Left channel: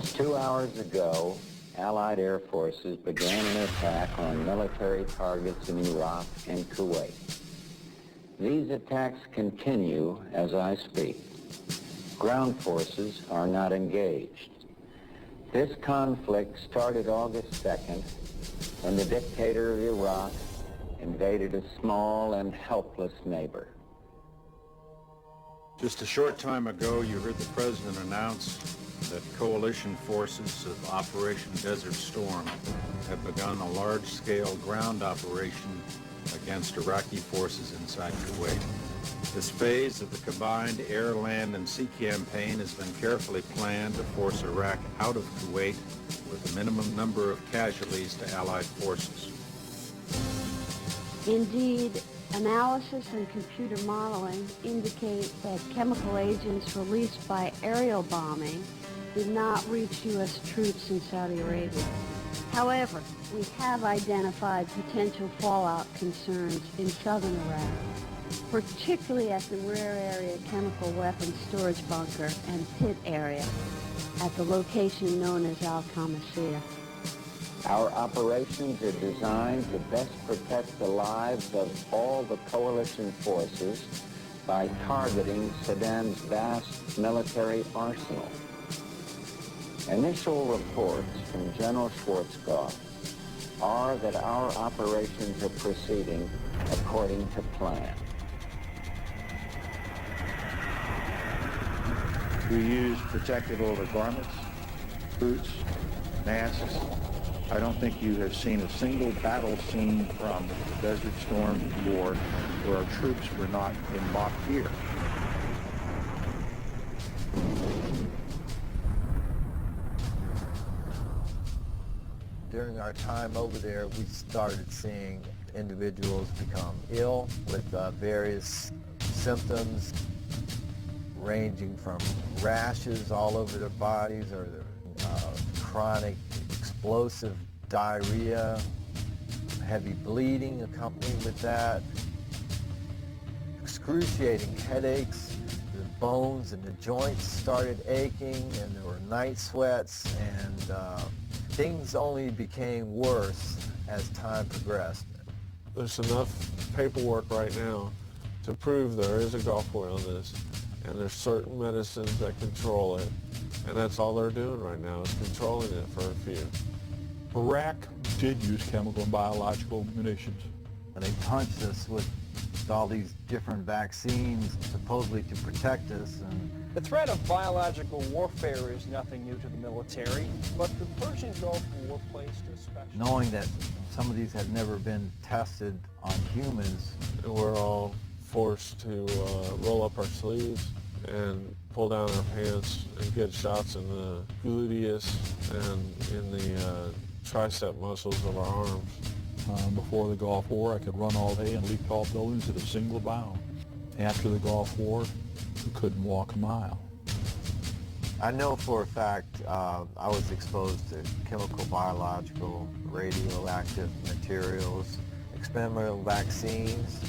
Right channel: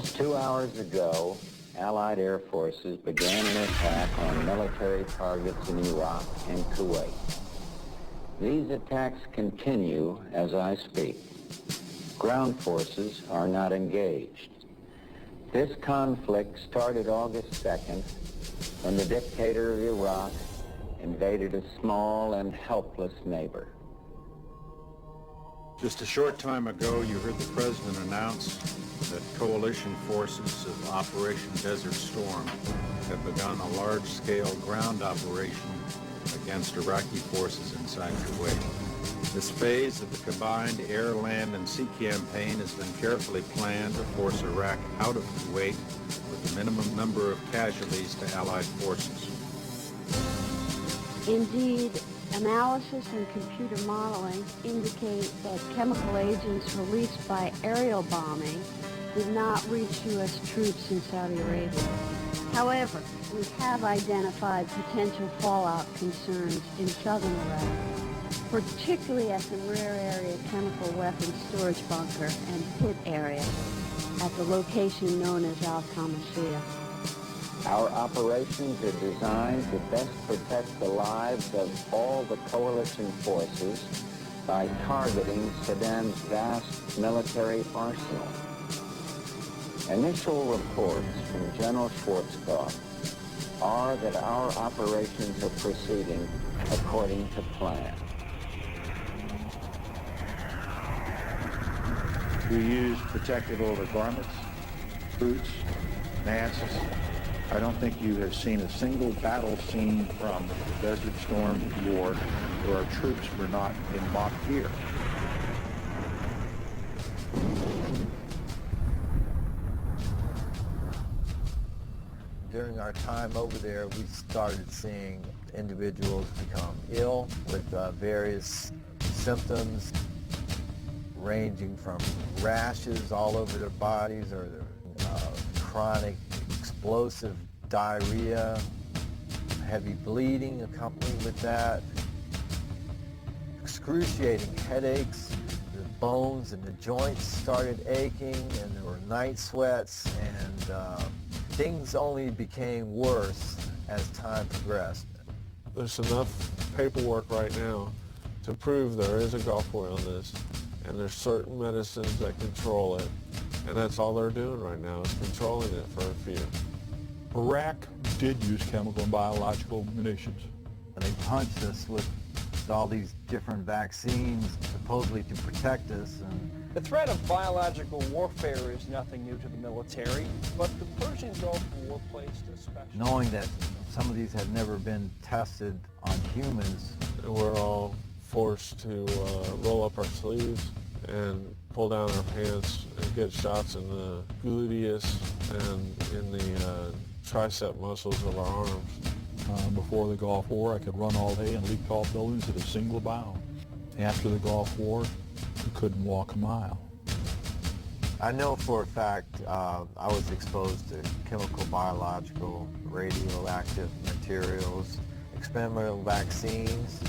Just 2 hours ago, Allied air forces began an attack on military targets in Iraq and Kuwait. These attacks continue as I speak. Ground forces are not engaged. This conflict started August 2nd when the dictator of Iraq invaded a small and helpless neighbor. Just a short time ago, you heard the president announce that coalition forces of Operation Desert Storm have begun a large-scale ground operation against Iraqi forces inside Kuwait. This phase of the combined air, land, and sea campaign has been carefully planned to force Iraq out of Kuwait with the minimum number of casualties to Allied forces. Indeed, analysis and computer modeling indicate that chemical agents released by aerial bombing did not reach U.S. troops in Saudi Arabia. However, we have identified potential fallout concerns in southern Iraq, particularly at the rear area chemical weapons storage bunker and pit area at the location known as Al-Qamashiyah. Our operations are designed to best protect the lives of all the coalition forces by targeting Saddam's vast military arsenal. Initial reports from General Schwarzkopf are that our operations are proceeding according to plan. We use protective overgarments, boots, masks. I don't think you have seen a single battle scene from Desert Storm War where our troops were not in mock gear. During our time over there, we started seeing individuals become ill with various symptoms ranging from rashes all over their bodies or chronic explosive diarrhea, heavy bleeding accompanied with that, excruciating headaches, the bones and the joints started aching, and there were night sweats, and things only became worse as time progressed. There's enough paperwork right now to prove there is a Gulf War illness, and there's certain medicines that control it. And that's all they're doing right now, is controlling it for you. Iraq did use chemical and biological munitions. And they punched us with all these different vaccines, supposedly to protect us. And the threat of biological warfare is nothing new to the military, but the Persian Gulf War placed a special... Knowing that some of these had never been tested on humans, we're all forced to roll up our sleeves and pull down our pants and get shots in the gluteus and in the tricep muscles of our arms. Before the Gulf War, I could run all day and leap tall buildings at a single bound. After the Gulf War, you couldn't walk a mile. I know for a fact I was exposed to chemical, biological, radioactive materials, experimental vaccines,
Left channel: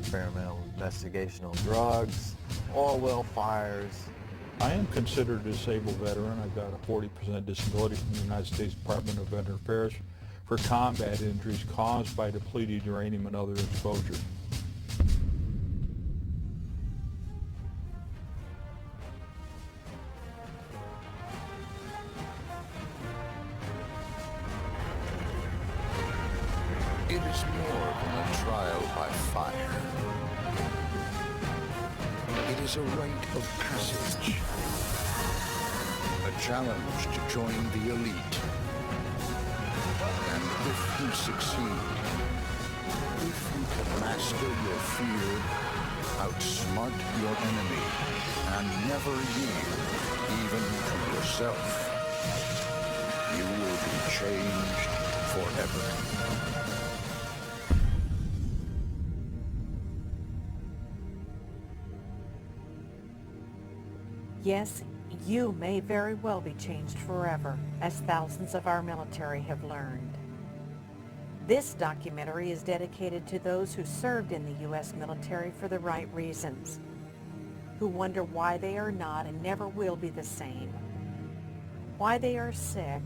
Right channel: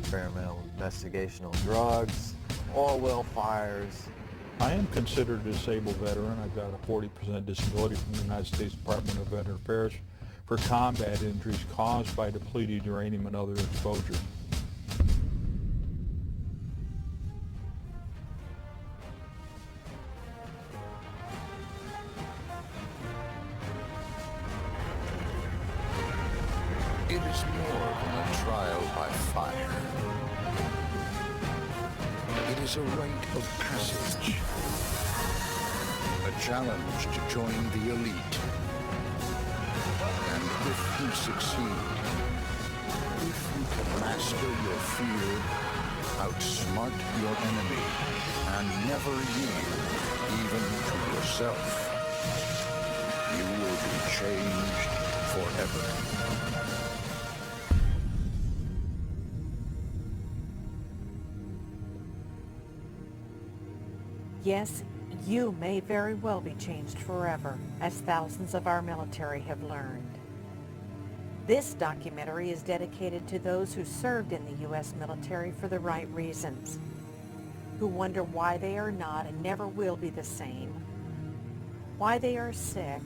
experimental investigational drugs, oil well fires. I am considered a disabled veteran. I've got a 40% disability from the United States Department of Veterans Affairs for combat injuries caused by depleted uranium and other exposure. It is more than a trial by fire. It is a rite of passage, a challenge to join the elite. And if you succeed, if you can master your fear, outsmart your enemy, and never yield even to yourself, you will be changed forever. Yes, you may very well be changed forever, as thousands of our military have learned. This documentary is dedicated to those who served in the U.S. military for the right reasons, who wonder why they are not and never will be the same, why they are sick,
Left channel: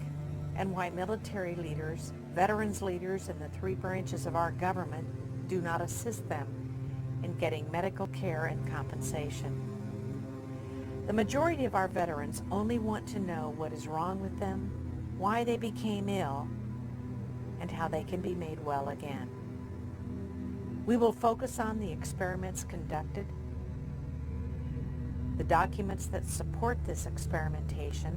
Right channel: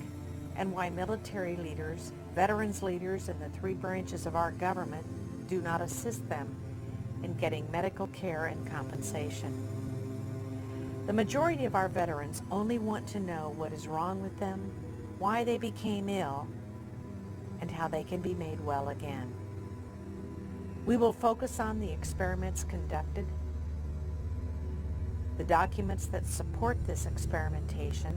and why military leaders, veterans leaders, and the three branches of our government do not assist them in getting medical care and compensation. The majority of our veterans only want to know what is wrong with them, why they became ill, and how they can be made well again. We will focus on the experiments conducted, the documents that support this experimentation,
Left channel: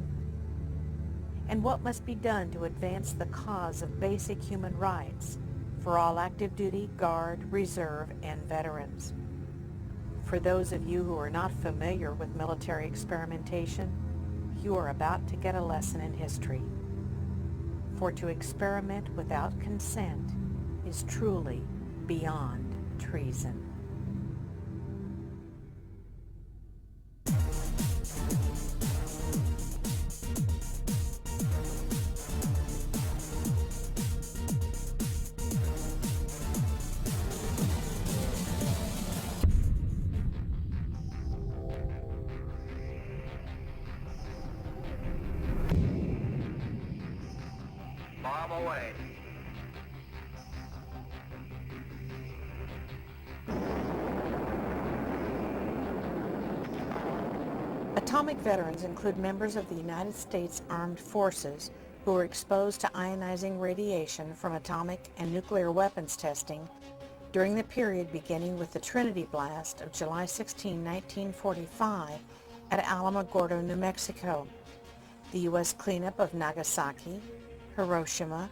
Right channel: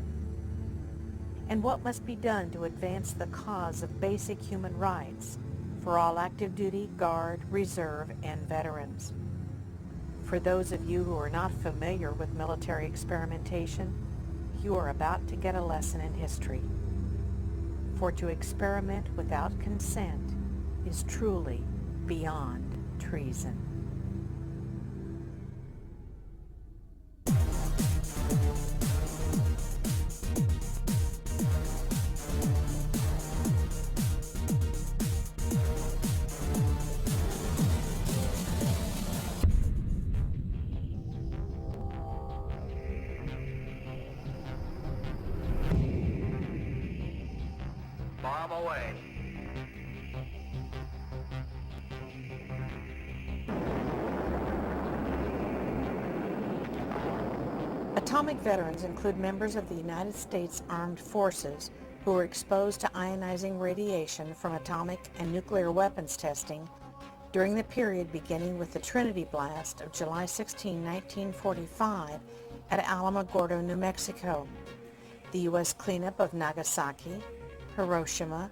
and what must be done to advance the cause of basic human rights for all active duty, Guard, Reserve, and veterans. For those of you who are not familiar with military experimentation, you are about to get a lesson in history. For to experiment without consent is truly beyond treason. Bomb away. Atomic veterans include members of the United States Armed Forces who were exposed to ionizing radiation from atomic and nuclear weapons testing during the period beginning with the Trinity blast of July 16, 1945 at Alamogordo, New Mexico, the U.S. cleanup of Nagasaki, Hiroshima,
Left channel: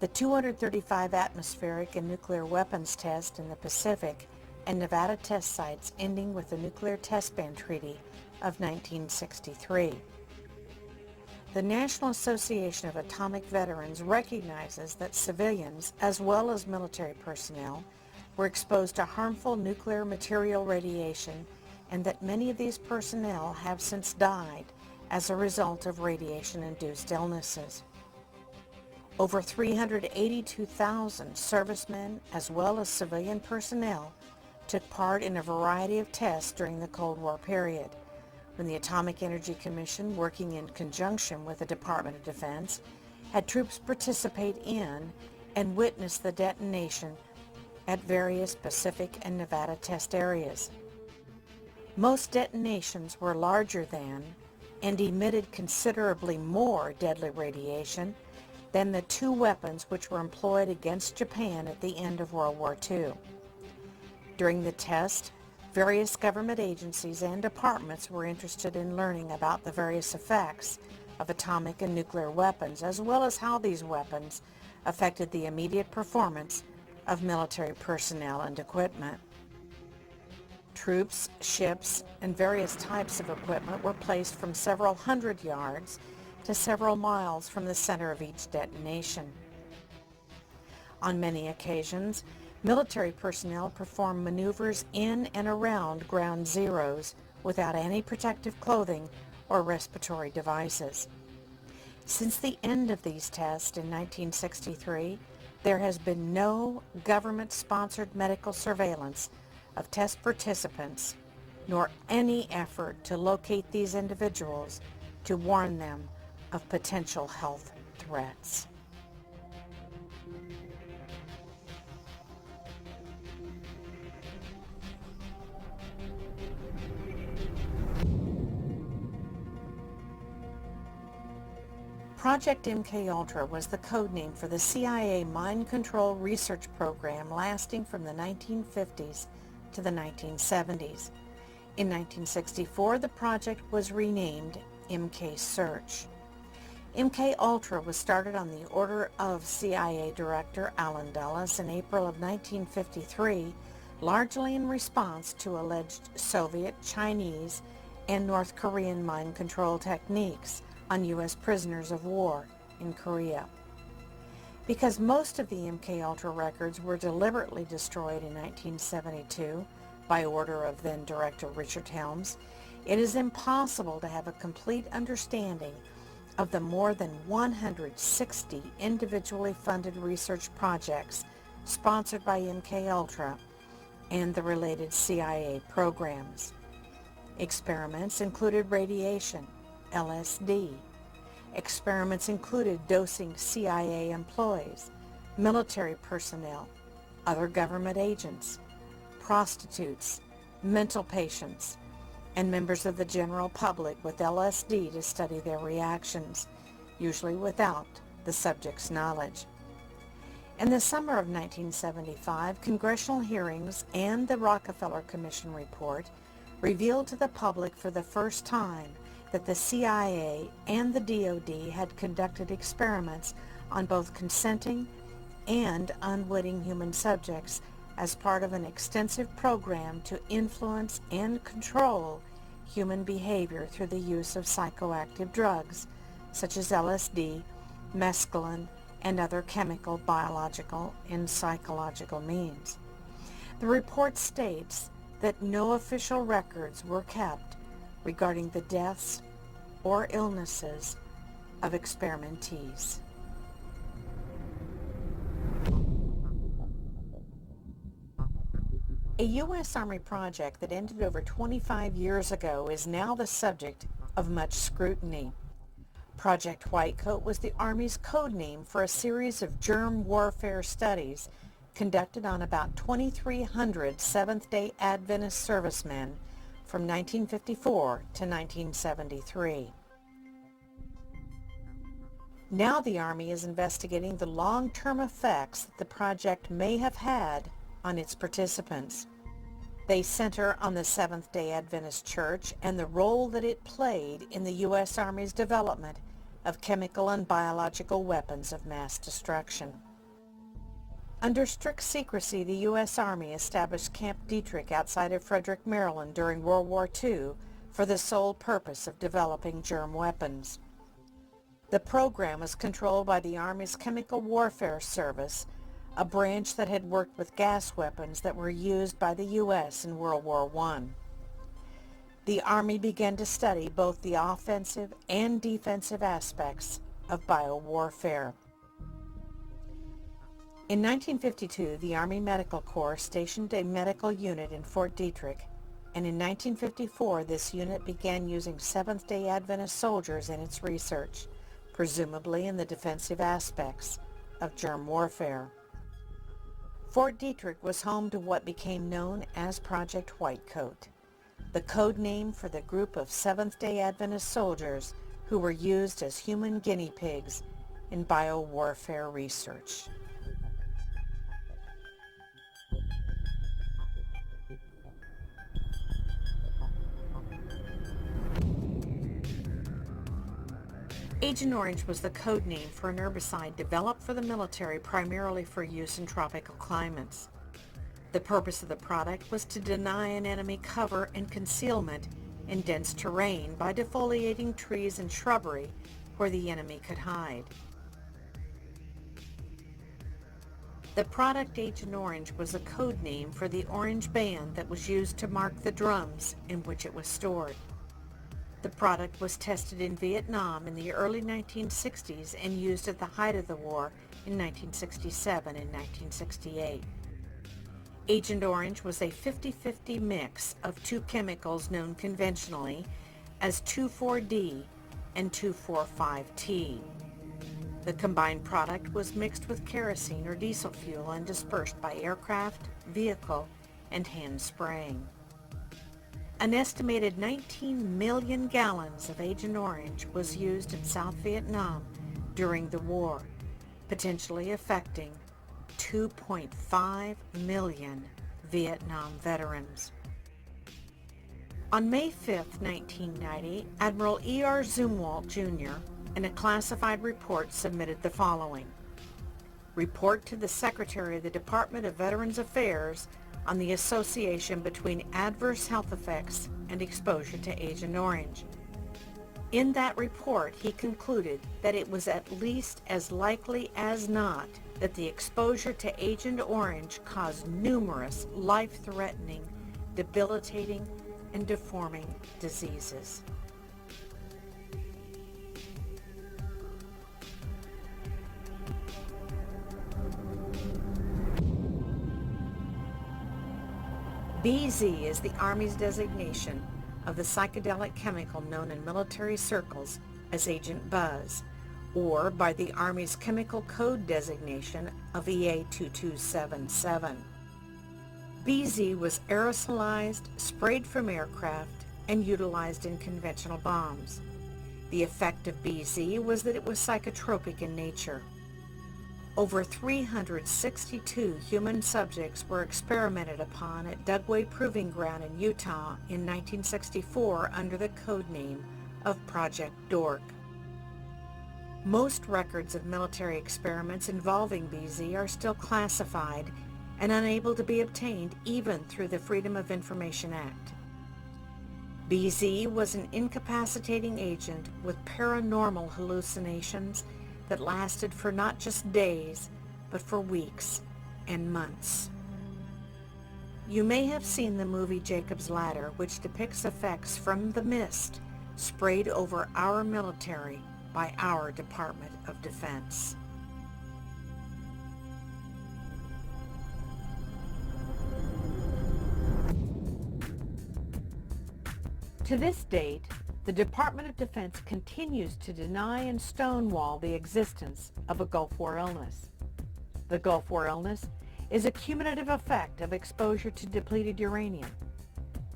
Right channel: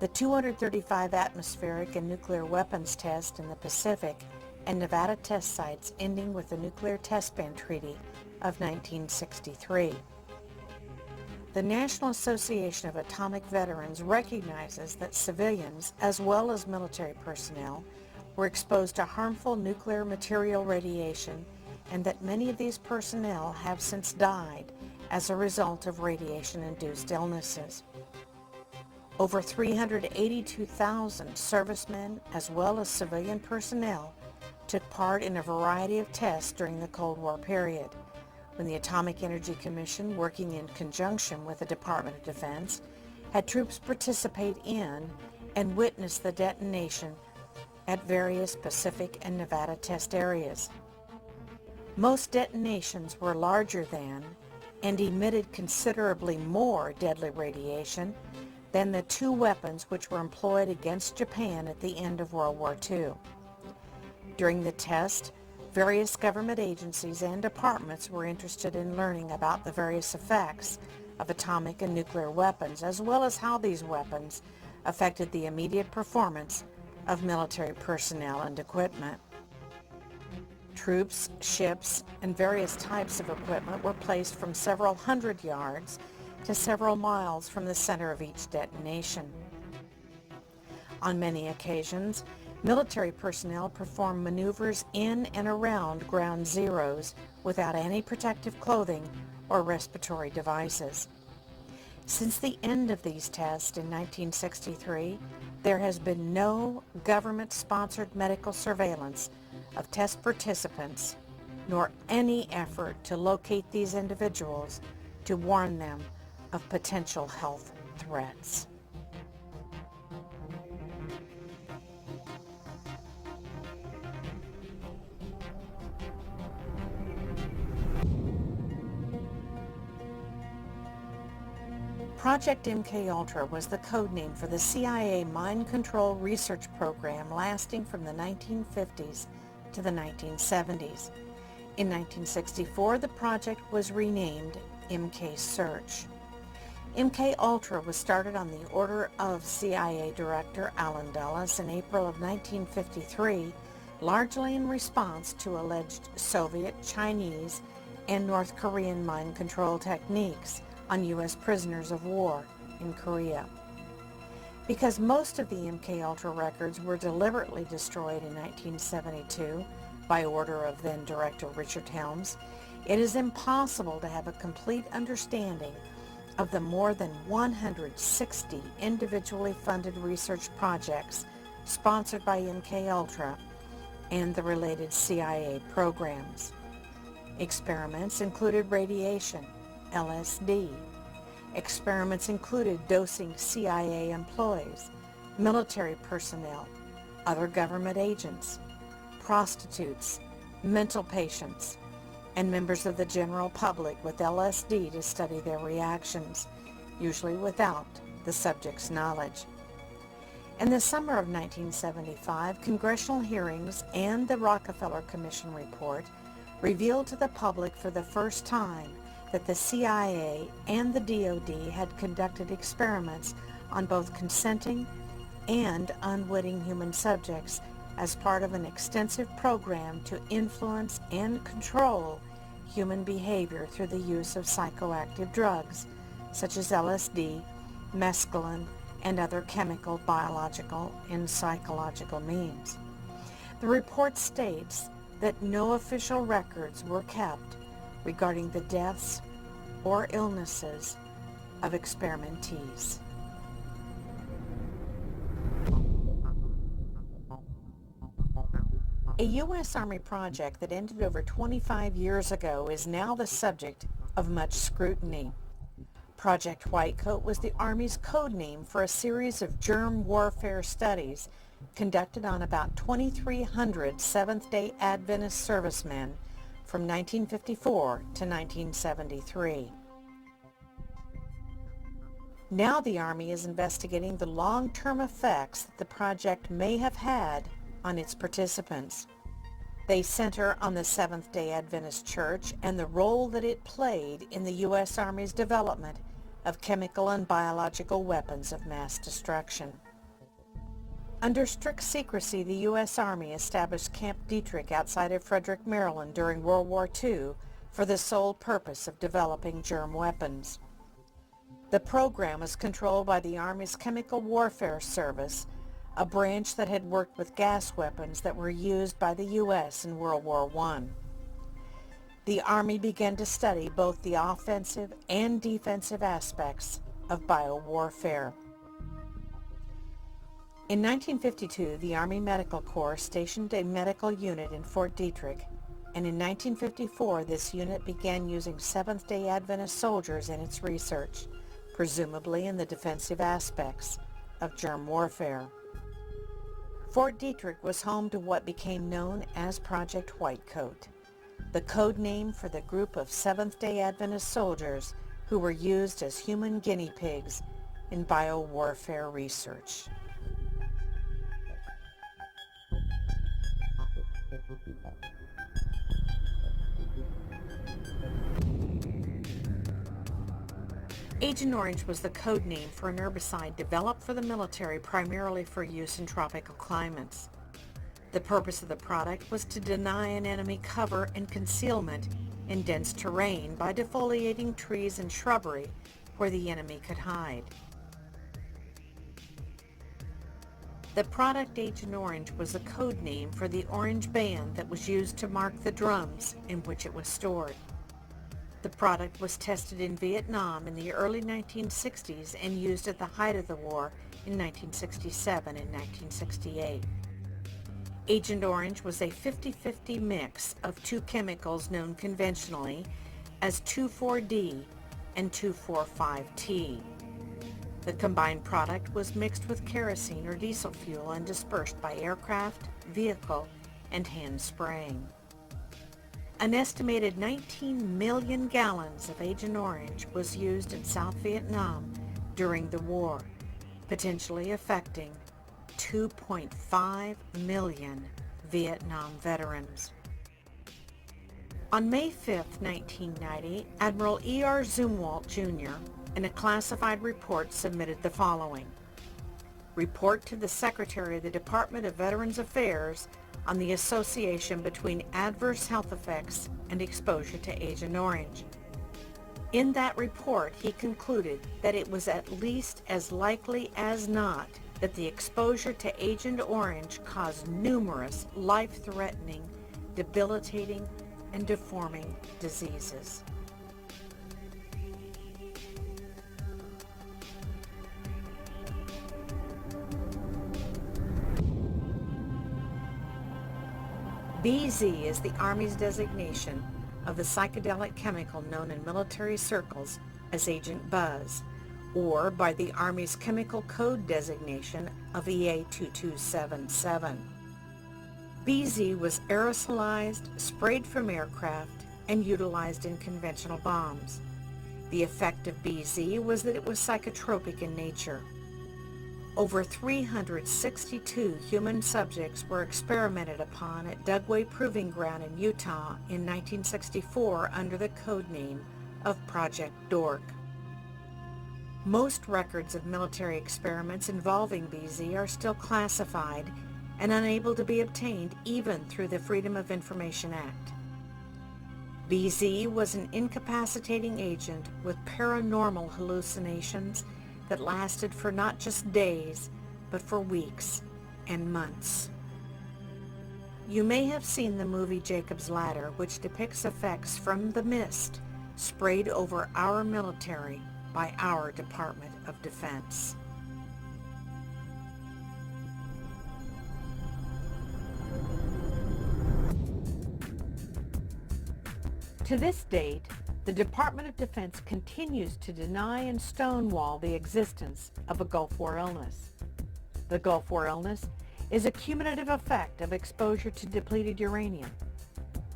the 235 atmospheric and nuclear weapons test in the Pacific, and Nevada test sites ending with the Nuclear Test Ban Treaty of 1963. The National Association of Atomic Veterans recognizes that civilians, as well as military personnel, were exposed to harmful nuclear material radiation, and that many of these personnel have since died as a result of radiation-induced illnesses. Over 382,000 servicemen, as well as civilian personnel, took part in a variety of tests during the Cold War period, when the Atomic Energy Commission, working in conjunction with the Department of Defense, had troops participate in and witness the detonation at various Pacific and Nevada test areas. Most detonations were larger than and emitted considerably more deadly radiation than the two weapons which were employed against Japan at the end of World War II. During the test, various government agencies and departments were interested in learning about the various effects of atomic and nuclear weapons, as well as how these weapons affected the immediate performance of military personnel and equipment. Troops, ships, and various types of equipment were placed from several hundred yards to several miles from the center of each detonation. On many occasions, military personnel performed maneuvers in and around ground zeros without any protective clothing or respiratory devices. Since the end of these tests in 1963, there has been no government-sponsored medical surveillance of test participants, nor any effort to locate these individuals to warn them of potential health threats. Project MKUltra was the code name for the CIA mind control research program lasting from the 1950s to the 1970s. In 1964, the project was renamed MK Search. MKUltra was started on the order of CIA Director Allen Dulles in April of 1953, largely in response to alleged Soviet, Chinese, and North Korean mind control techniques on U.S. prisoners of war in Korea. Because most of the MKUltra records were deliberately destroyed in 1972 by order of then Director Richard Helms, it is impossible to have a complete understanding of the more than 160 individually funded research projects sponsored by MKUltra and the related CIA programs. Experiments included radiation, LSD, Experiments included dosing CIA employees, military personnel, other government agents, prostitutes, mental patients, and members of the general public with LSD to study their reactions, usually without the subject's knowledge. In the summer of 1975, congressional hearings and the Rockefeller Commission report revealed to the public for the first time that the CIA and the DoD had conducted experiments on both consenting and unwitting human subjects as part of an extensive program to influence and control human behavior through the use of psychoactive drugs, such as LSD, mescaline, and other chemical, biological, and psychological means. The report states that no official records were kept regarding the deaths or illnesses of experimentees. A U.S. Army project that ended over 25 years ago is now the subject of much scrutiny. Project Whitecoat was the Army's code name for a series of germ warfare studies conducted on about 2,300 Seventh-day Adventist servicemen from 1954 to 1973. Now the Army is investigating the long-term effects that the project may have had on its participants. They center on the Seventh-day Adventist Church and the role that it played in the U.S. Army's development of chemical and biological weapons of mass destruction. Under strict secrecy, the U.S. Army established Camp Detrick outside of Frederick, Maryland during World War II for the sole purpose of developing germ weapons. The program was controlled by the Army's Chemical Warfare Service, a branch that had worked with gas weapons that were used by the U.S. in World War I. The Army began to study both the offensive and defensive aspects of biowarfare. In 1952, the Army Medical Corps stationed a medical unit in Fort Detrick, and in 1954, this unit began using Seventh-day Adventist soldiers in its research, presumably in the defensive aspects of germ warfare. Fort Detrick was home to what became known as Project Whitecoat, the code name for the group of Seventh-day Adventist soldiers who were used as human guinea pigs in biowarfare research. Agent Orange was the code name for an herbicide developed for the military primarily for use in tropical climates. The purpose of the product was to deny an enemy cover and concealment in dense terrain by defoliating trees and shrubbery where the enemy could hide. The product Agent Orange was a code name for the orange band that was used to mark the drums in which it was stored. The product was tested in Vietnam in the early 1960s and used at the height of the war in 1967 and 1968. Agent Orange was a 50-50 mix of two chemicals known conventionally as 2,4-D and 2,4,5-T. The combined product was mixed with kerosene or diesel fuel and dispersed by aircraft, vehicle, and hand spraying. An estimated 19 million gallons of Agent Orange was used in South Vietnam during the war, potentially affecting 2.5 million Vietnam veterans. On May 5, 1990, Admiral E.R. Zumwalt Jr. in a classified report submitted the following. Report to the Secretary of the Department of Veterans Affairs on the association between adverse health effects and exposure to Agent Orange. In that report, he concluded that it was at least as likely as not that the exposure to Agent Orange caused numerous life-threatening, debilitating, and deforming diseases. BZ is the Army's designation of the psychedelic chemical known in military circles as Agent Buzz, or by the Army's chemical code designation of EA-2277. BZ was aerosolized, sprayed from aircraft, and utilized in conventional bombs. The effect of BZ was that it was psychotropic in nature. Over 362 human subjects were experimented upon at Dugway Proving Ground in Utah in 1964 under the code name of Project Dork. Most records of military experiments involving BZ are still classified and unable to be obtained even through the Freedom of Information Act. BZ was an incapacitating agent with paranormal hallucinations that lasted for not just days, but for weeks and months. You may have seen the movie Jacob's Ladder, which depicts effects from the mist sprayed over our military by our Department of Defense. To this date, the Department of Defense continues to deny and stonewall the existence of a Gulf War illness. The Gulf War illness is a cumulative effect of exposure to depleted uranium,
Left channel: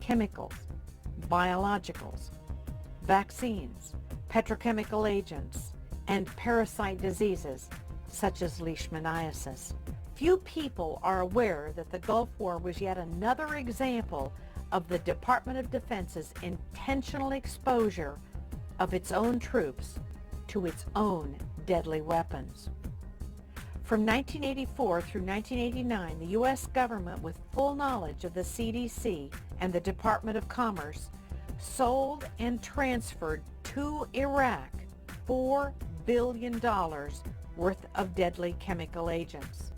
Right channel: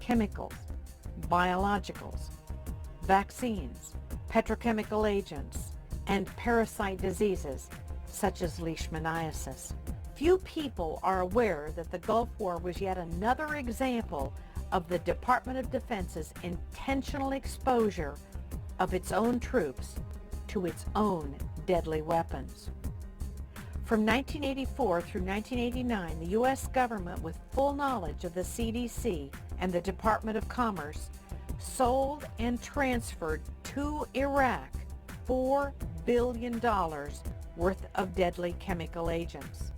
chemicals, biologicals, vaccines, petrochemical agents, and parasite diseases such as leishmaniasis. Few people are aware that the Gulf War was yet another example of the Department of Defense's intentional exposure of its own troops to its own deadly weapons. From 1984 through 1989, the U.S. government, with full knowledge of the CDC and the Department of Commerce, sold and transferred to Iraq $4 billion worth of deadly chemical agents,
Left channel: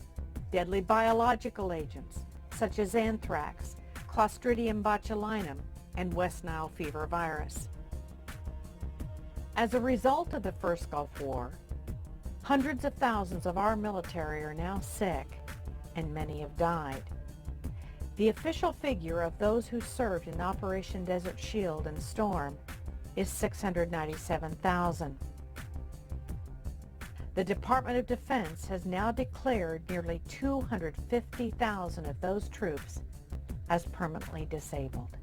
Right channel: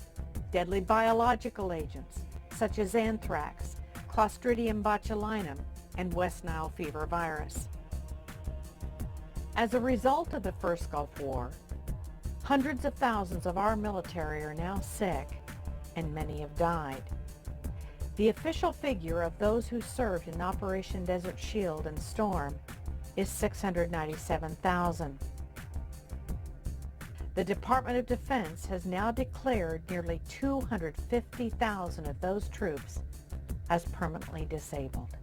deadly biological agents such as anthrax, Clostridium botulinum, and West Nile fever virus. As a result of the first Gulf War, hundreds of thousands of our military are now sick, and many have died. The official figure of those who served in Operation Desert Shield and Storm is 697,000. The Department of Defense has now declared nearly 250,000 of those troops as permanently disabled.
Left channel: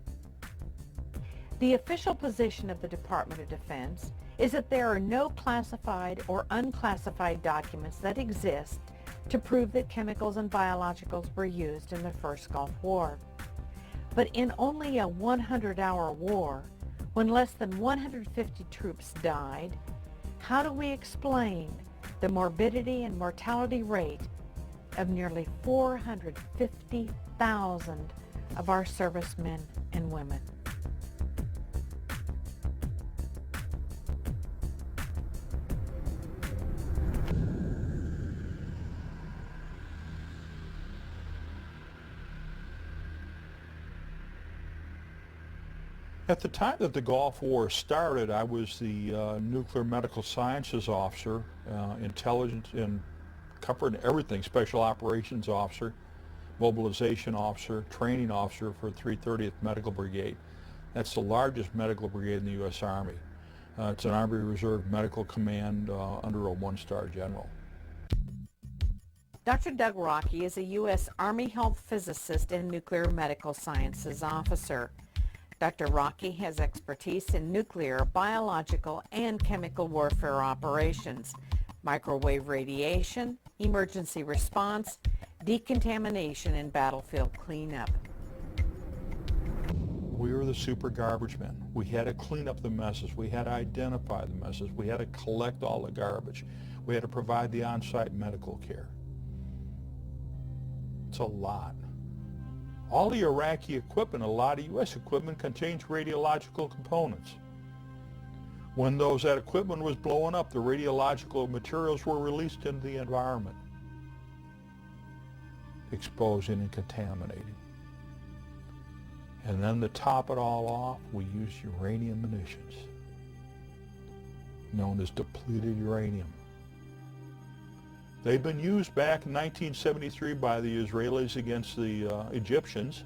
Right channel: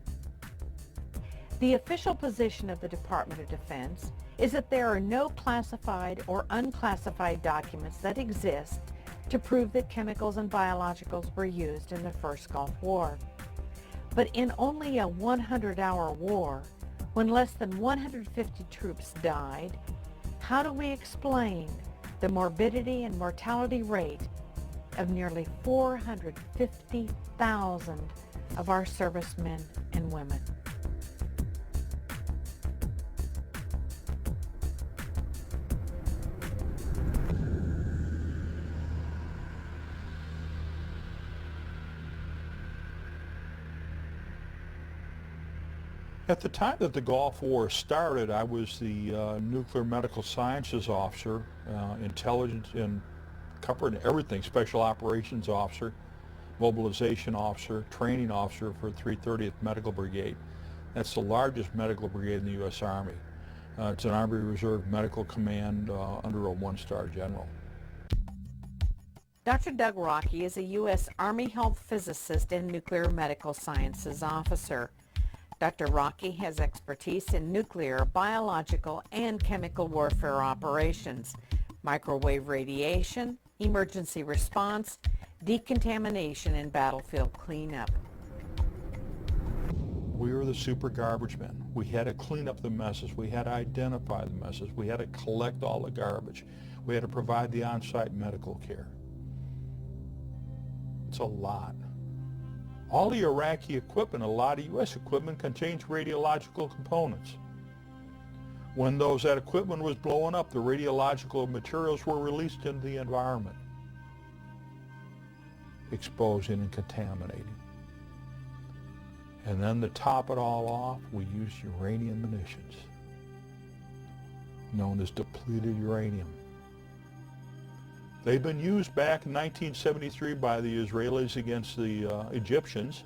The official position of the Department of Defense is that there are no classified or unclassified documents that exist to prove that chemicals and biologicals were used in the first Gulf War. But in only a 100-hour war, when less than 150 troops died, how do we explain the morbidity and mortality rate of nearly 450,000 of our servicemen and women? At the time that the Gulf War started, I was the nuclear medical sciences officer, intelligence and covering everything, special operations officer, mobilization officer, training officer for 330th Medical Brigade. That's the largest medical brigade in the U.S. Army. It's an Army Reserve Medical Command under a one-star general. Dr. Doug Rocky is a U.S. Army Health Physicist and Nuclear Medical Sciences Officer. Dr. Rocky has expertise in nuclear, biological, and chemical warfare operations, microwave radiation, emergency response, decontamination, and battlefield cleanup. We were the super garbage men. We had to clean up the messes. We had to identify the messes. We had to collect all the garbage. We had to provide the on-site medical care. It's a lot. All the Iraqi equipment, a lot of U.S. equipment, contains radiological components. When that equipment was blowing up, the radiological materials were released into the environment, exposing and contaminating. And then to top it all off, we used uranium emissions, known as depleted uranium. They've been used back in 1973 by the Israelis against the Egyptians.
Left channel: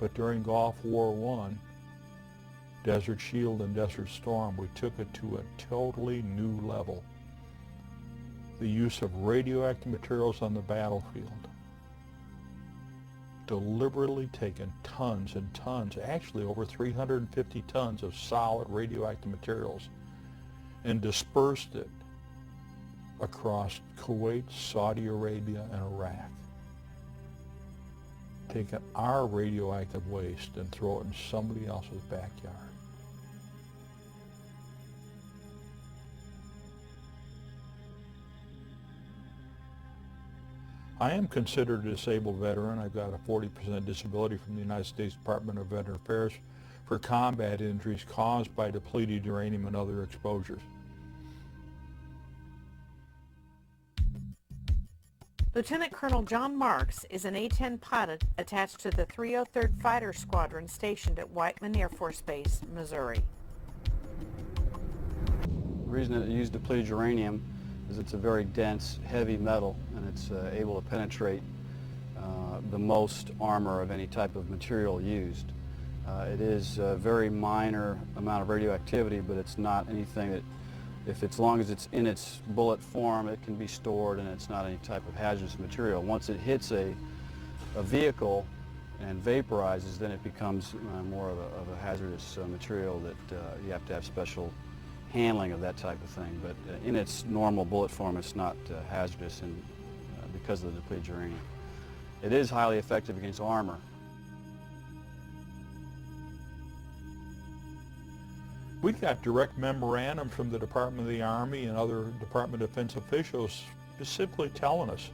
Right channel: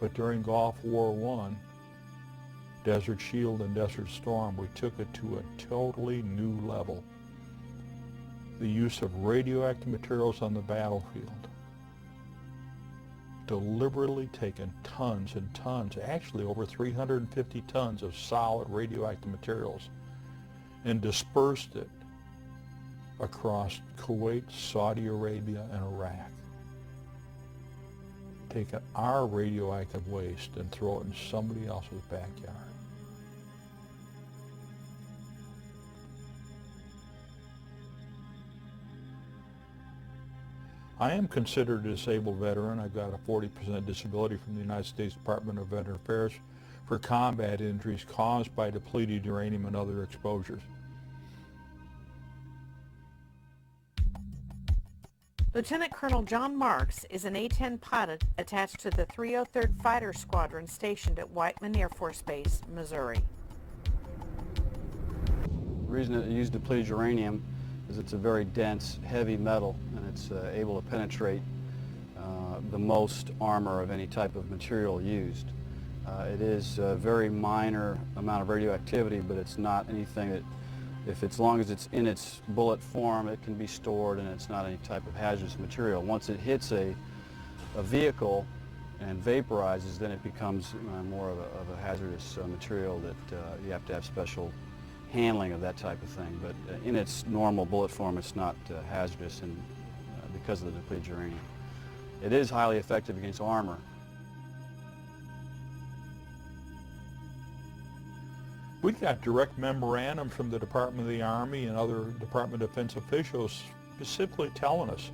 But during Gulf War I, Desert Shield and Desert Storm, we took it to a totally new level. The use of radioactive materials on the battlefield. Deliberately taking tons and tons, actually over 350 tons of solid radioactive materials, and dispersed it across Kuwait, Saudi Arabia, and Iraq. Taking our radioactive waste and throw it in somebody else's backyard. I am considered a disabled veteran. I've got a 40% disability from the United States Department of Veteran Affairs for combat injuries caused by depleted uranium and other exposures. Lieutenant Colonel John Marks is an A-10 pilot attached to the 303rd Fighter Squadron stationed at Whiteman Air Force Base, Missouri. The reason it used depleted uranium is it's a very dense, heavy metal, and it's able to penetrate the most armor of any type of material used. It is a very minor amount of radioactivity, but it's not anything that, as long as it's in its bullet form, it can be stored, and it's not any type of hazardous material. Once it hits a vehicle and vaporizes, then it becomes more of a hazardous material that you have to have special handling of that type of thing. But in its normal bullet form, it's not hazardous, and because of the depleted uranium. It is highly effective against armor. We got direct memorandum from the Department of the Army and other Department of Defense officials simply telling us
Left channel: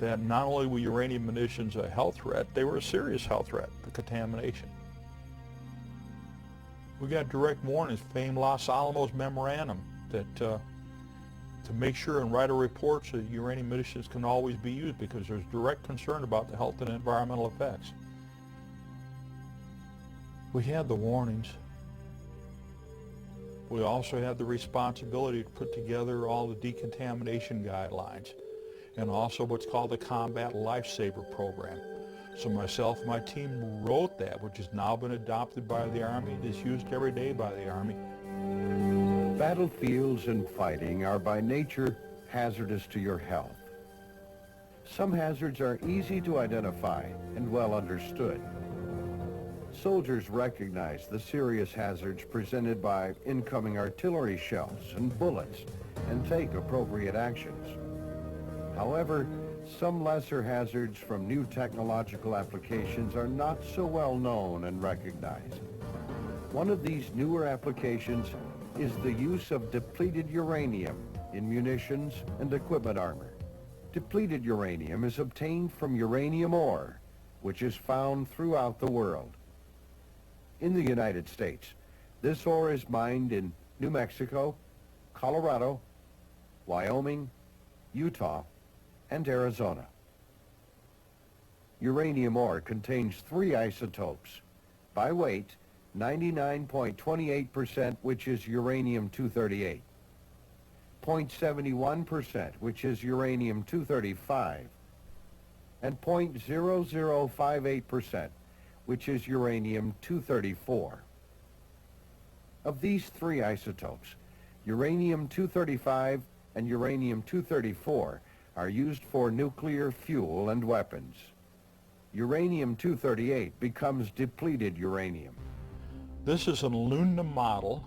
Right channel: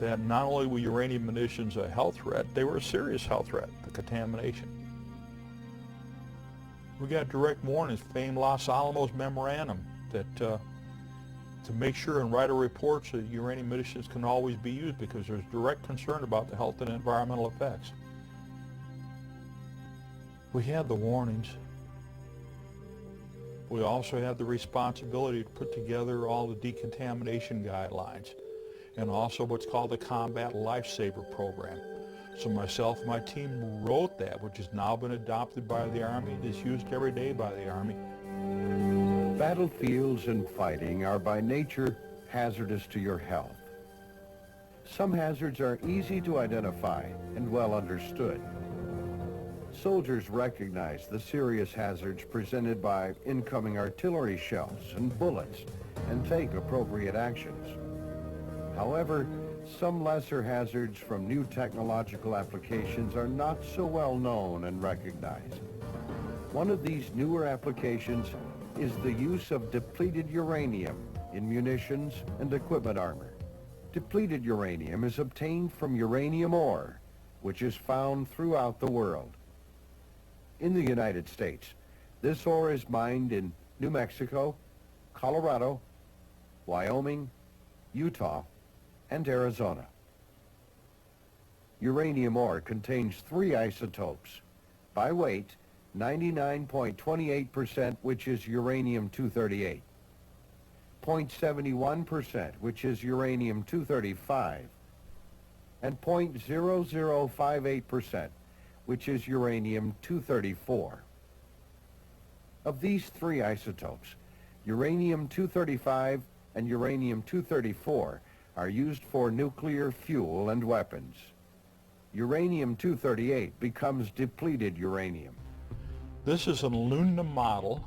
that not only were uranium munitions a health threat, they were a serious health threat, the contamination. We got direct warnings from Los Alamos memorandum that to make sure and write a report so that uranium munitions can always be used, because there's direct concern about the health and environmental effects. We had the warnings. We also had the responsibility to put together all the decontamination guidelines and also what's called the Combat Lifesaver Program. So myself and my team wrote that, which has now been adopted by the Army. It's used every day by the Army. Battlefields and fighting are by nature hazardous to your health. Some hazards are easy to identify and well understood. Soldiers recognize the serious hazards presented by incoming artillery shells and bullets and take appropriate actions. However, some lesser hazards from new technological applications are not so well known and recognized. One of these newer applications is the use of depleted uranium in munitions and equipment armor. Depleted uranium is obtained from uranium ore, which is found throughout the world. In the United States, this ore is mined in New Mexico, Colorado, Wyoming, Utah, and Arizona. Uranium ore contains 3 isotopes. By weight, 99.28%, which is uranium-238, 0.71%, which is uranium-235, and 0.0058%, which is uranium-234. Of these 3 isotopes, uranium-235 and uranium-234 are used for nuclear fuel and weapons. Uranium-238 becomes depleted uranium. This is an aluminum model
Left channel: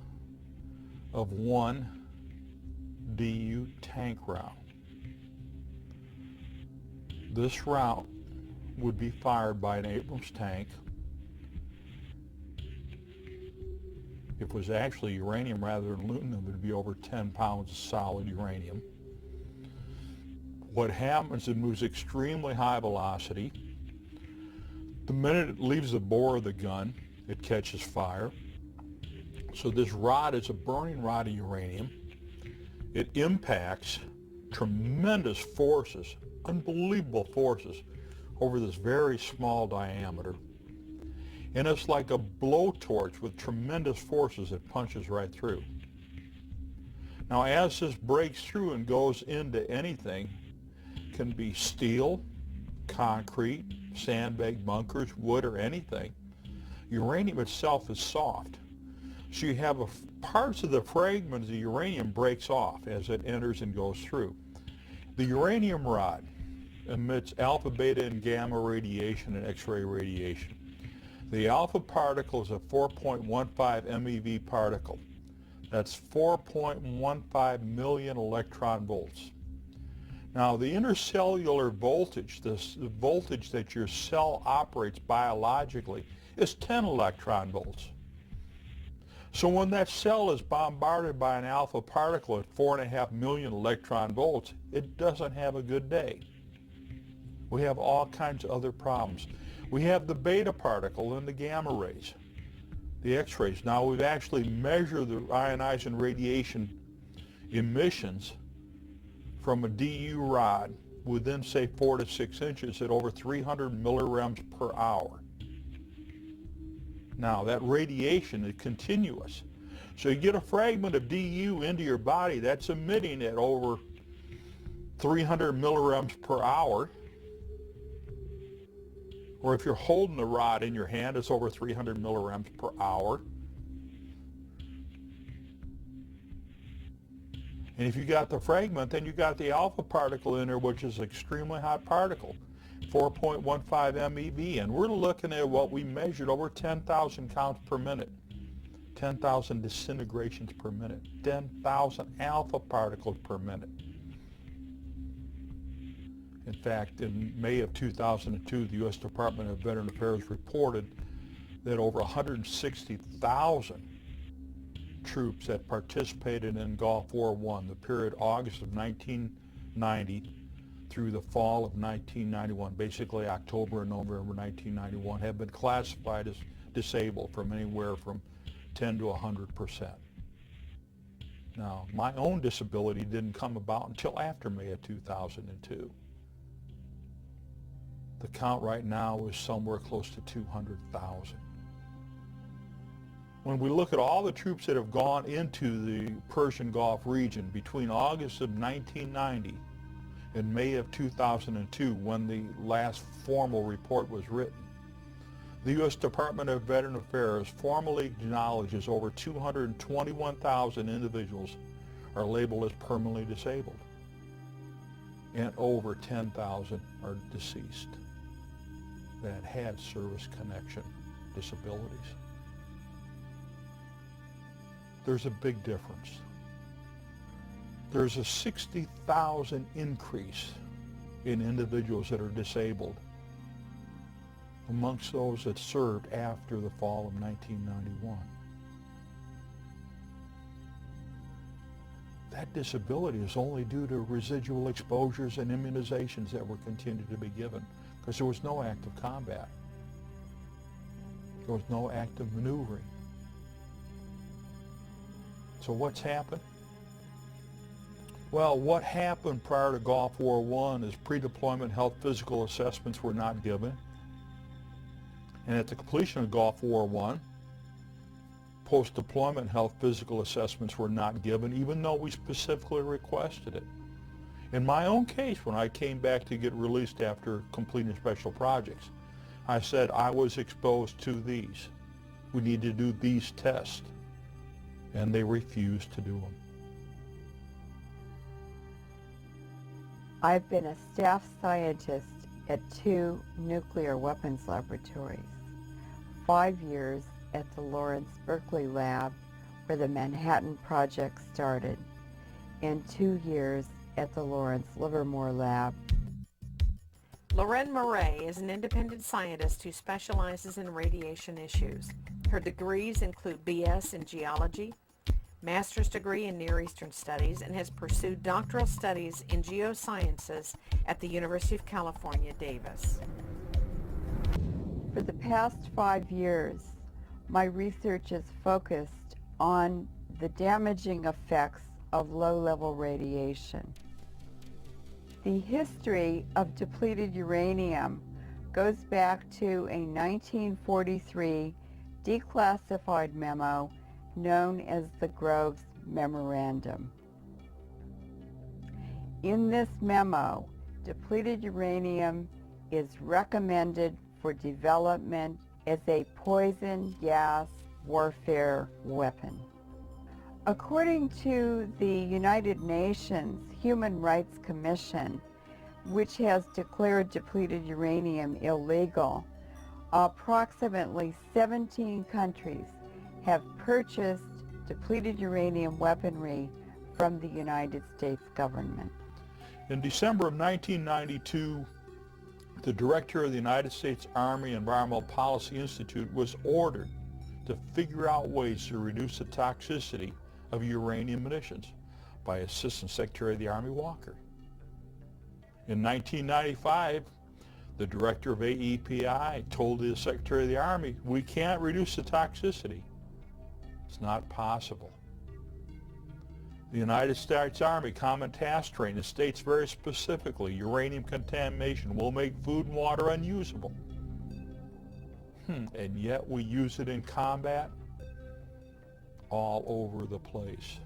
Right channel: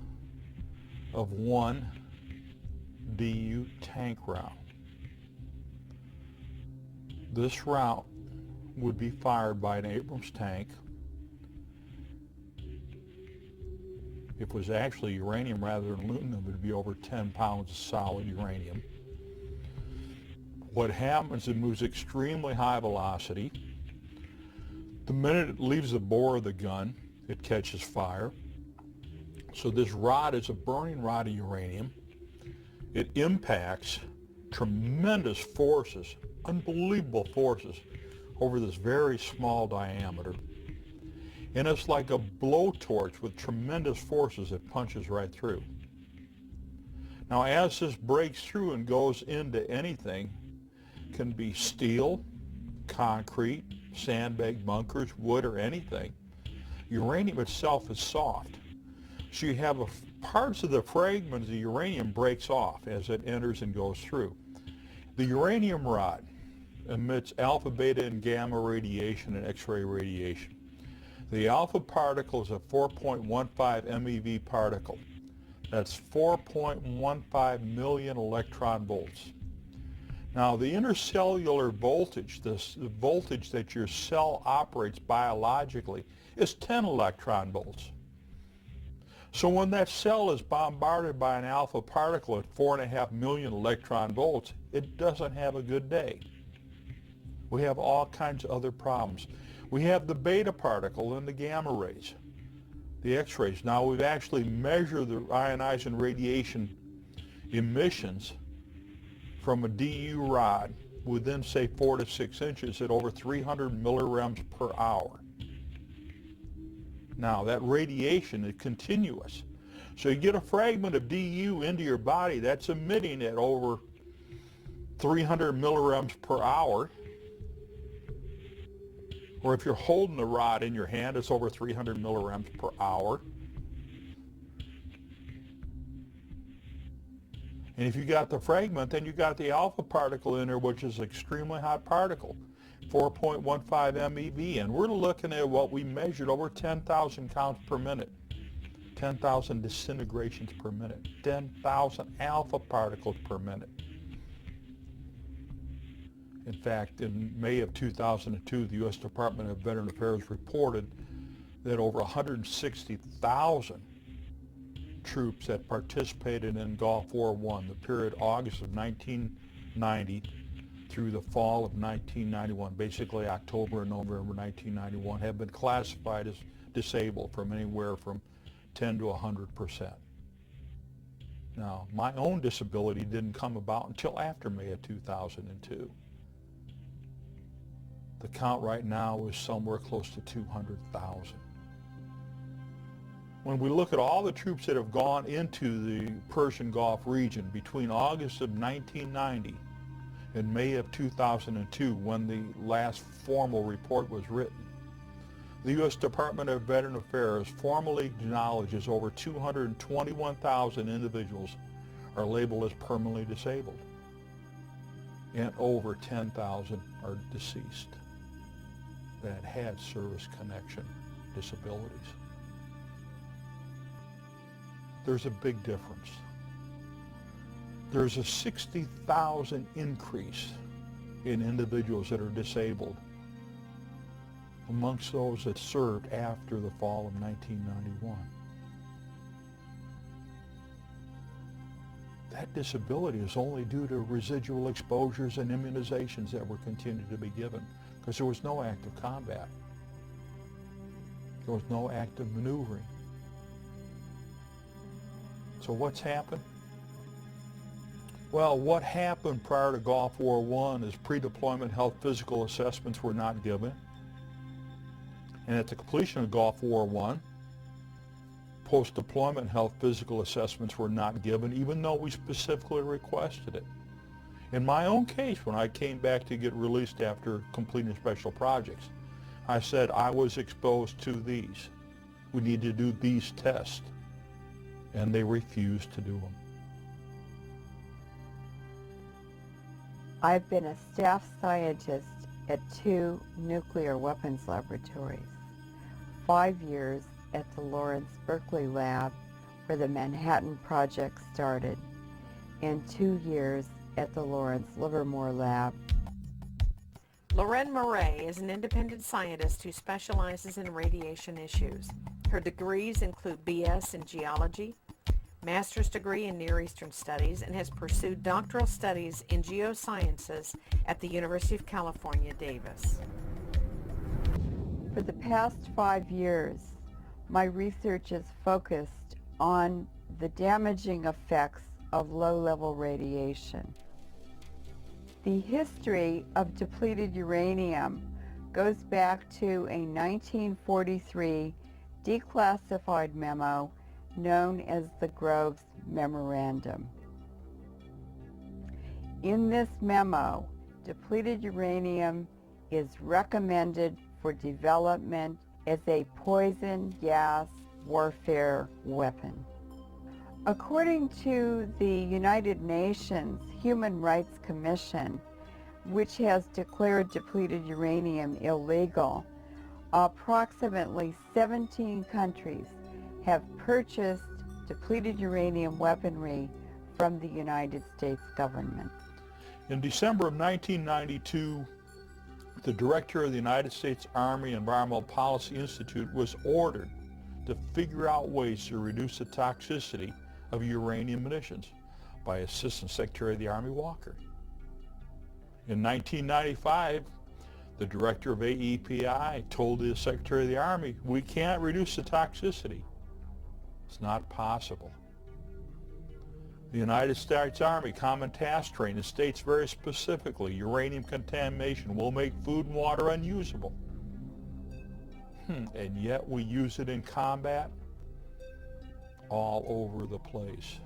of one DU tank round. This round would be fired by an Abrams tank. If it was actually uranium rather than aluminum, it would be over 10 pounds of solid uranium. What happens, it moves extremely high velocity. The minute it leaves the bore of the gun, it catches fire. So this rod is a burning rod of uranium. It impacts tremendous forces, unbelievable forces, over this very small diameter. And it's like a blowtorch with tremendous forces. It punches right through. Now, as this breaks through and goes into anything, can be steel, concrete, sandbag bunkers, wood, or anything. Uranium itself is soft. So you have parts of the fragments of uranium breaks off as it enters and goes through. The uranium rod emits alpha, beta, and gamma radiation and X-ray radiation. The alpha particle is a 4.15 MeV particle. That's 4.15 million electron volts. Now, the intercellular voltage, the voltage that your cell operates biologically, is 10 electron volts. So when that cell is bombarded by an alpha particle at 4.5 million electron volts, it doesn't have a good day. We have all kinds of other problems. We have the beta particle and the gamma rays, the X-rays. Now we've actually measured the ionizing radiation emissions from a DU rod within, say, 4 to 6 inches at over 300 millirems per hour. Now that radiation is continuous. So you get a fragment of DU into your body that's emitting at over 300 millirems per hour. Or if you're holding the rod in your hand, it's over 300 millirems per hour. And if you got the fragment, then you got the alpha particle in there, which is an extremely hot particle, 4.15 MeV. And we're looking at what we measured over 10,000 counts per minute, 10,000 disintegrations per minute, 10,000 alpha particles per minute. In fact, in May of 2002, the U.S. Department of Veteran Affairs reported that over 160,000 troops had participated in Gulf War I, the period August of 1990 through the fall of 1991, basically October and November 1991, have been classified as disabled from anywhere from 10 to 100%. Now, my own disability didn't come about until after May of 2002. The count right now is somewhere close to 200,000. When we look at all the troops that have gone into the Persian Gulf region between August of 1990 and May of 2002, when the last formal report was written, the U.S. Department of Veteran Affairs formally acknowledges over 221,000 individuals are labeled as permanently disabled, and over 10,000 are deceased that had service connection disabilities. There's a big difference. There's a 60,000 increase in individuals that are disabled amongst those that served after the fall of 1991. That disability is only due to residual exposures and immunizations that were continued to be given, because there was no active combat. There was no active maneuvering. So what's happened? Well, what happened prior to Gulf War I is pre-deployment health physical assessments were not given. And at the completion of Gulf War I, post-deployment health physical assessments were not given, even though we specifically requested it. In my own case, when I came back to get released after completing special projects, I said I was exposed to these. We need to do these tests. And they refused to do them. I've been a staff scientist at 2 nuclear weapons laboratories, 5 years at the Lawrence Berkeley lab where the Manhattan Project started, and 2 years at the Lawrence Livermore lab. Lorraine Murray is an independent scientist who specializes in radiation issues. Her degrees include BS in geology, master's degree in Near Eastern Studies, and has pursued doctoral studies in geosciences at the University of California, Davis. For the past 5 years, my research is focused on the damaging effects of low-level radiation. The history of depleted uranium goes back to a 1943 declassified memo known as the Groves Memorandum. In this memo, depleted uranium is recommended for development as a poison gas warfare weapon. According to the United Nations Human Rights Commission, which has declared depleted uranium illegal, approximately 17 countries have purchased depleted uranium weaponry from the United States government. In December of 1992, the director of the United States Army Environmental Policy Institute was ordered to figure out ways to reduce the toxicity of uranium munitions by Assistant Secretary of the Army Walker. In 1995, the director of AEPI told the Secretary of the Army, we can't reduce the toxicity. It's not possible. The United States Army Common Task Training states very specifically uranium contamination will make food and water unusable. And yet we use it in combat all over the place.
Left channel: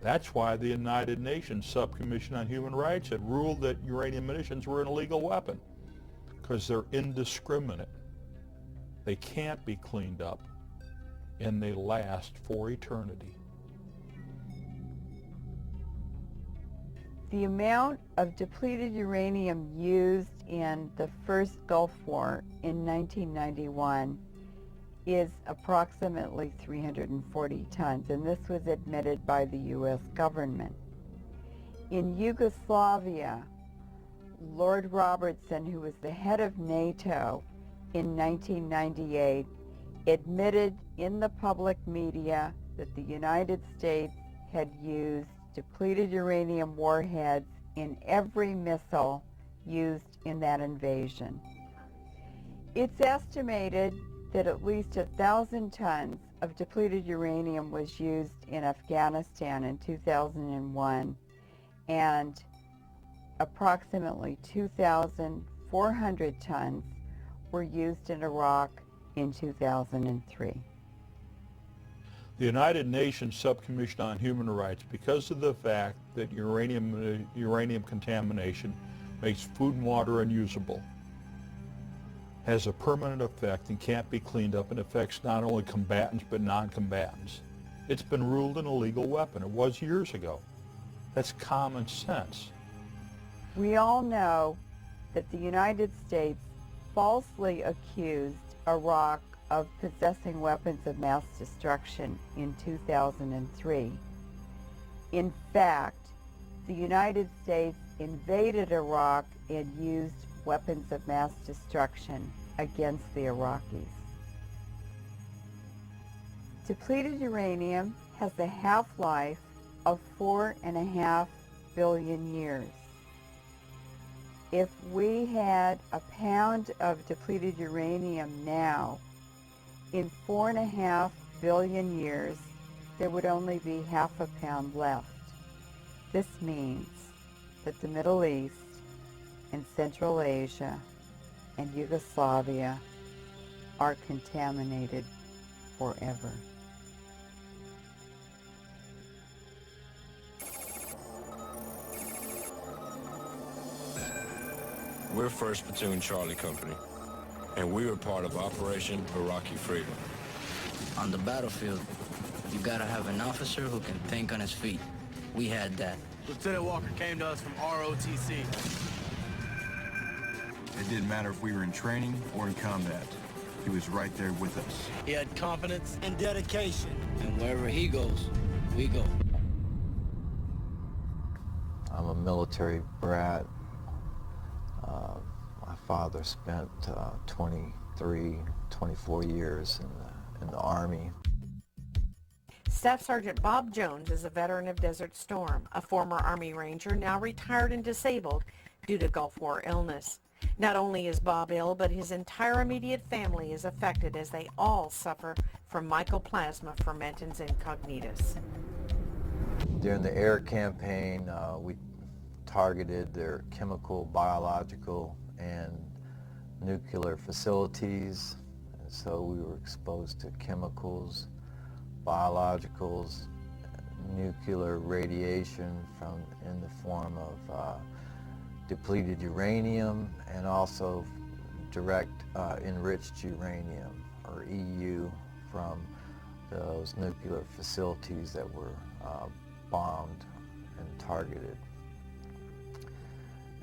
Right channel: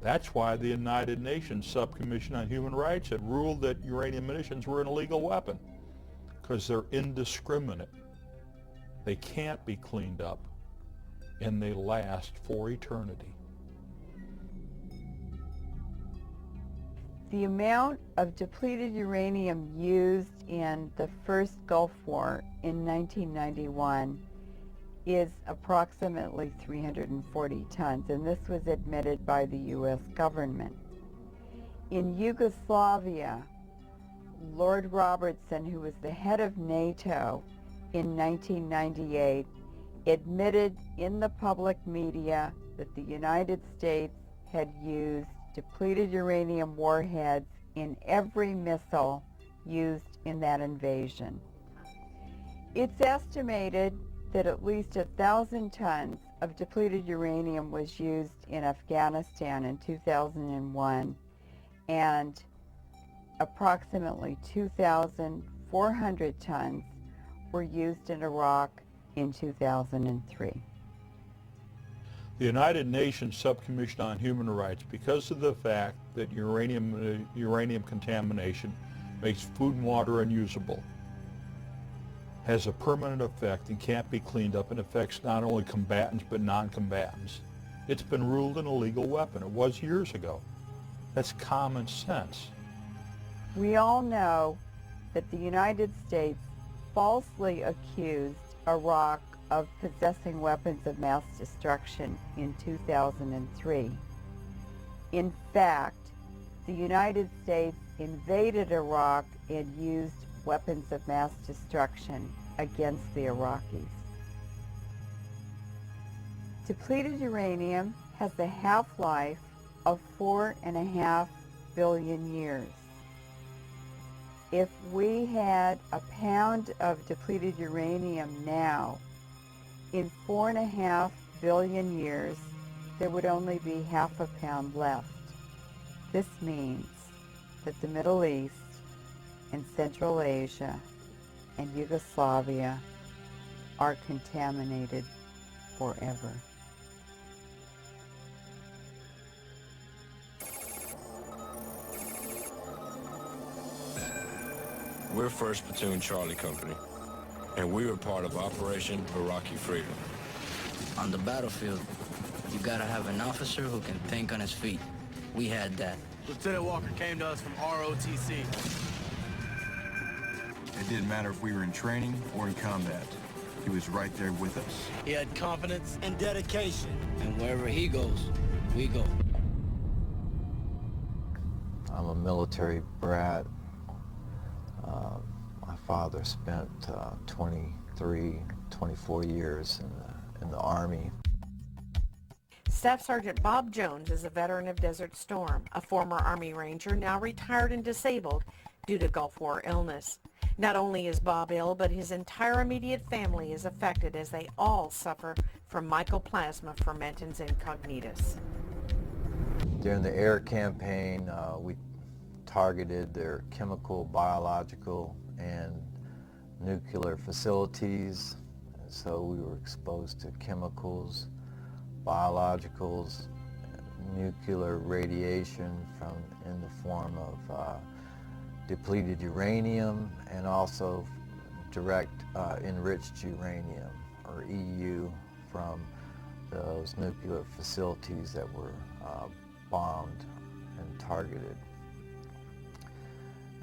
That's why the United Nations Subcommission on Human Rights had ruled that uranium munitions were an illegal weapon, because they're indiscriminate. They can't be cleaned up, and they last for eternity. The amount of depleted uranium used in the first Gulf War in 1991 is approximately 340 tons, and this was admitted by the U.S. government. In Yugoslavia, Lord Robertson, who was the head of NATO in 1998, admitted in the public media that the United States had used depleted uranium warheads in every missile used in that invasion. It's estimated that at least 1,000 tons of depleted uranium was used in Afghanistan in 2001, and approximately 2,400 tons were used in Iraq in 2003. The United Nations Subcommission on Human Rights, because of the fact that uranium contamination makes food and water unusable, has a permanent effect and can't be cleaned up, and affects not only combatants but non-combatants. It's been ruled an illegal weapon. It was years ago. That's common sense. We all know that the United States falsely accused Iraq of possessing weapons of mass destruction in 2003. In fact, the United States invaded Iraq and used weapons of mass destruction against the Iraqis. Depleted uranium has a half-life of 4.5 billion years. If we had a pound of depleted uranium now, in 4.5 billion years, there would only be half a pound left. This means that the Middle East and Central Asia and Yugoslavia are contaminated forever. We're 1st Platoon Charlie Company, and we were part of Operation Iraqi Freedom. On the battlefield, you gotta have an officer who can think on his feet. We had that. Lieutenant Walker came to us from ROTC. It didn't matter if we were in training or in combat. He was right there with us. He had confidence and dedication. And wherever he goes, we go. I'm a military brat. My father spent 24 years in the Army. Staff Sergeant Bob Jones is a veteran of Desert Storm, a former Army Ranger now retired and disabled due to Gulf War illness. Not only is Bob ill, but his entire immediate family is affected as they all suffer from mycoplasma fermentans incognitus. During the air campaign, we targeted their chemical, biological, and nuclear facilities. And so we were exposed to chemicals, biologicals, nuclear radiation in the form of depleted uranium, and also direct enriched uranium, or EU, from those nuclear facilities that were bombed and targeted.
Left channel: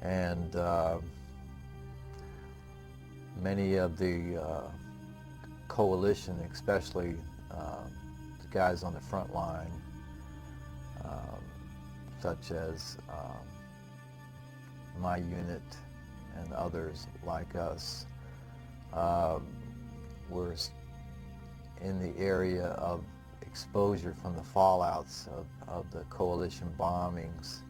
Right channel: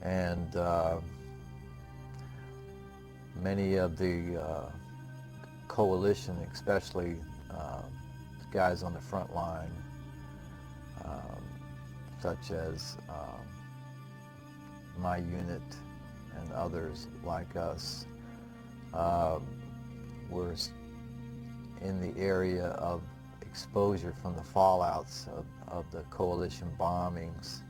And many of the coalition, especially the guys on the front line, such as my unit and others like us, were in the area of exposure from the fallouts of the coalition bombings.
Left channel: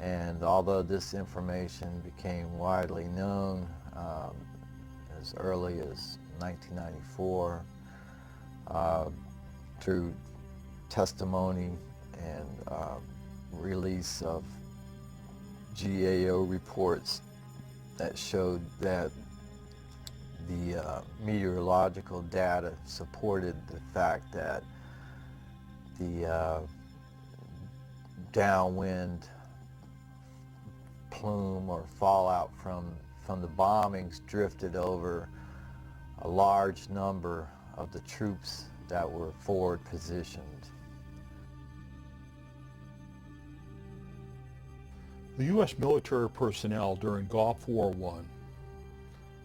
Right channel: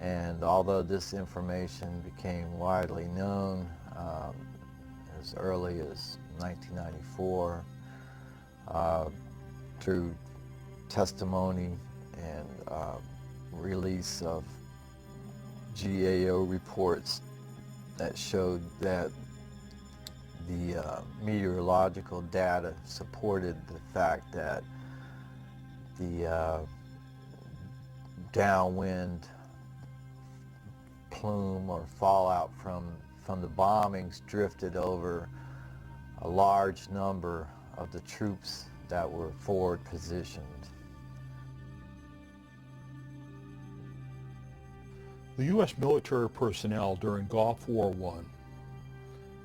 And although this information became widely known as early as 1994 through testimony and release of GAO reports that showed that the meteorological data supported the fact that the downwind plume or fallout from the bombings drifted over a large number of the troops that were forward positioned. The U.S. military personnel during Gulf War I,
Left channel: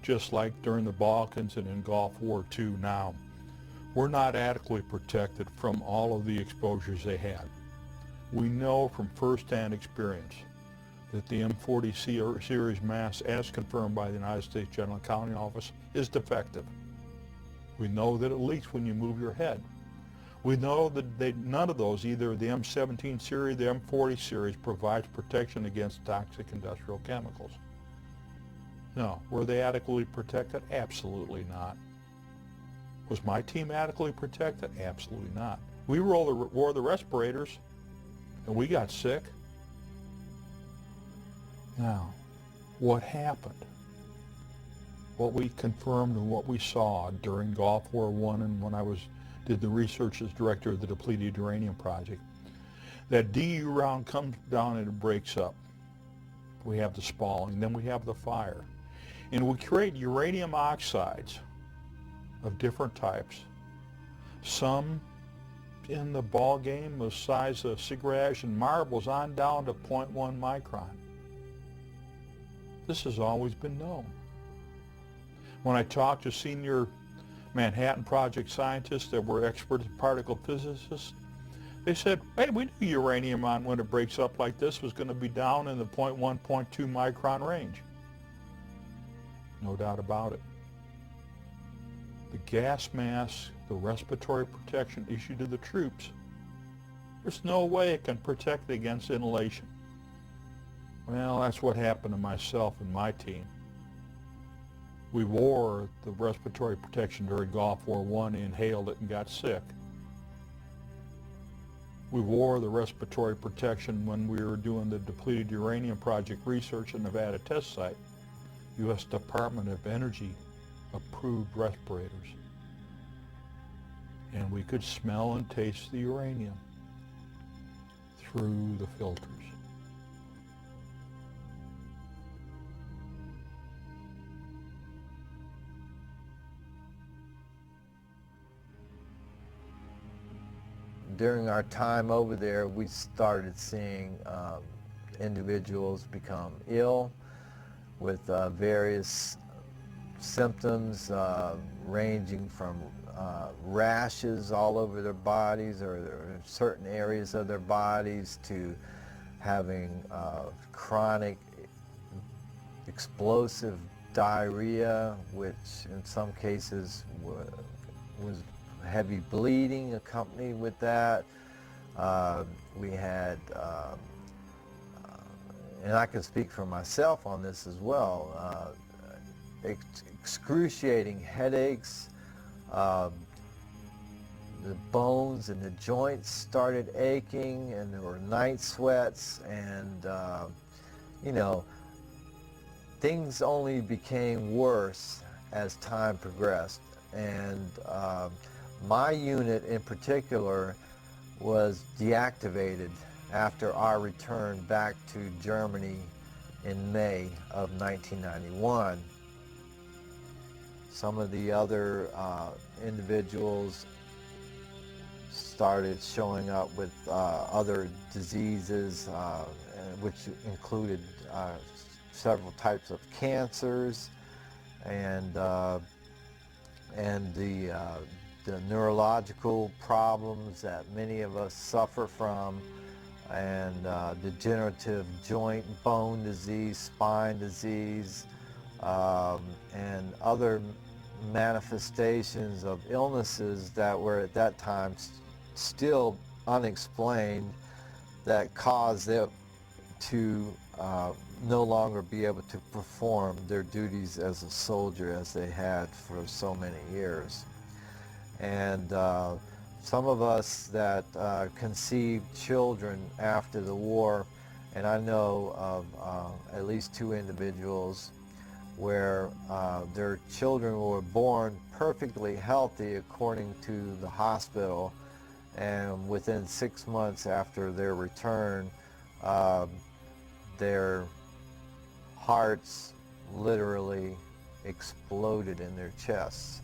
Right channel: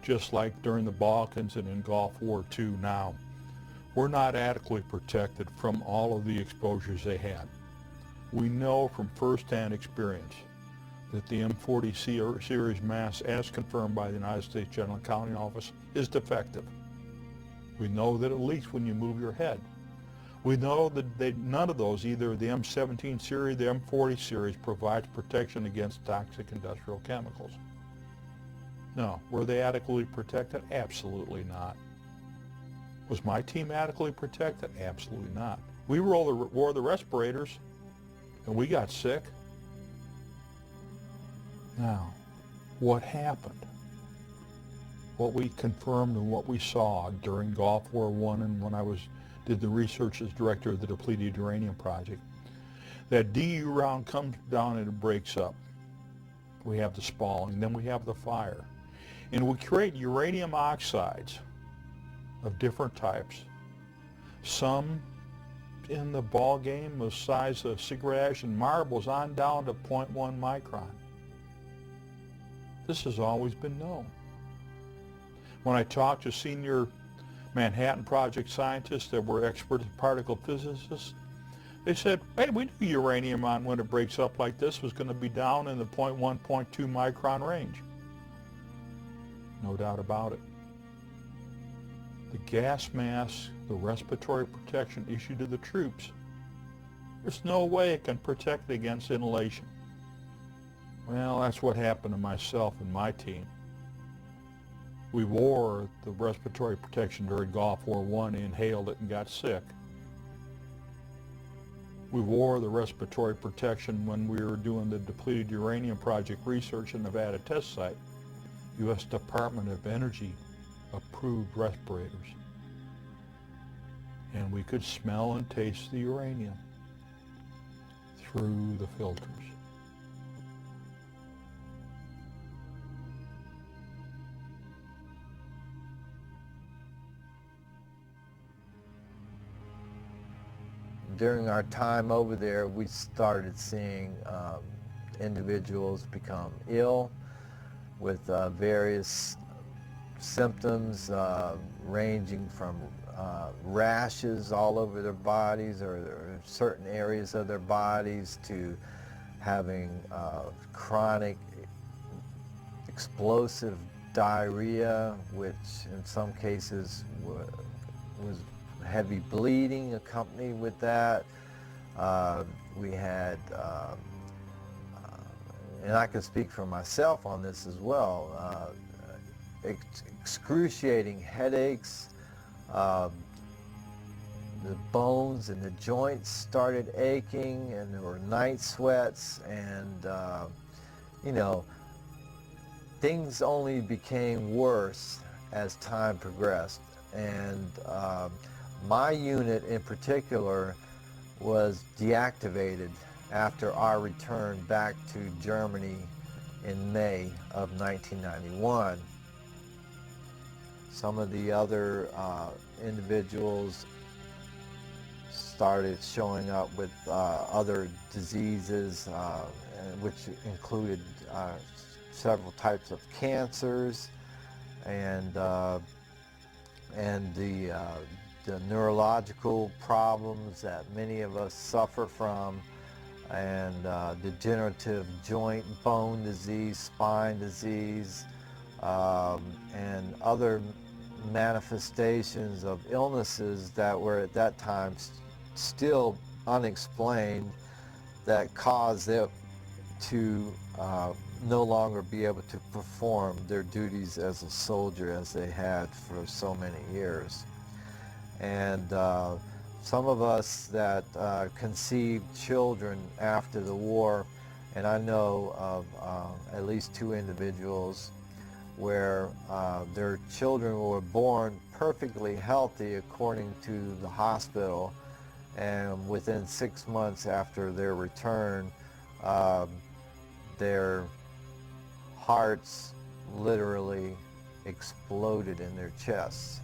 just like during the Balkans and in Gulf War II now, were not adequately protected from all of the exposures they had. We know from first-hand experience that the M40 series mask, as confirmed by the United States General Accounting Office, is defective. We know that it leaks when you move your head. We know that none of those, either the M17 series, the M40 series, provides protection against toxic industrial chemicals. No. Were they adequately protected? Absolutely not. Was my team adequately protected? Absolutely not. We wore the respirators, and we got sick. Now, what happened? What we confirmed and what we saw during Gulf War I and when I did the research as director of the depleted uranium project, that DU round comes down and it breaks up. We have the spalling, then we have the fire. And we create uranium oxides of different types. Some in the ball game the size of cigarette ash and marbles on down to 0.1 micron. This has always been known. When I talked to senior Manhattan Project scientists that were expert particle physicists, they said, hey, we knew uranium when it breaks up like this was going to be down in the 0.1, 0.2 micron range. No doubt about it. The gas mask, the respiratory protection issued to the troops, there's no way it can protect against inhalation. Well, that's what happened to myself and my team. We wore the respiratory protection during Gulf War I, inhaled it and got sick. We wore the respiratory protection when we were doing the depleted uranium project research in Nevada test site. U.S. Department of Energy approved respirators. And we could smell and taste the uranium through the filters. During our time over there, we started seeing individuals become ill with various symptoms ranging from rashes all over their bodies or certain areas of their bodies to having chronic explosive diarrhea, which in some cases was heavy bleeding accompanied with that. We had, and I can speak for myself on this as well, excruciating headaches. The bones and the joints started aching, and there were night sweats, and you know, things only became worse as time progressed. And my unit in particular was deactivated after our return back to Germany in May of 1991. some of the other individuals started showing up with other diseases, which included several types of cancers and the neurological problems that many of us suffer from, and degenerative joint bone disease, spine disease, and other manifestations of illnesses that were at that time still unexplained, that caused them to no longer be able to perform their duties as a soldier as they had for so many years. And some of us that conceived children after the war, and I know of at least 2 individuals where their children were born perfectly healthy according to the hospital, and within 6 months after their return, their hearts literally exploded in their chests.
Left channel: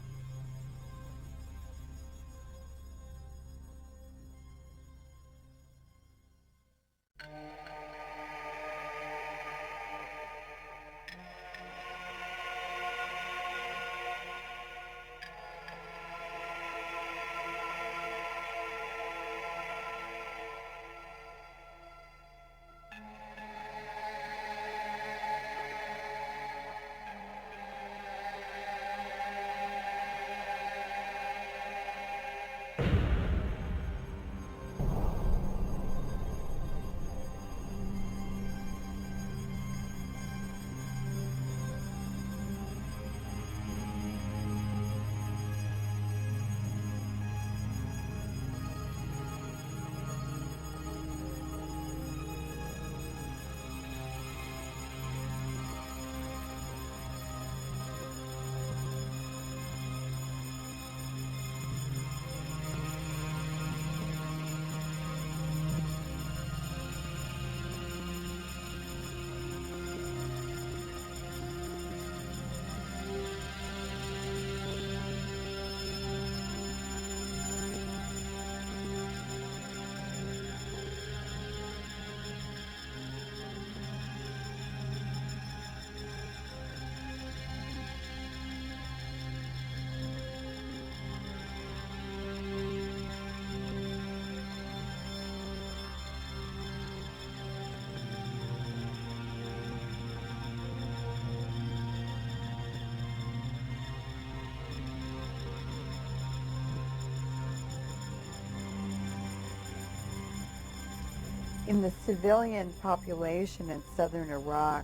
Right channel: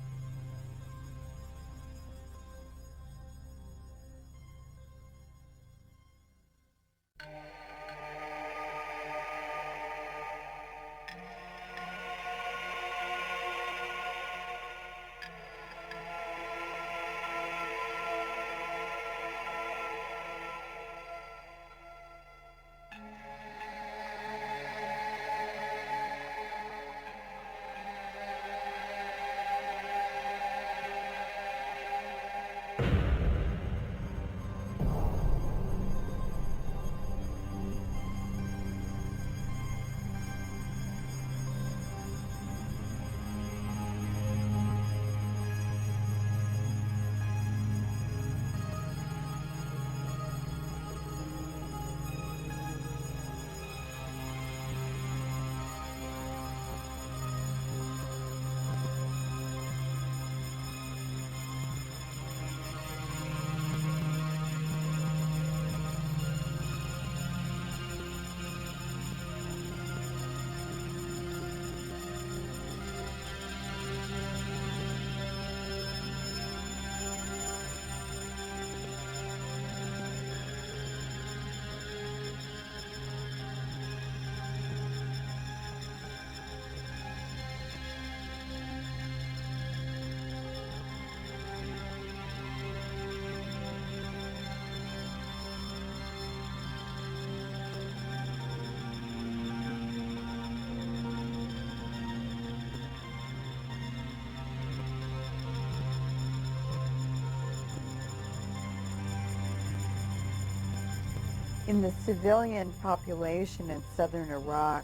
In the civilian population in southern Iraq,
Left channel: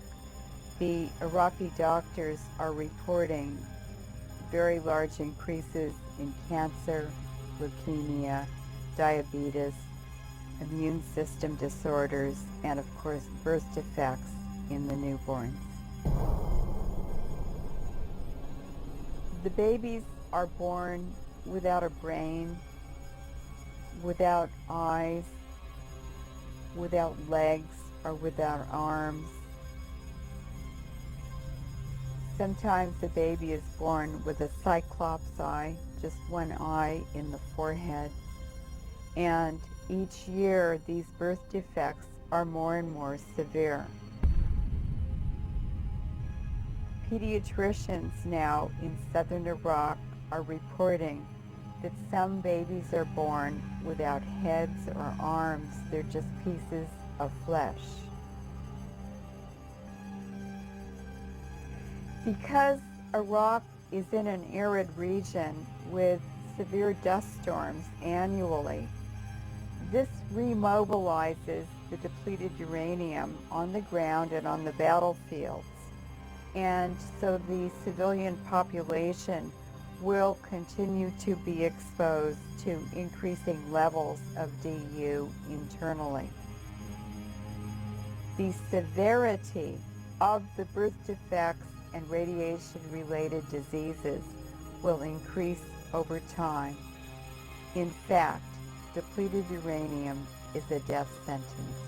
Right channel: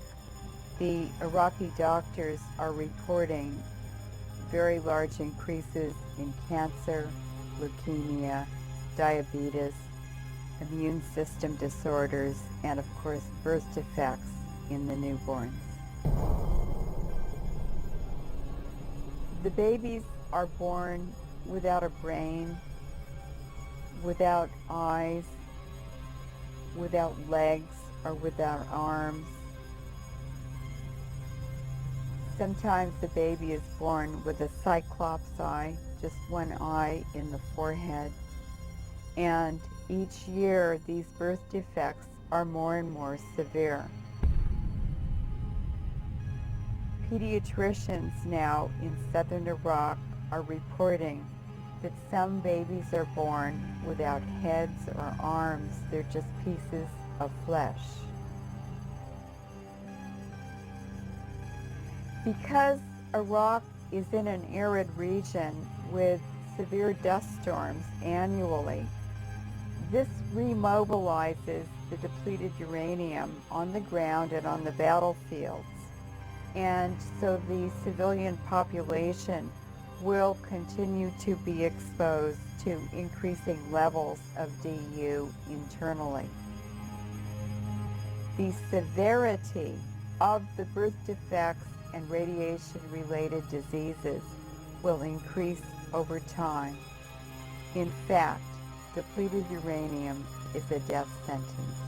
the Iraqi doctors are reporting very large increases in cancer, leukemia, diabetes, immune system disorders, and of course birth defects in the newborns. The babies are born without a brain, without eyes, without legs, or without arms. Sometimes the baby is born with a cyclops eye, just one eye in the forehead. And each year, these birth defects are more and more severe. Pediatricians now in southern Iraq are reporting that some babies are born without heads or arms. They're just pieces of flesh. Because Iraq is in an arid region with severe dust storms annually, this remobilizes the depleted uranium on the ground and on the battlefields. And so the civilian population will continue to be exposed to increasing levels of DU internally. The severity of the birth defects and radiation-related diseases will increase over time. In fact, depleted uranium is a death sentence.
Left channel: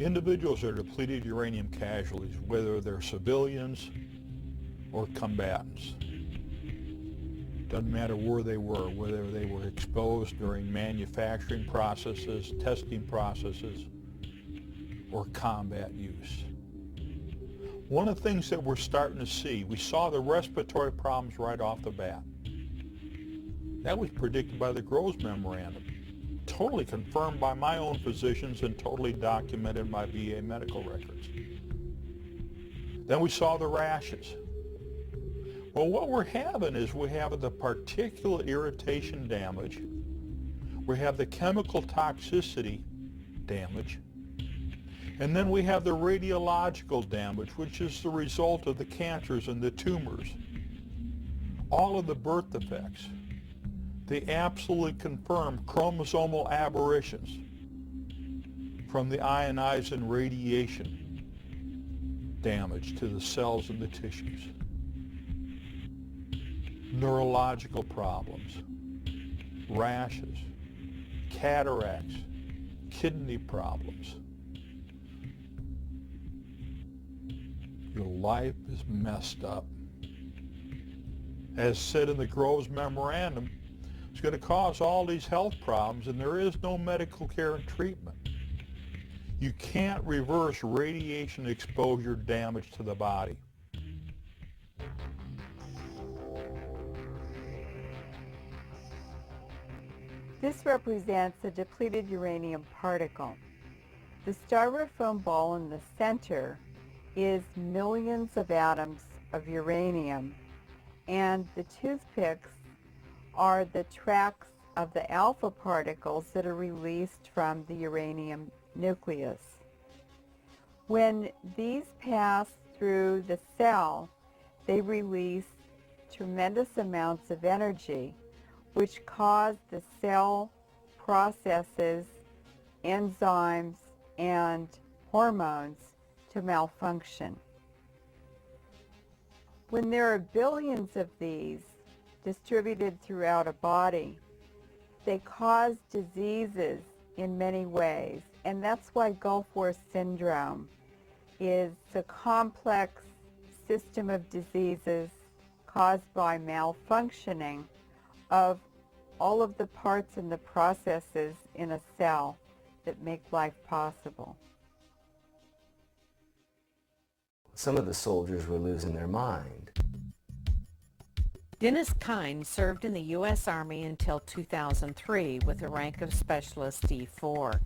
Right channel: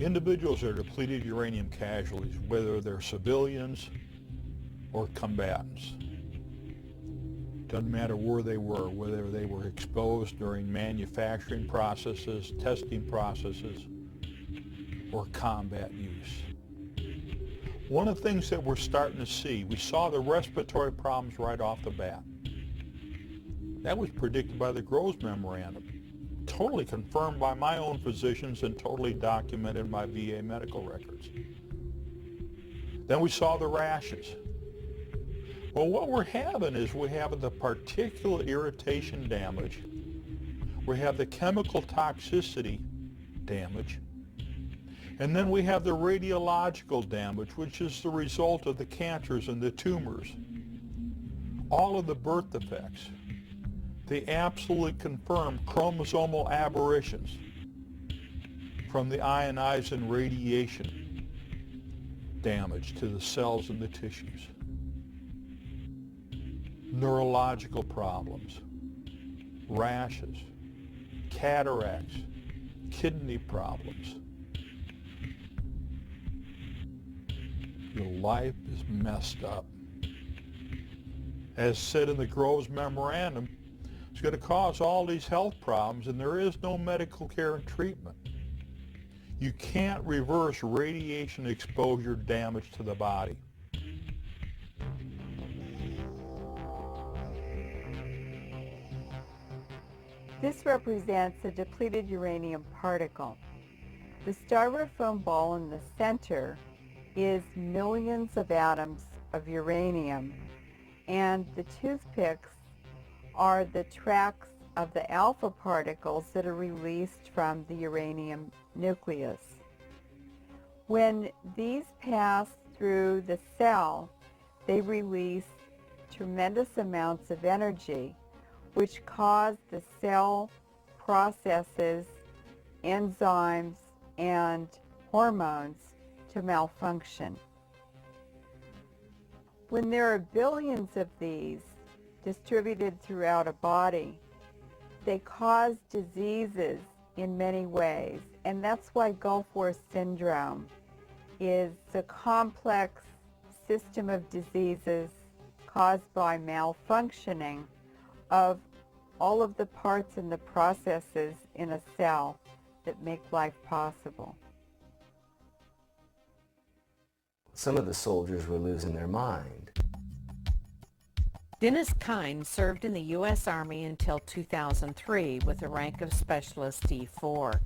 Individuals are depleted uranium casualties, whether they're civilians or combatants. Doesn't matter where they were, whether they were exposed during manufacturing processes, testing processes, or combat use. One of the things that we're starting to see, we saw the respiratory problems right off the bat. That was predicted by the Groves Memorandum, totally confirmed by my own physicians and totally documented in my VA medical records. Then we saw the rashes. Well, what we're having is we have the particular irritation damage, we have the chemical toxicity damage, and then we have the radiological damage, which is the result of the cancers and the tumors. All of the birth defects. They absolutely confirm chromosomal aberrations from the ionizing radiation damage to the cells and the tissues. Neurological problems, rashes, cataracts, kidney problems. Your life is messed up. As said in the Groves Memorandum, it's going to cause all these health problems, and there is no medical care and treatment. You can't reverse radiation exposure damage to the body. This represents a depleted uranium particle. The styrofoam ball in the center is millions of atoms of uranium, and the toothpicks are the tracks of the alpha particles that are released from the uranium nucleus. When these pass through the cell, they release tremendous amounts of energy, which cause the cell processes, enzymes, and hormones to malfunction. When there are billions of these distributed throughout a body, they cause diseases in many ways, and that's why Gulf War syndrome is a complex system of diseases caused by malfunctioning of all of the parts and the processes in a cell that make life possible. Some of the soldiers were losing their mind. Dennis Kine served in the U.S. Army until 2003 with the rank of Specialist D4.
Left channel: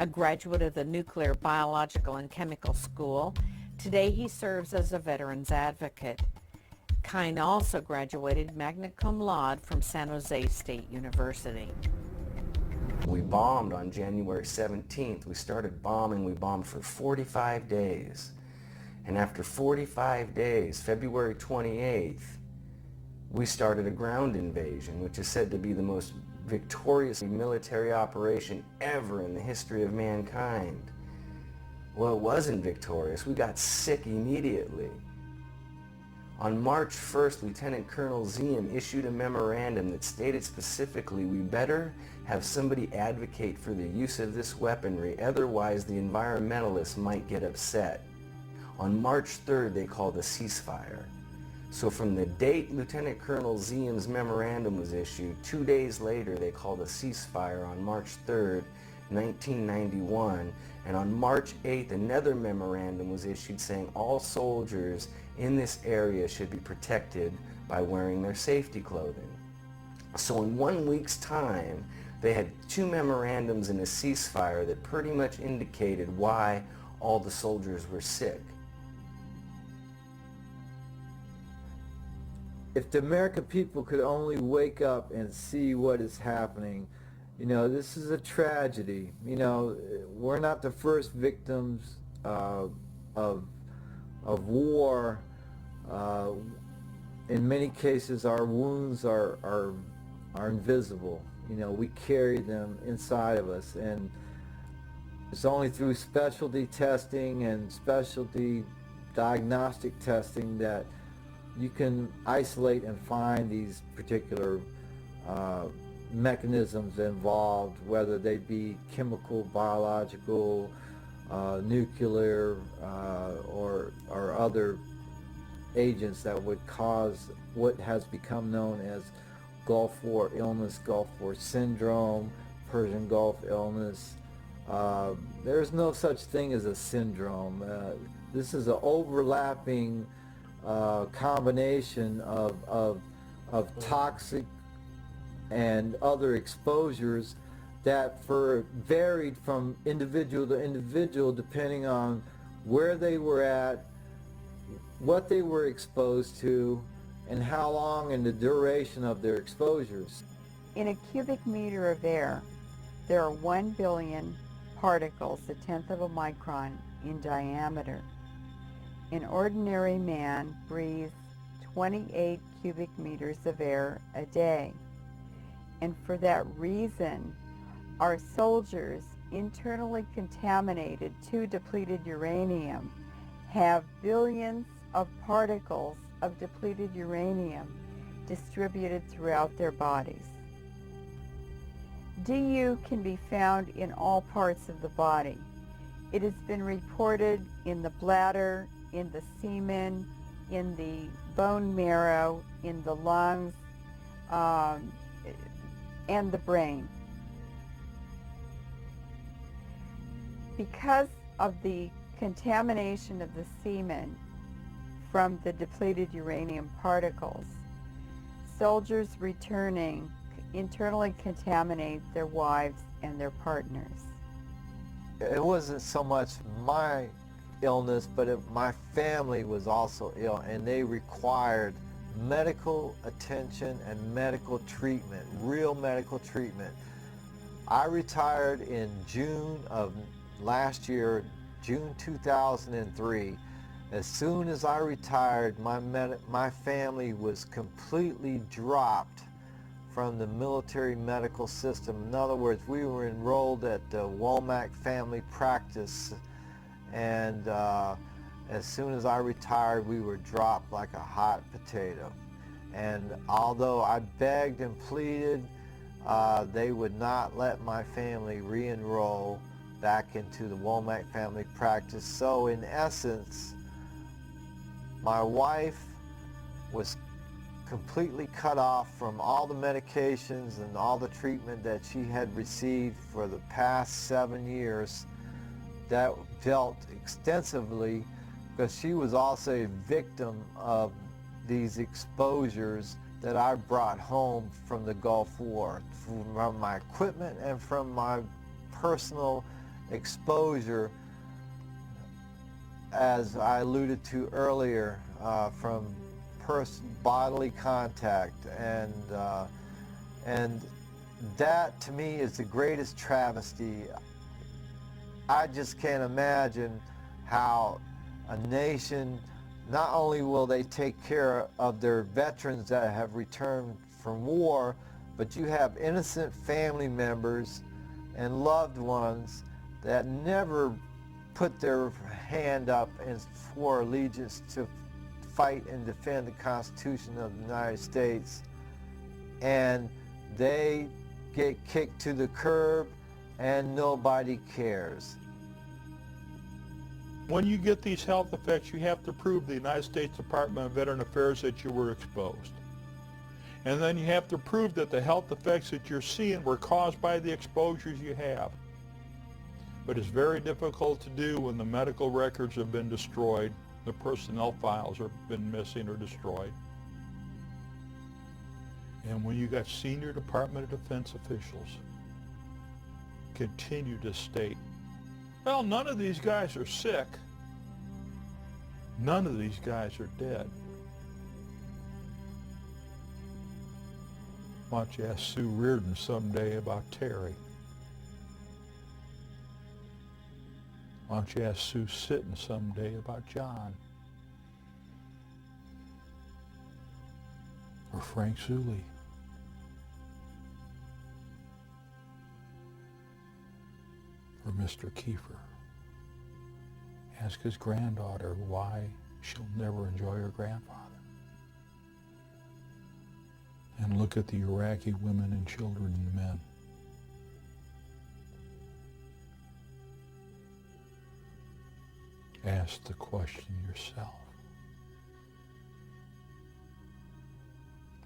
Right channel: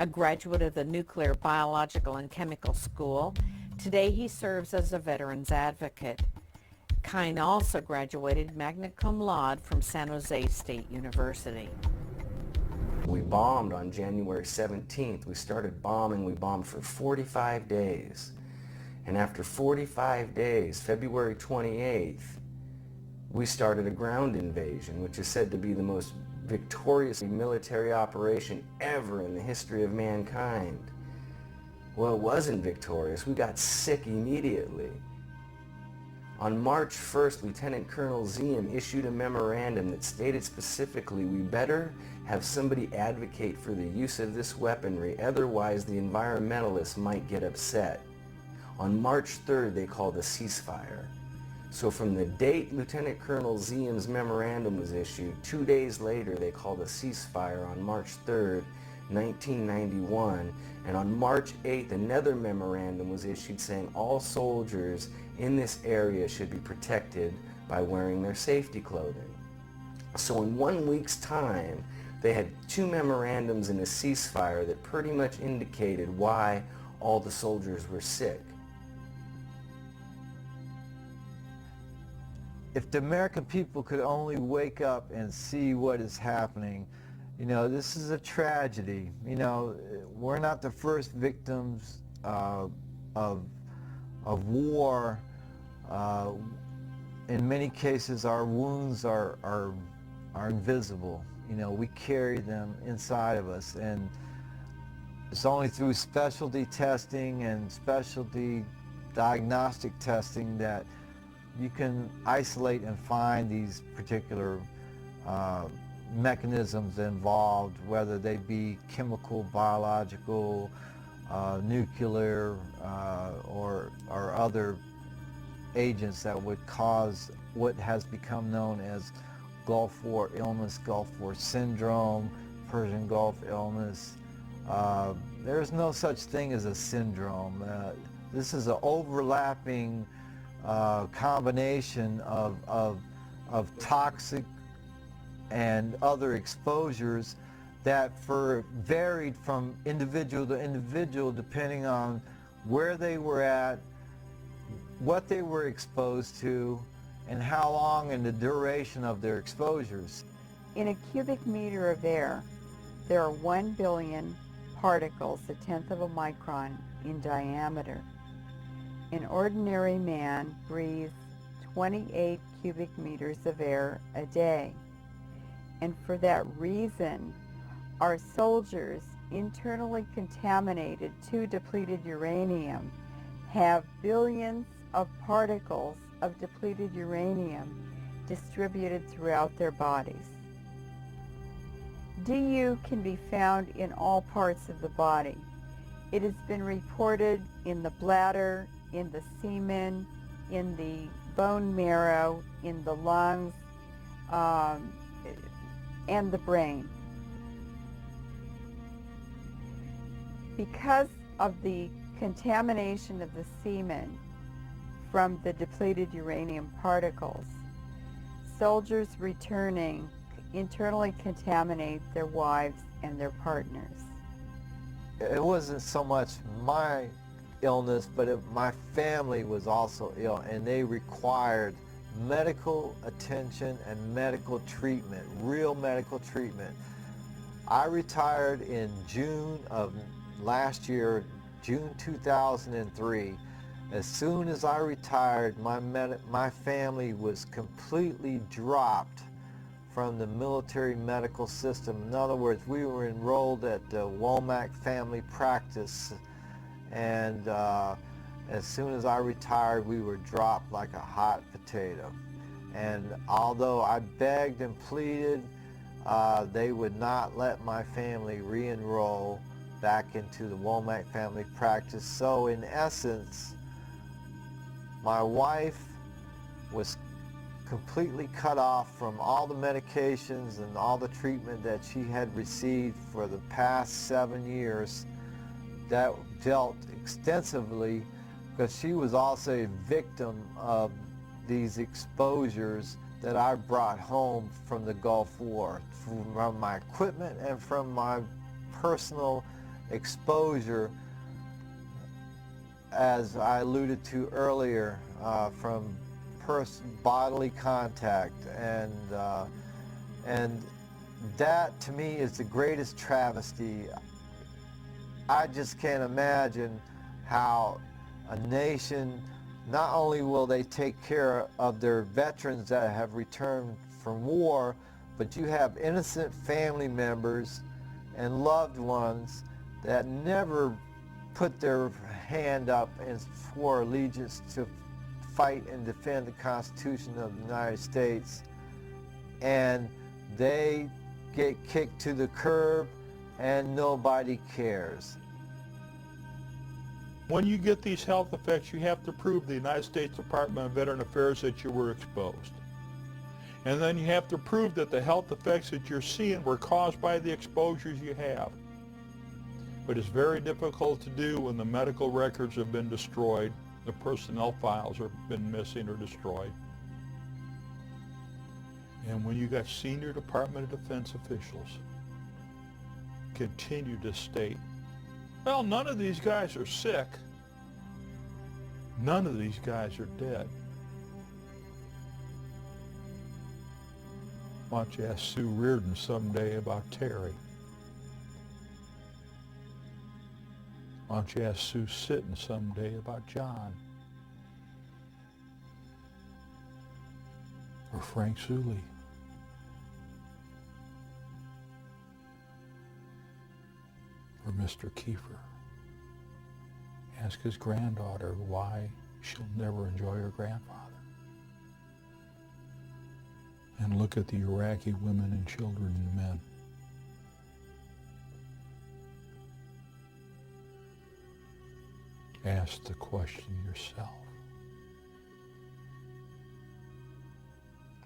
A graduate of the Nuclear, Biological, and Chemical School, today he serves as a veterans advocate. Kine also graduated magna cum laude from San Jose State University. We bombed on January 17th. We started bombing. We bombed for 45 days. And after 45 days, February 28th, we started a ground invasion, which is said to be the most victorious military operation ever in the history of mankind. Well, it wasn't victorious. We got sick immediately. On March 1st, Lieutenant Colonel Ziem issued a memorandum that stated specifically, we better have somebody advocate for the use of this weaponry, otherwise the environmentalists might get upset. On March 3rd, they called a ceasefire. So from the date Lieutenant Colonel Ziem's memorandum was issued, 2 days later they called a ceasefire on March 3rd, 1991, and on March 8th another memorandum was issued saying all soldiers in this area should be protected by wearing their safety clothing. So in 1 week's time, they had 2 memorandums and a ceasefire that pretty much indicated why all the soldiers were sick. If the American people could only wake up and see what is happening, you know, this is a tragedy. You know, we're not the first victims of war. In many cases, our wounds are invisible. You know, we carry them inside of us, and it's only through specialty testing and specialty diagnostic testing that you can isolate and find these particular mechanisms involved, whether they be chemical, biological, nuclear or other agents that would cause what has become known as Gulf War illness, Gulf War syndrome, Persian Gulf illness. There's no such thing as a syndrome. This is an overlapping combination of toxic and other exposures that varied from individual to individual depending on where they were at, what they were exposed to, and how long and the duration of their exposures. In a cubic meter of air, there are 1 billion particles, a tenth of a micron in diameter. An ordinary man breathes 28 cubic meters of air a day. And for that reason, our soldiers, internally contaminated to depleted uranium, have billions of particles of depleted uranium distributed throughout their bodies. DU can be found in all parts of the body. It has been reported in the bladder, in the semen, in the bone marrow, in the lungs, and the brain. Because of the contamination of the semen from the depleted uranium particles, soldiers returning internally contaminate their wives and their partners. It wasn't so much my illness, but my family was also ill, and they required medical attention and medical treatment, real medical treatment. I retired in June of last year, June 2003. As soon as I retired, my family was completely dropped from the military medical system. In other words, we were enrolled at the Womack family practice, and as soon as I retired, we were dropped like a hot potato. And although I begged and pleaded, they would not let my family re-enroll back into the Womack family practice. So in essence, my wife was completely cut off from all the medications and all the treatment that she had received for the past 7 years that dealt extensively, because she was also a victim of these exposures that I brought home from the Gulf War, from my equipment and from my personal exposure, as I alluded to earlier, from bodily contact, and that to me is the greatest travesty. I just can't imagine how a nation, not only will they take care of their veterans that have returned from war, but you have innocent family members and loved ones that never put their hand up and swore allegiance to fight and defend the Constitution of the United States, and they get kicked to the curb and nobody cares. When you get these health effects, you have to prove the United States Department of Veteran Affairs that you were exposed. And then you have to prove that the health effects that you're seeing were caused by the exposures you have. But it's very difficult to do when the medical records have been destroyed, the personnel files have been missing or destroyed. And when you got senior Department of Defense officials continue to state, well, none of these guys are sick. None of these guys are dead. Why don't you ask Sue Reardon someday about Terry? Why don't you ask Sue Sitten someday about John? Or Frank Sully? Or Mr. Kiefer? Ask his granddaughter why she'll never enjoy her grandfather. And look at the Iraqi women and children and men. Ask the question yourself.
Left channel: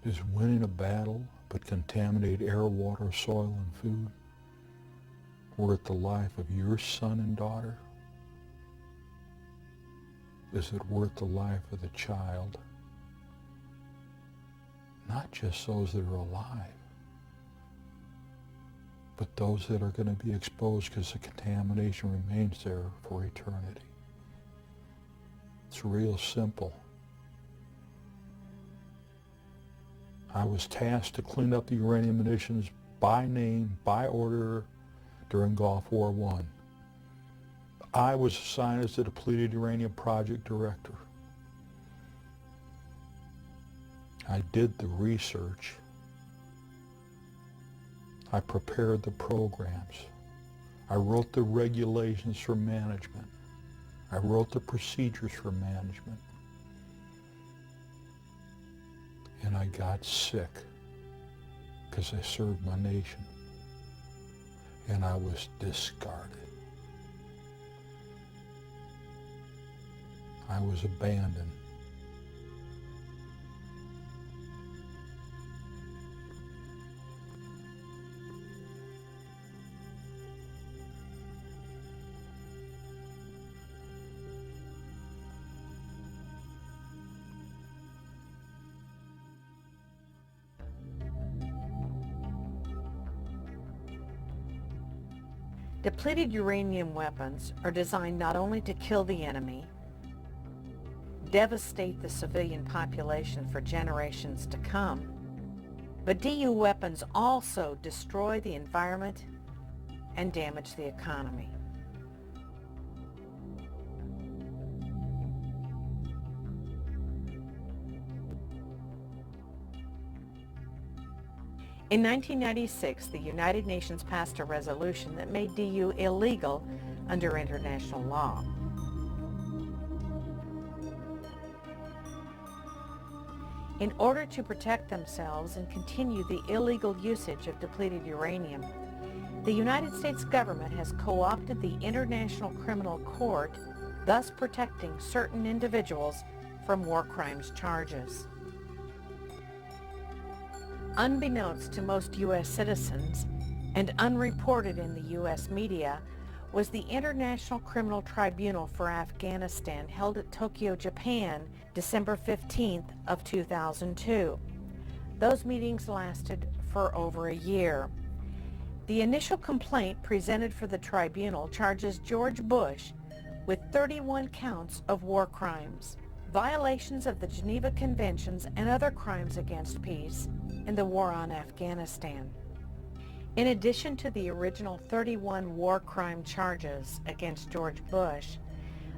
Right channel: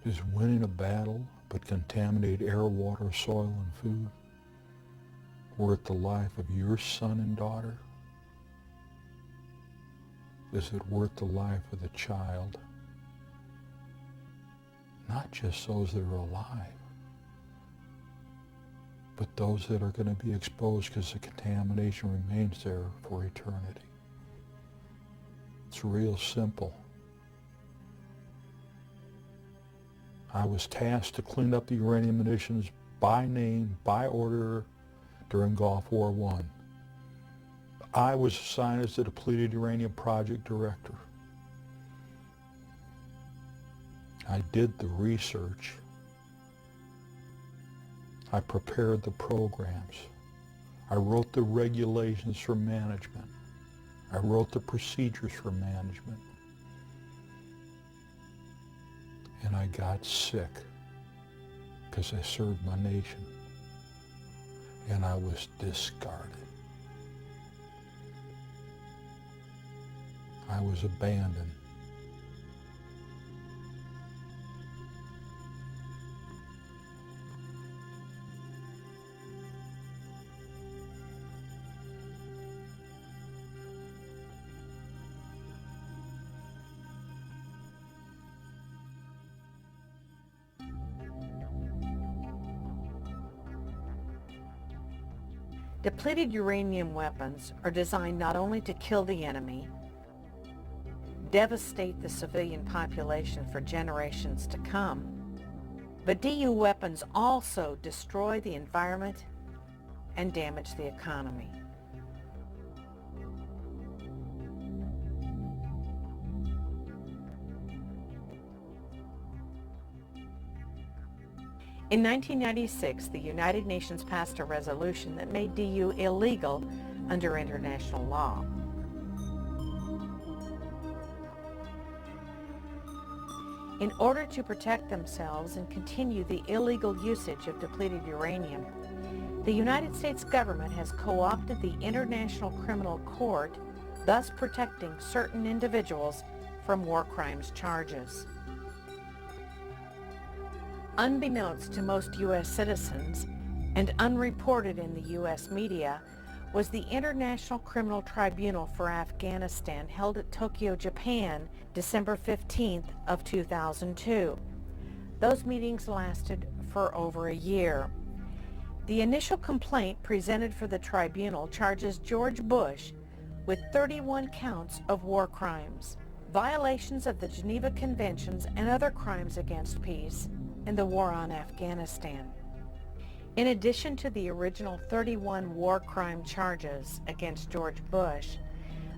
Is winning a battle but contaminate air, water, soil, and food worth the life of your son and daughter? Is it worth the life of the child? Not just those that are alive, but those that are going to be exposed because the contamination remains there for eternity. It's real simple. I was tasked to clean up the uranium munitions by name, by order, during Gulf War I. I was assigned as the depleted uranium project director. I did the research. I prepared the programs. I wrote the regulations for management. I wrote the procedures for management. And I got sick because I served my nation. And I was discarded. I was abandoned. Depleted uranium weapons are designed not only to kill the enemy, devastate the civilian population for generations to come, but DU weapons also destroy the environment and damage the economy. In 1996, the United Nations passed a resolution that made DU illegal under international law. In order to protect themselves and continue the illegal usage of depleted uranium, the United States government has co-opted the International Criminal Court, thus protecting certain individuals from war crimes charges. Unbeknownst to most U.S. citizens and unreported in the U.S. media was the International Criminal Tribunal for Afghanistan held at Tokyo, Japan, December 15th of 2002. Those meetings lasted for over a year. The initial complaint presented for the tribunal charges George Bush with 31 counts of war crimes, violations of the Geneva Conventions and other crimes against peace, and the war on Afghanistan. In addition to the original 31 war crime charges against George Bush,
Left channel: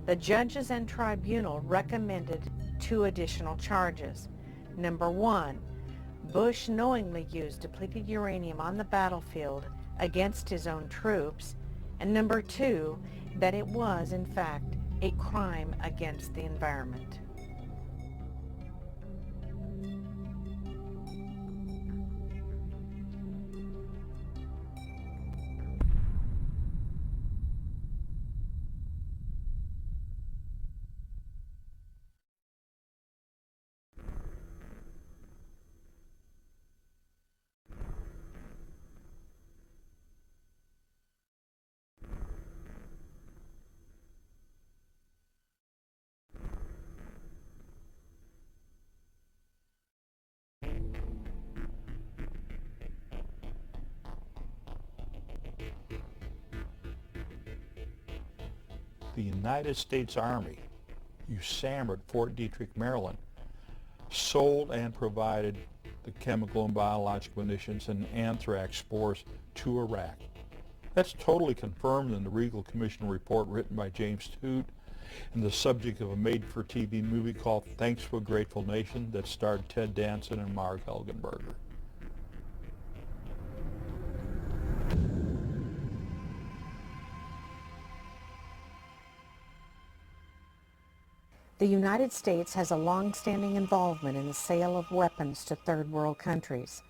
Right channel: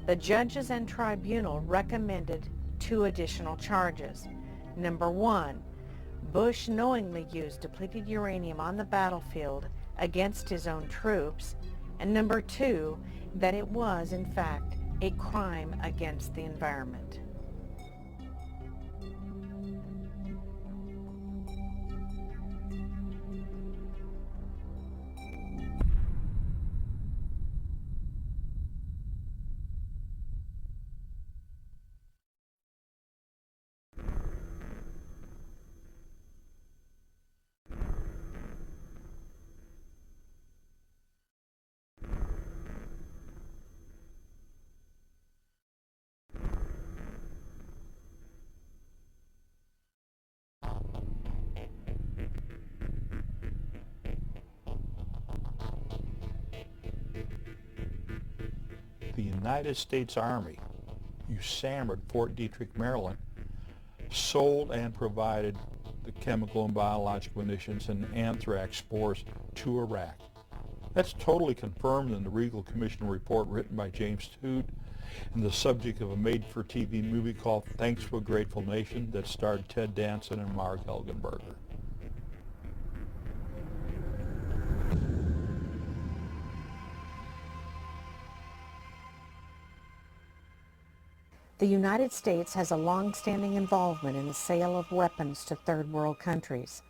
the judges and tribunal recommended 2 additional charges. Number 1, Bush knowingly used depleted uranium on the battlefield against his own troops, and number 2, that it was, in fact, a crime against the environment. The United States Army, USAMR at Fort Detrick, Maryland, sold and provided the chemical and biological munitions and anthrax spores to Iraq. That's totally confirmed in the Regal Commission report written by James Toon and the subject of a made-for-TV movie called Thanks for a Grateful Nation that starred Ted Danson and Mark Helgenberger. The United States has a long-standing involvement in the sale of weapons to third world countries.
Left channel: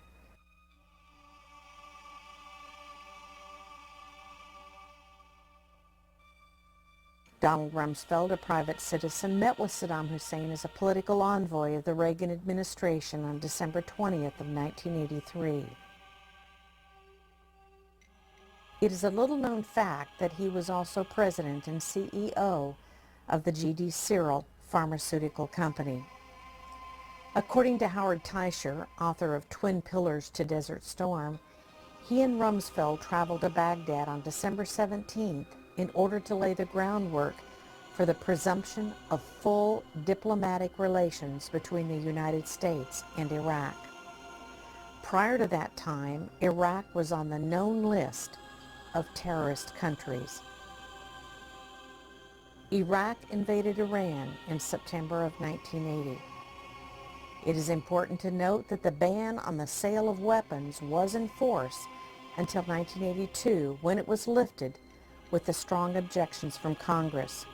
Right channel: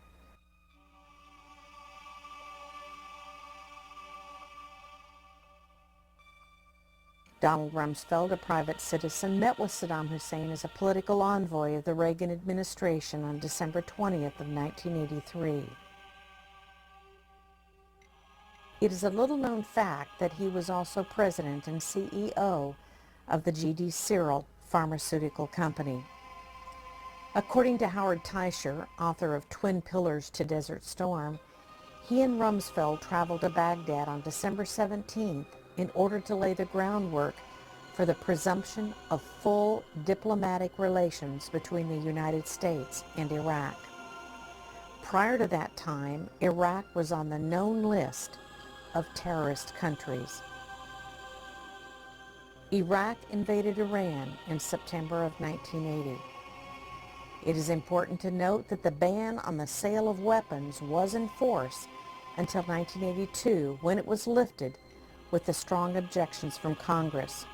Donald Rumsfeld, a private citizen, met with Saddam Hussein as a political envoy of the Reagan administration on December 20th of 1983. It is a little-known fact that he was also president and CEO of the G.D. Searle Pharmaceutical Company. According to Howard Teicher, author of Twin Pillars to Desert Storm, he and Rumsfeld traveled to Baghdad on December 17th in order to lay the groundwork for the presumption of full diplomatic relations between the United States and Iraq. Prior to that time, Iraq was on the known list of terrorist countries. Iraq invaded Iran in September of 1980. It is important to note that the ban on the sale of weapons was in force until 1982, when it was lifted with the strong objections from Congress.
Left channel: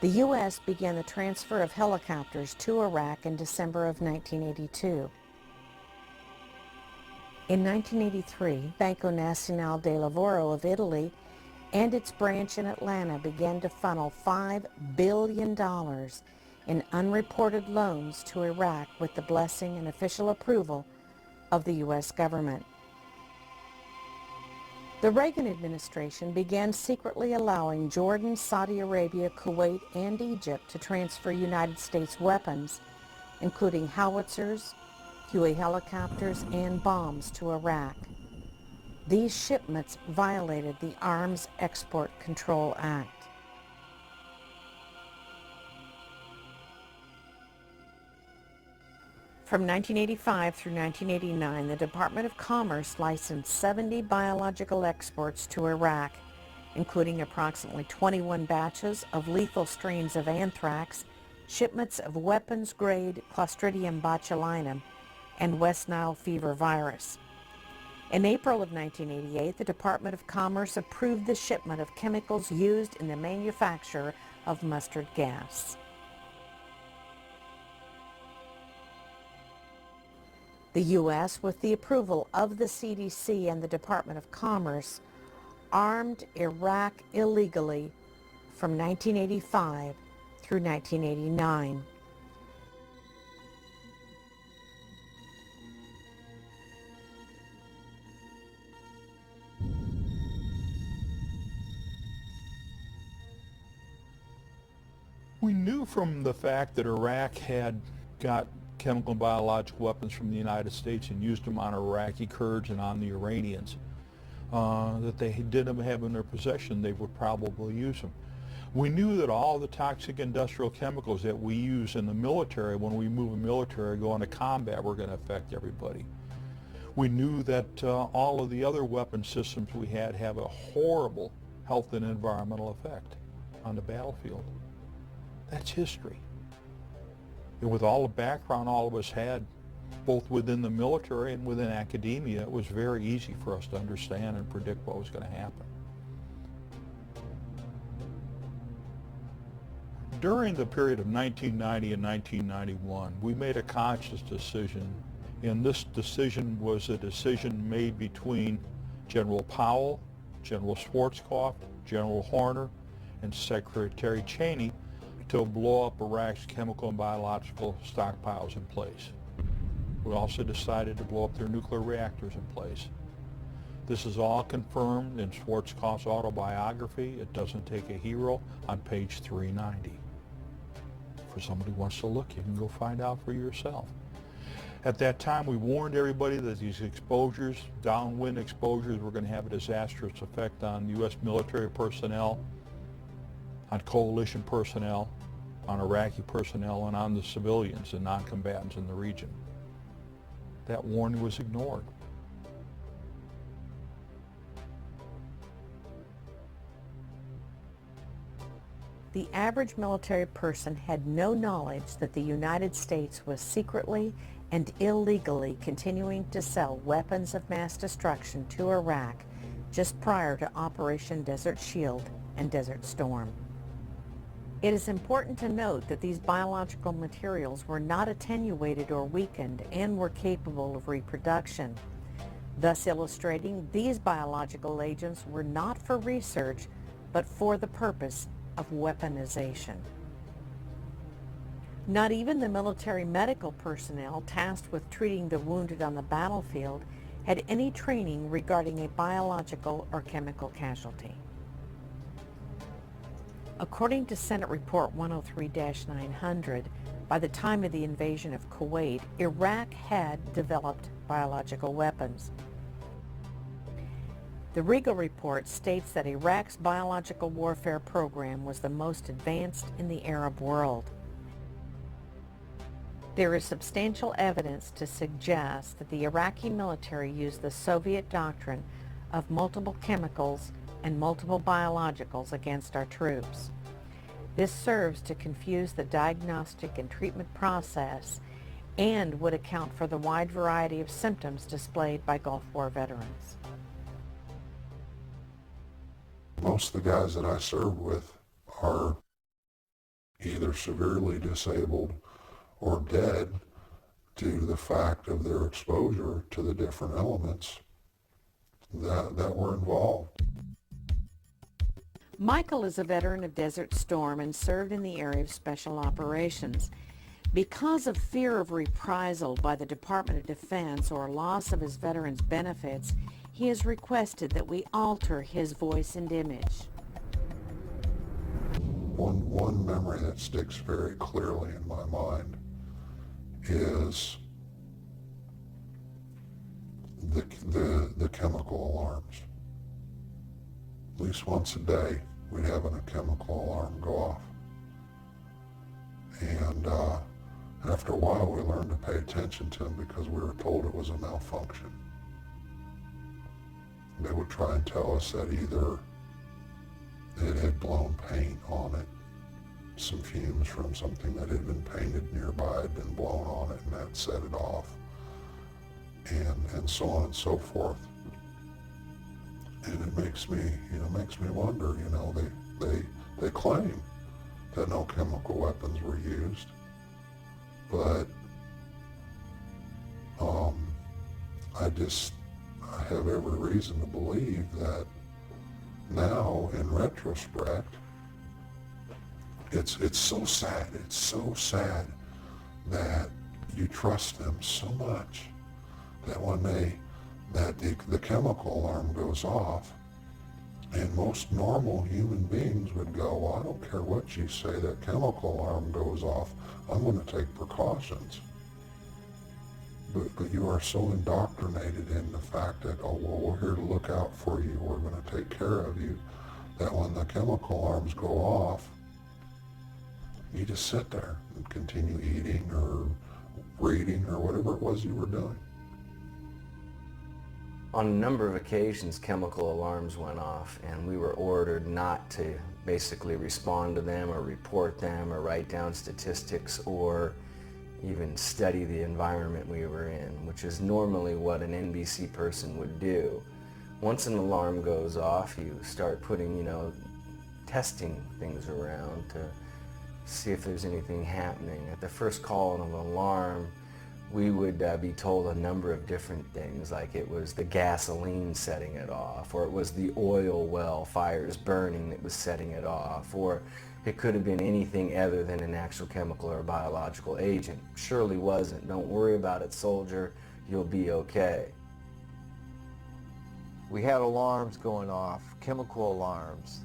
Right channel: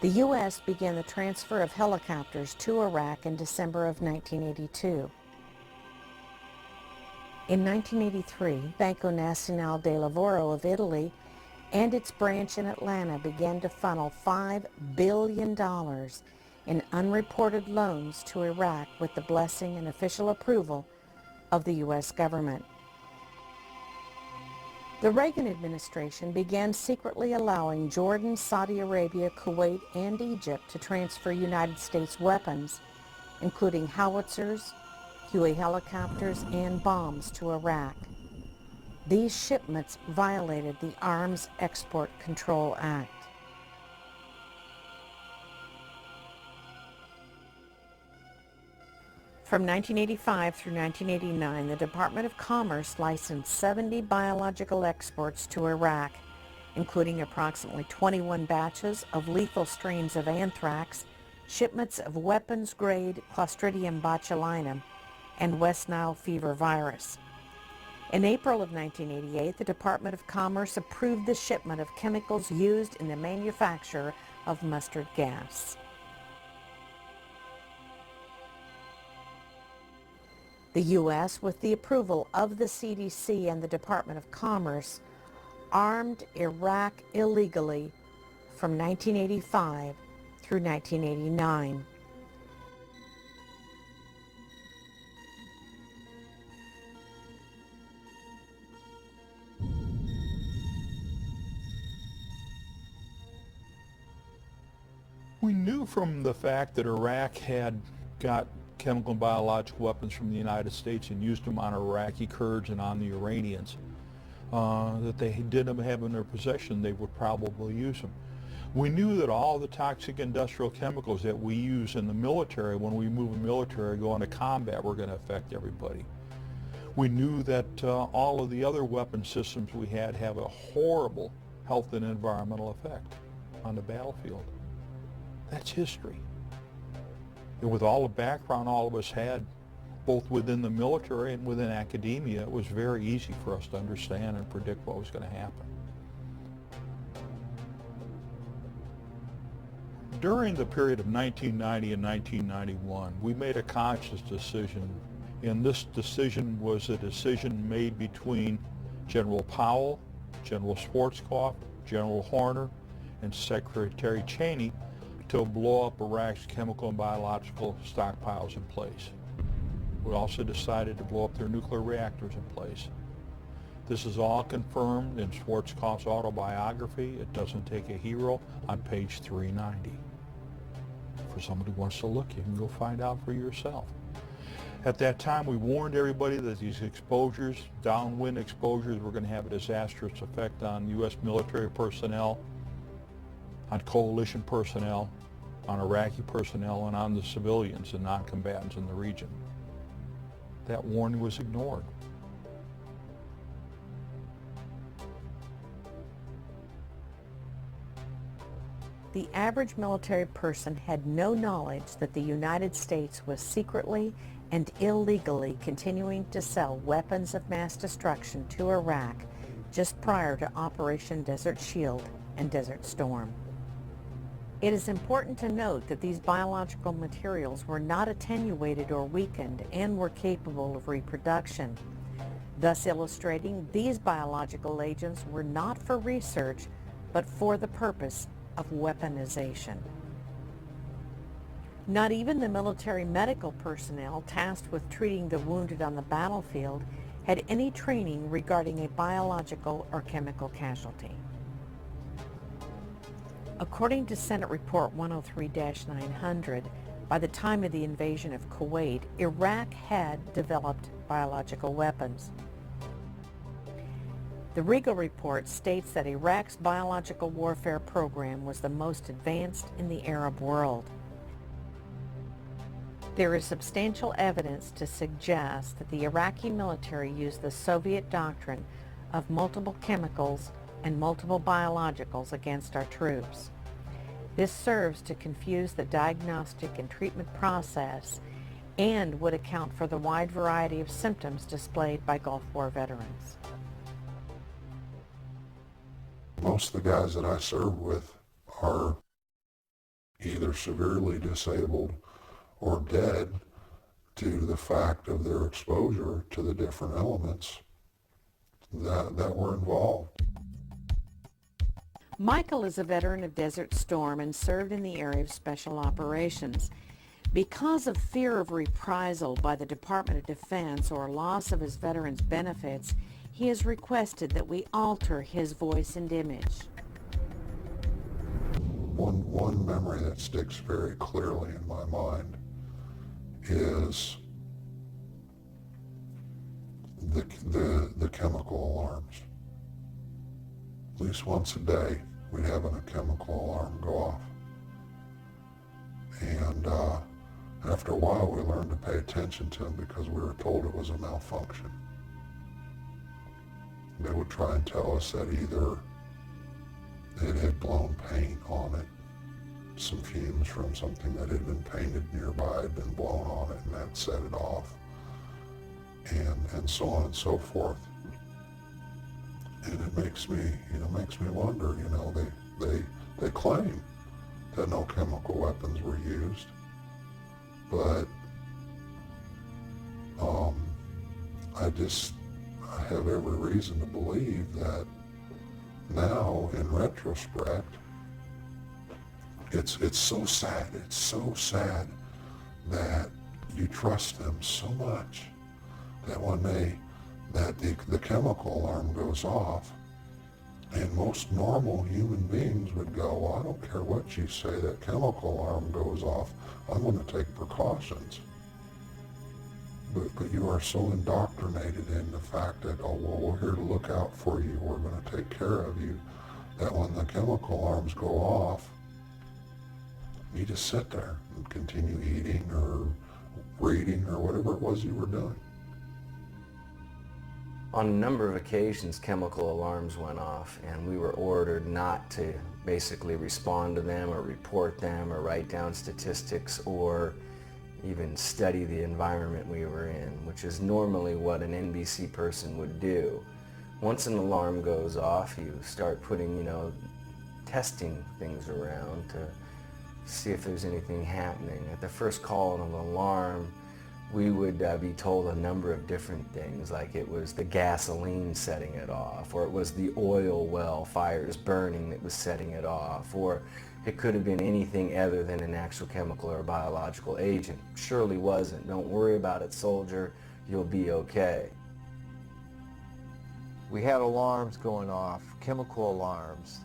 The U.S. began the transfer of helicopters to Iraq in December of 1982. In 1983, Banco Nazionale del Lavoro of Italy and its branch in Atlanta began to funnel $5 billion in unreported loans to Iraq with the blessing and official approval of the U.S. government. The Reagan administration began secretly allowing Jordan, Saudi Arabia, Kuwait, and Egypt to transfer United States weapons, including howitzers, Huey helicopters, and bombs to Iraq. These shipments violated the Arms Export Control Act. From 1985 through 1989, the Department of Commerce licensed 70 biological exports to Iraq, including approximately 21 batches of lethal strains of anthrax, shipments of weapons-grade Clostridium botulinum, and West Nile fever virus. In April of 1988, the Department of Commerce approved the shipment of chemicals used in the manufacture of mustard gas. The U.S., with the approval of the CDC and the Department of Commerce, armed Iraq illegally from 1985 through 1989. We knew from the fact that Iraq had got chemical and biological weapons from the United States and used them on Iraqi Kurds and on the Iranians, that they didn't have in their possession, they would probably use them. We knew that all the toxic industrial chemicals that we use in the military, when we move a military, go into combat, were going to affect everybody. We knew that all of the other weapon systems we had have a horrible health and environmental effect on the battlefield. That's history. And with all the background all of us had, both within the military and within academia, it was very easy for us to understand and predict what was going to happen. During the period of 1990 and 1991, we made a conscious decision, and this decision was a decision made between General Powell, General Schwarzkopf, General Horner, and Secretary Cheney to blow up Iraq's chemical and biological stockpiles in place. We also decided to blow up their nuclear reactors in place. This is all confirmed in Schwarzkopf's autobiography, It Doesn't Take a Hero, on page 390. For somebody who wants to look, you can go find out for yourself. At that time, we warned everybody that these exposures, downwind exposures, were going to have a disastrous effect on U.S. military personnel, on coalition personnel, on Iraqi personnel, and on the civilians and non-combatants in the region. That warning was ignored. The average military person had no knowledge that the United States was secretly and illegally continuing to sell weapons of mass destruction to Iraq just prior to Operation Desert Shield and Desert Storm. It is important to note that these biological materials were not attenuated or weakened and were capable of reproduction. thus illustrating these biological agents were not for research, but for the purpose of weaponization. Not even the military medical personnel tasked with treating the wounded on the battlefield had any training regarding a biological or chemical casualty. According to Senate Report 103-900, by the time of the invasion of Kuwait, Iraq had developed biological weapons. The Regal Report states that Iraq's biological warfare program was the most advanced in the Arab world. There is substantial evidence to suggest that the Iraqi military used the Soviet doctrine of multiple chemicals and multiple biologicals against our troops. This serves to confuse the diagnostic and treatment process and would account for the wide variety of symptoms displayed by Gulf War veterans. Most of the guys that I serve with are either severely disabled or dead due to the fact of their exposure to the different elements that were involved. Michael is a veteran of Desert Storm and served in the area of Special Operations. Because of fear of reprisal by the Department of Defense or loss of his veterans' benefits, he has requested that we alter his voice and image. One memory that sticks very clearly in my mind is the chemical alarms. At least once a day, we'd have a chemical alarm go off. And after a while, we learned to pay attention to them because we were told it was a malfunction. They would try and tell us that either it had blown paint on it, some fumes from something that had been painted nearby had been blown on it and that set it off, and so on and so forth. And it makes me wonder, they claim that no chemical weapons were used, but I have every reason to believe that now, in retrospect, it's so sad that you trust them so much that when the chemical alarm goes off, and most normal human beings would go, well, I don't care what you say, that chemical alarm goes off, I'm going to take precautions. But you are so indoctrinated in the fact that, oh, well, we're here to look out for you, we're going to take care of you, that when the chemical alarms go off, you just sit there and continue eating or reading or whatever it was you were doing. On a number of occasions, chemical alarms went off, and we were ordered not to basically respond to them or report them or write down statistics or even study the environment we were in, which is normally what an NBC person would do. Once an alarm goes off, you start putting, testing things around to see if there's anything happening. At the first call of an alarm, we would be told a number of different things, like it was the gasoline setting it off, or it was the oil well fires burning that was setting it off, or it could have been anything other than an actual chemical or biological agent. Surely wasn't. Don't worry about it, soldier. You'll be okay. We had alarms going off, chemical alarms,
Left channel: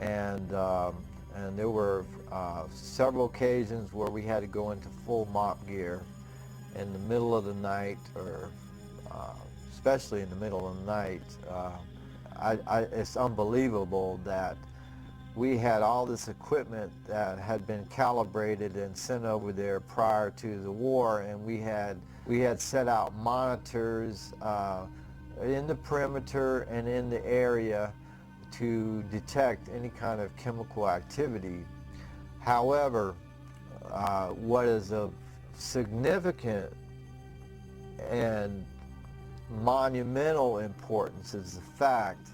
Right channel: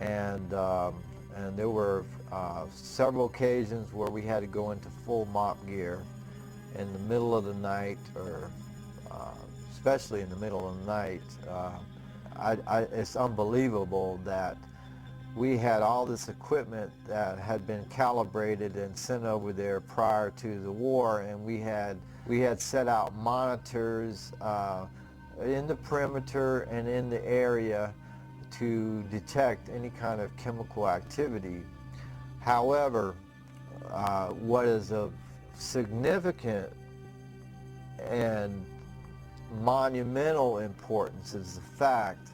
and there were several occasions where we had to go into full mop gear in the middle of the night, or especially in the middle of the night. It's unbelievable that we had all this equipment that had been calibrated and sent over there prior to the war, and we had set out monitors in the perimeter and in the area to detect any kind of chemical activity. However, what is of significant and monumental importance is the fact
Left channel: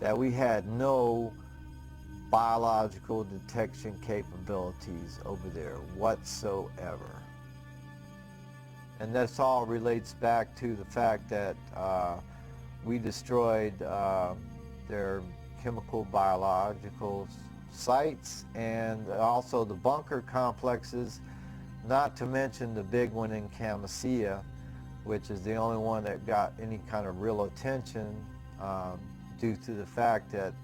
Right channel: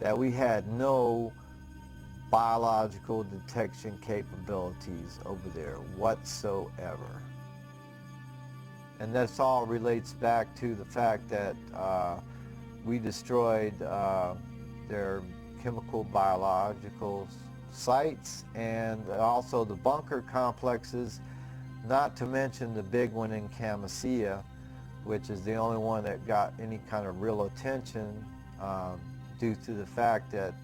that we had no biological detection capabilities over there whatsoever. And this all relates back to the fact that we destroyed their chemical biological sites and also the bunker complexes, not to mention the big one in Camisea, which is the only one that got any kind of real attention due to the fact that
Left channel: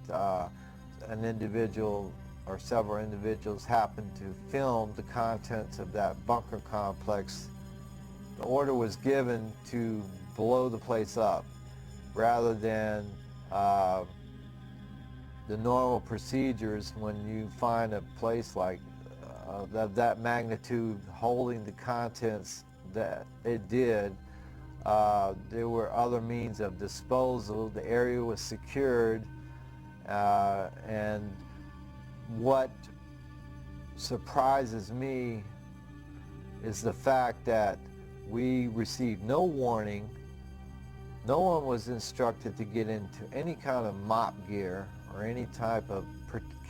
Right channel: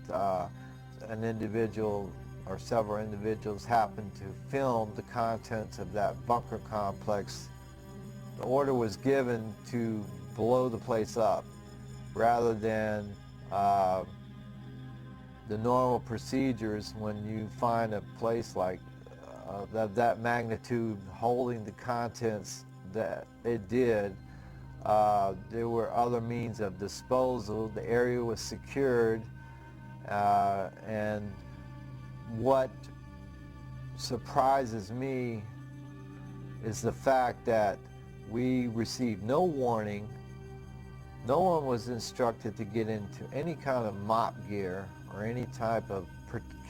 an individual or several individuals happened to film the contents of that bunker complex. The order was given to blow the place up rather than the normal procedures when you find a place like that magnitude holding the contents that it did. There were other means of disposal. The area was secured, and what surprises me is the fact that we received no warning. No one was instructed to get into any kind of mop gear or any type of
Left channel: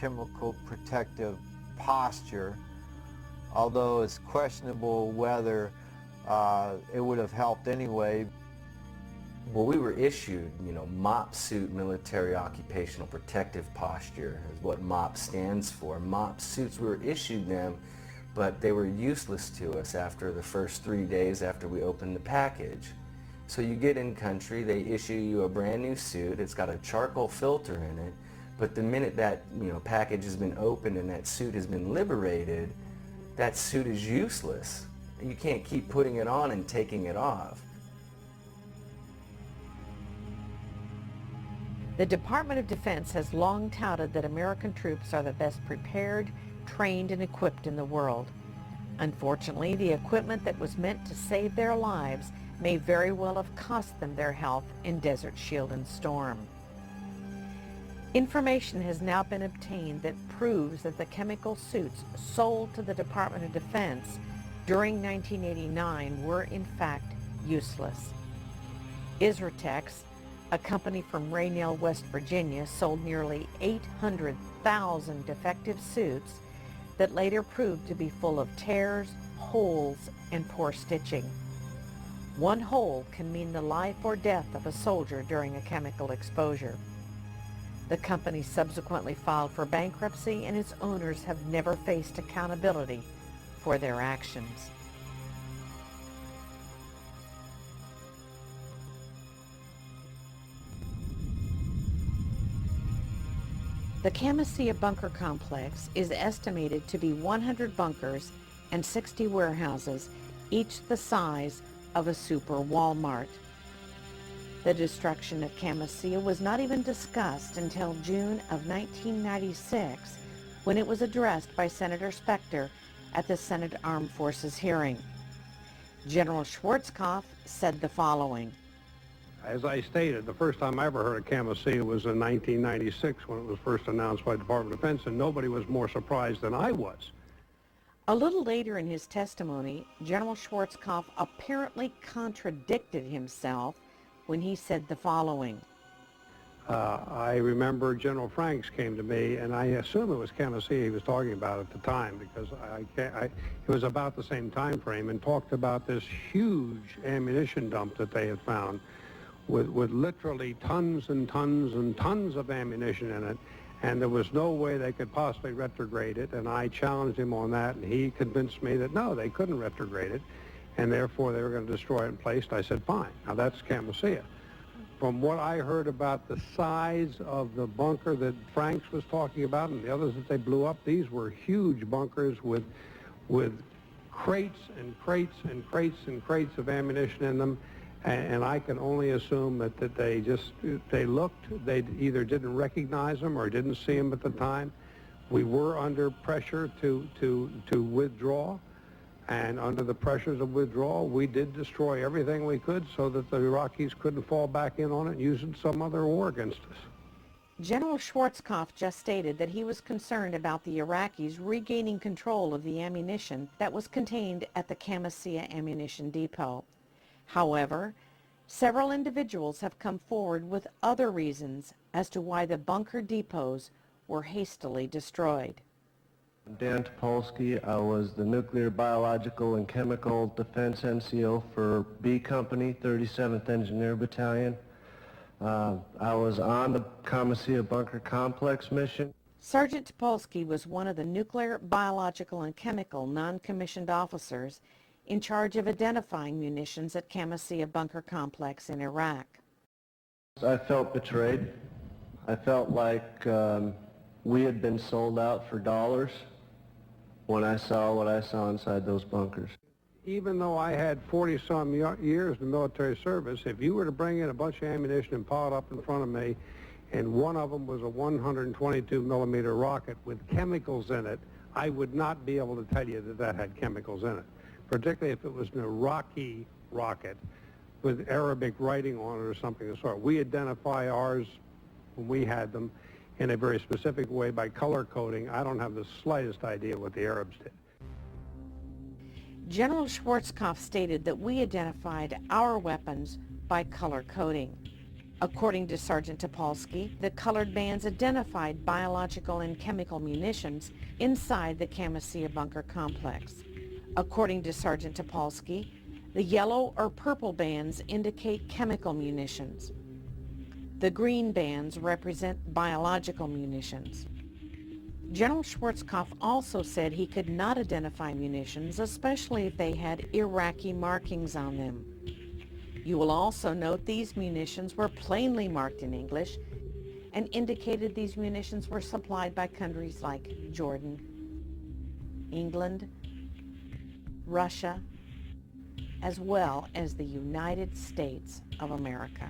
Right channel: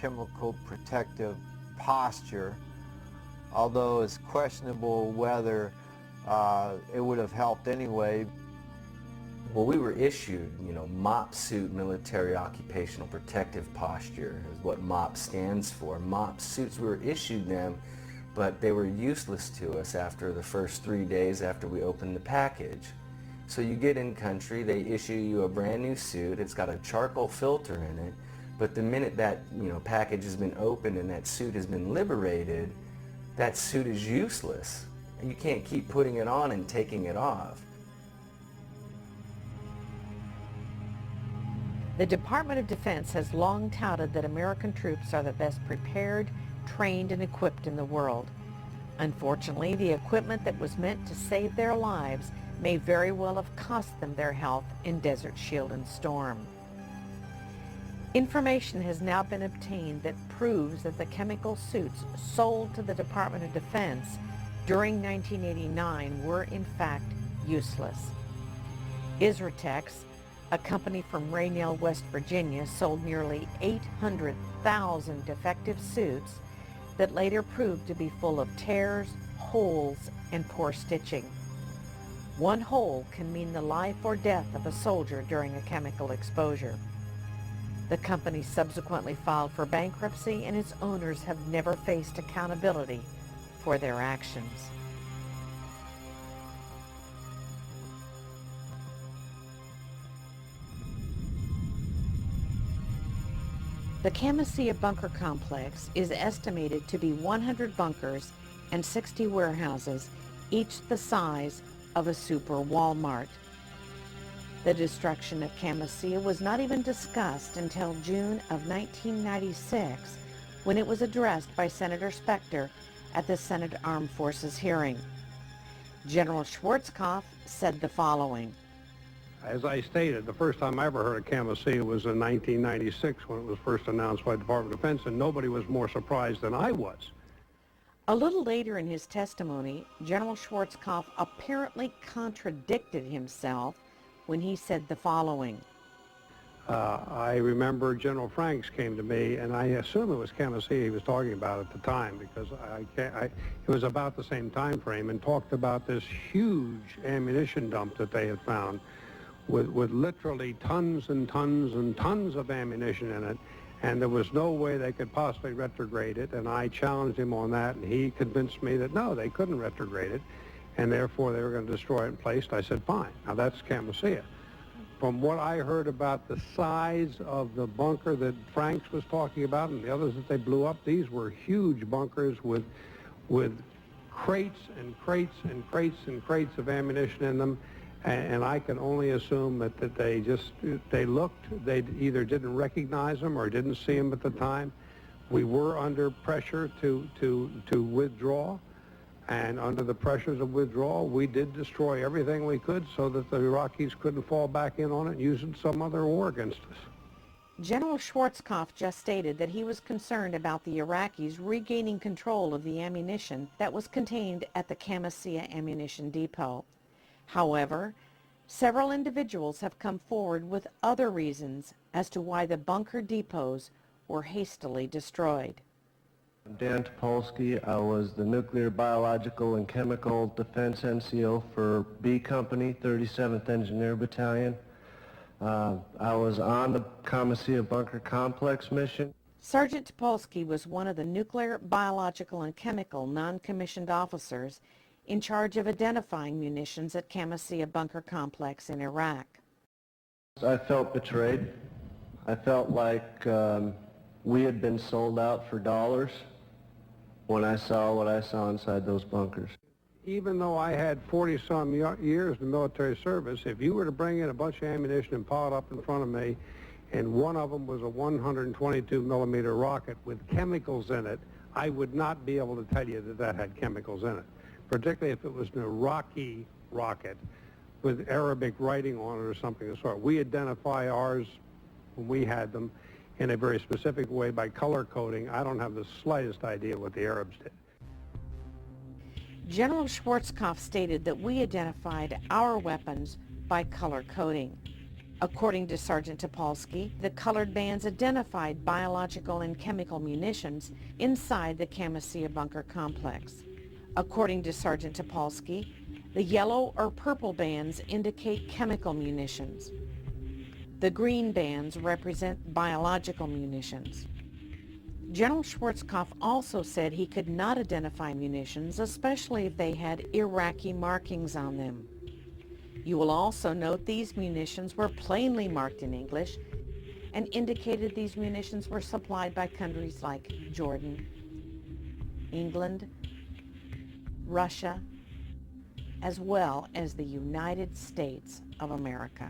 chemical protective posture, although it's questionable whether it would have helped anyway. Well, we were issued, MOP suit, military occupational protective posture is what MOP stands for. MOP suits, we were issued them, but they were useless to us after the first 3 days after we opened the package. So you get in country, they issue you a brand new suit, it's got a charcoal filter in it, but the minute that package has been opened and that suit has been liberated, that suit is useless. You can't keep putting it on and taking it off. The Department of Defense has long touted that American troops are the best prepared, trained, and equipped in the world. Unfortunately, the equipment that was meant to save their lives may very well have cost them their health in Desert Shield and Storm. Information has now been obtained that proves that the chemical suits sold to the Department of Defense during 1989 were in fact useless. Isratex, a company from Raynell, West Virginia, sold nearly 800,000 defective suits that later proved to be full of tears, holes, and poor stitching. One hole can mean the life or death of a soldier during a chemical exposure. The company subsequently filed for bankruptcy, and its owners have never faced accountability for their actions. The Camisea bunker complex is estimated to be 100 bunkers and 60 warehouses, each the size of a super Walmart. The destruction of Camisea was not even discussed until June of 1996, when it was addressed by Senator Specter at the Senate Armed Forces hearing. General Schwarzkopf said the following. As I stated, the first time I ever heard of Camisea was in 1996 when it was first announced by the Department of Defense, and nobody was more surprised than I was. A little later in his testimony, General Schwarzkopf apparently contradicted himself when he said the following. I remember General Franks came to me, and I assume it was Camisea he was talking about at the time, because it was about the same time frame, and talked about this huge ammunition dump that they had found with literally tons and tons and tons of ammunition in it, and there was no way they could possibly retrograde it, and I challenged him on that, and he convinced me that no, they couldn't retrograde it, and therefore they were going to destroy it in place. I said, fine. Now that's Camisea. From what I heard about the size of the bunker that Franks was talking about and the others that they blew up, these were huge bunkers with crates and crates and crates and crates of ammunition in them. And I can only assume that they either didn't recognize them or didn't see them at the time. We were under pressure to withdraw, and under the pressures of withdrawal, we did destroy everything we could so that the Iraqis couldn't fall back in on it and use it some other war against us. General Schwarzkopf just stated that he was concerned about the Iraqis regaining control of the ammunition that was contained at the Camisea ammunition depot. However, several individuals have come forward with other reasons as to why the bunker depots were hastily destroyed. Dan Topolsky. I was the Nuclear, Biological, and Chemical Defense NCO for B Company, 37th Engineer Battalion. I was on the Camisea Bunker Complex mission. Sergeant Topolsky was one of the nuclear, biological, and chemical non-commissioned officers in charge of identifying munitions at Camisea Bunker Complex in Iraq. I felt betrayed. I felt like we had been sold out for dollars when I saw what I saw inside those bunkers. Even though I had 40-some years of military service, if you were to bring in a bunch of ammunition and pile it up in front of me, and one of them was a 122-millimeter rocket with chemicals in it, I would not be able to tell you that that had chemicals in it, particularly if it was an Iraqi rocket with Arabic writing on it or something. We identify ours when we had them in a very specific way by color coding. I don't have the slightest idea what the Arabs did. General Schwarzkopf stated that we identified our weapons by color coding. According to Sergeant Topolsky, the colored bands identified biological and chemical munitions inside the Camisea Bunker Complex. According to Sergeant Topolsky, the yellow or purple bands indicate chemical munitions. The green bands represent biological munitions. General Schwarzkopf also said he could not identify munitions, especially if they had Iraqi markings on them. You will also note these munitions were plainly marked in English and indicated these munitions were supplied by countries like Jordan, England, Russia, as well as the United States of America.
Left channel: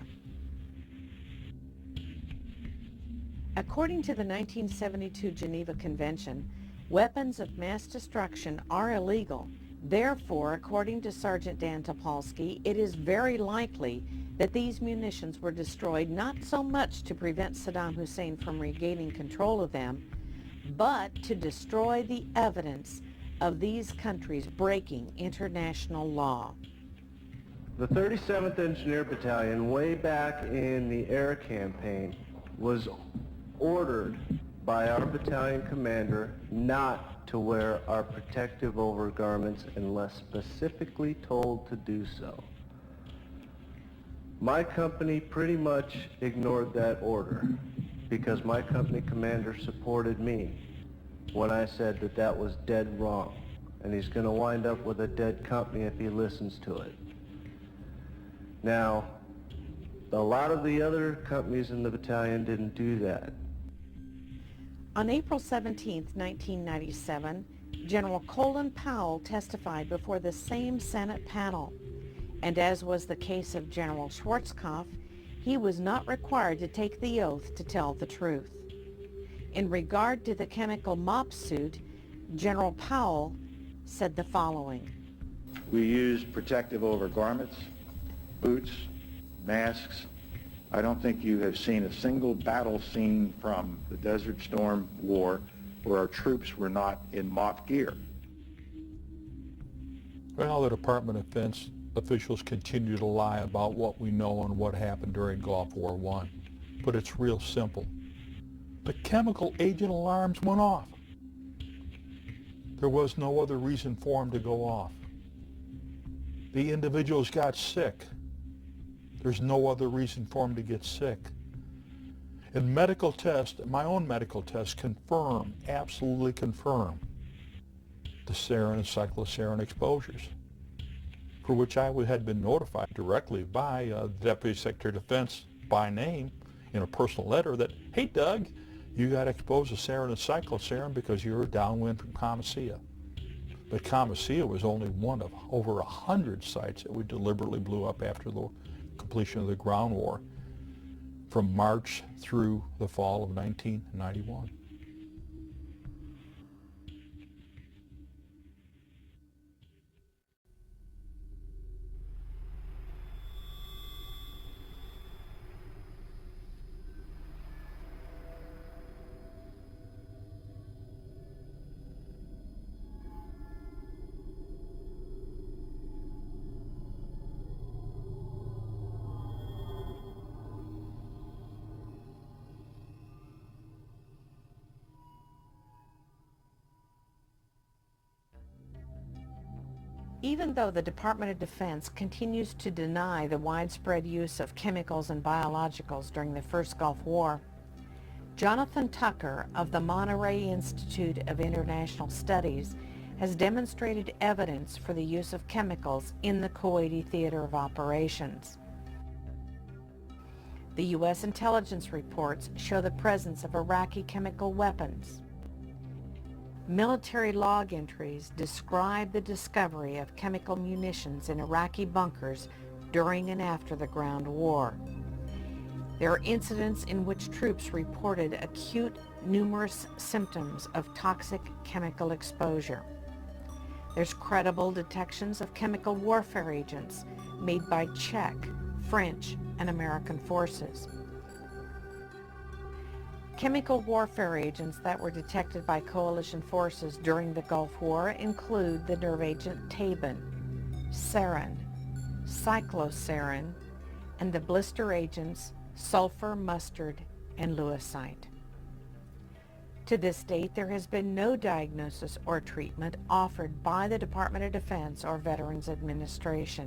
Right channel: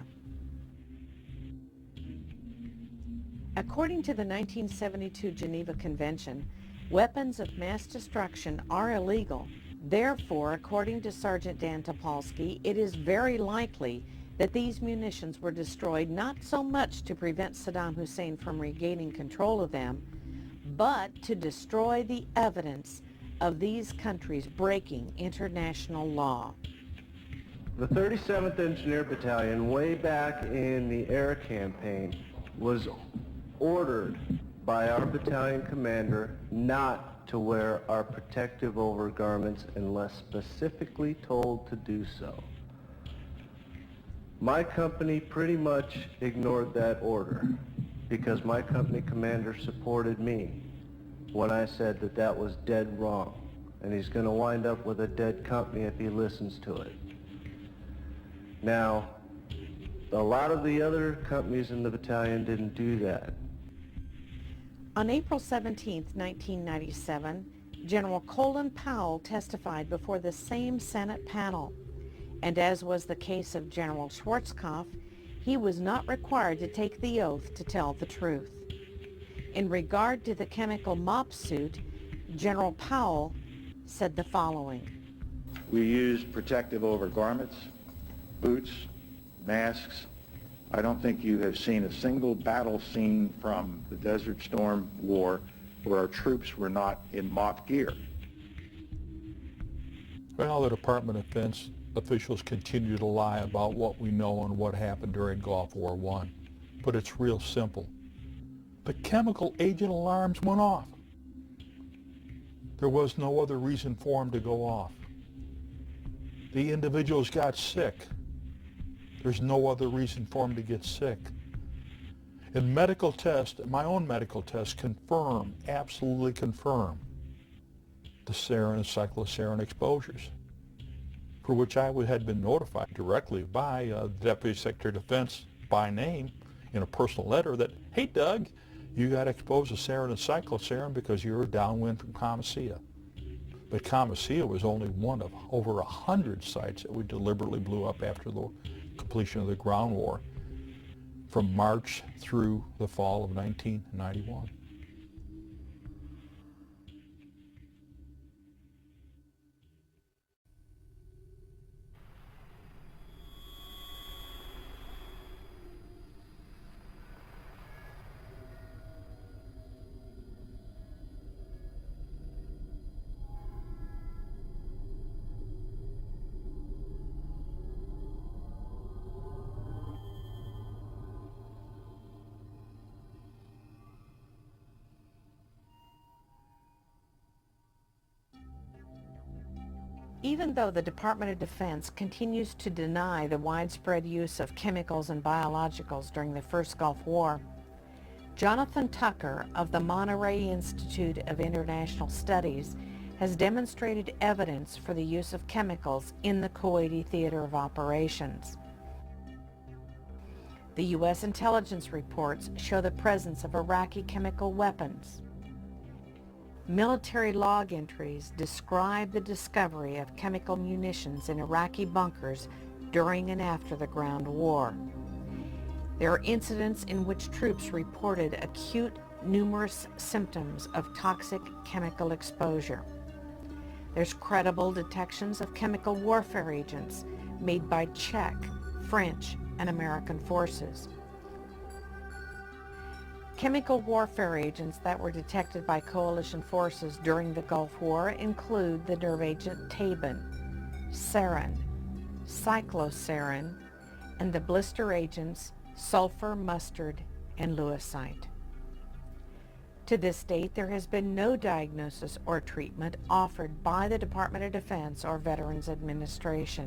According to the 1972 Geneva Convention, weapons of mass destruction are illegal. Therefore, according to Sergeant Dan Topolsky, it is very likely that these munitions were destroyed not so much to prevent Saddam Hussein from regaining control of them, but to destroy the evidence of these countries breaking international law. The 37th Engineer Battalion, way back in the air campaign, was ordered by our battalion commander not to wear our protective overgarments unless specifically told to do so. My company pretty much ignored that order because my company commander supported me when I said that that was dead wrong, and he's going to wind up with a dead company if he listens to it. Now, a lot of the other companies in the battalion didn't do that. On April 17, 1997, General Colin Powell testified before the same Senate panel, and as was the case of General Schwarzkopf, he was not required to take the oath to tell the truth. In regard to the chemical mop suit, General Powell said the following. We used protective overgarments, boots, masks. I don't think you have seen a single battle scene from the Desert Storm War where our troops were not in mop gear. Well, the Department of Defense officials continue to lie about what we know and what happened during Gulf War I. But it's real simple. The chemical agent alarms went off. There was no other reason for them to go off. The individuals got sick. There's no other reason for them to get sick. And medical tests, my own medical tests, confirm, absolutely confirm, the sarin and cyclosarin exposures, for which I had been notified directly by the Deputy Secretary of Defense by name in a personal letter that, hey Doug, you got exposed to sarin and cyclosarin because you were downwind from Camisea. But Camisea was only one of over 100 sites that we deliberately blew up after the completion of the ground war from March through the fall of 1991. Even though the Department of Defense continues to deny the widespread use of chemicals and biologicals during the first Gulf War, Jonathan Tucker of the Monterey Institute of International Studies has demonstrated evidence for the use of chemicals in the Kuwaiti theater of operations. The U.S. intelligence reports show the presence of Iraqi chemical weapons. Military log entries describe the discovery of chemical munitions in Iraqi bunkers during and after the ground war. There are incidents in which troops reported acute, numerous symptoms of toxic chemical exposure. There's credible detections of chemical warfare agents made by Czech, French, and American forces. Chemical warfare agents that were detected by coalition forces during the Gulf War include the nerve agent Tabin, sarin, cyclosarin, and the blister agents sulfur, mustard, and lewisite. To this date, there has been no diagnosis or treatment offered by the Department of Defense or Veterans Administration.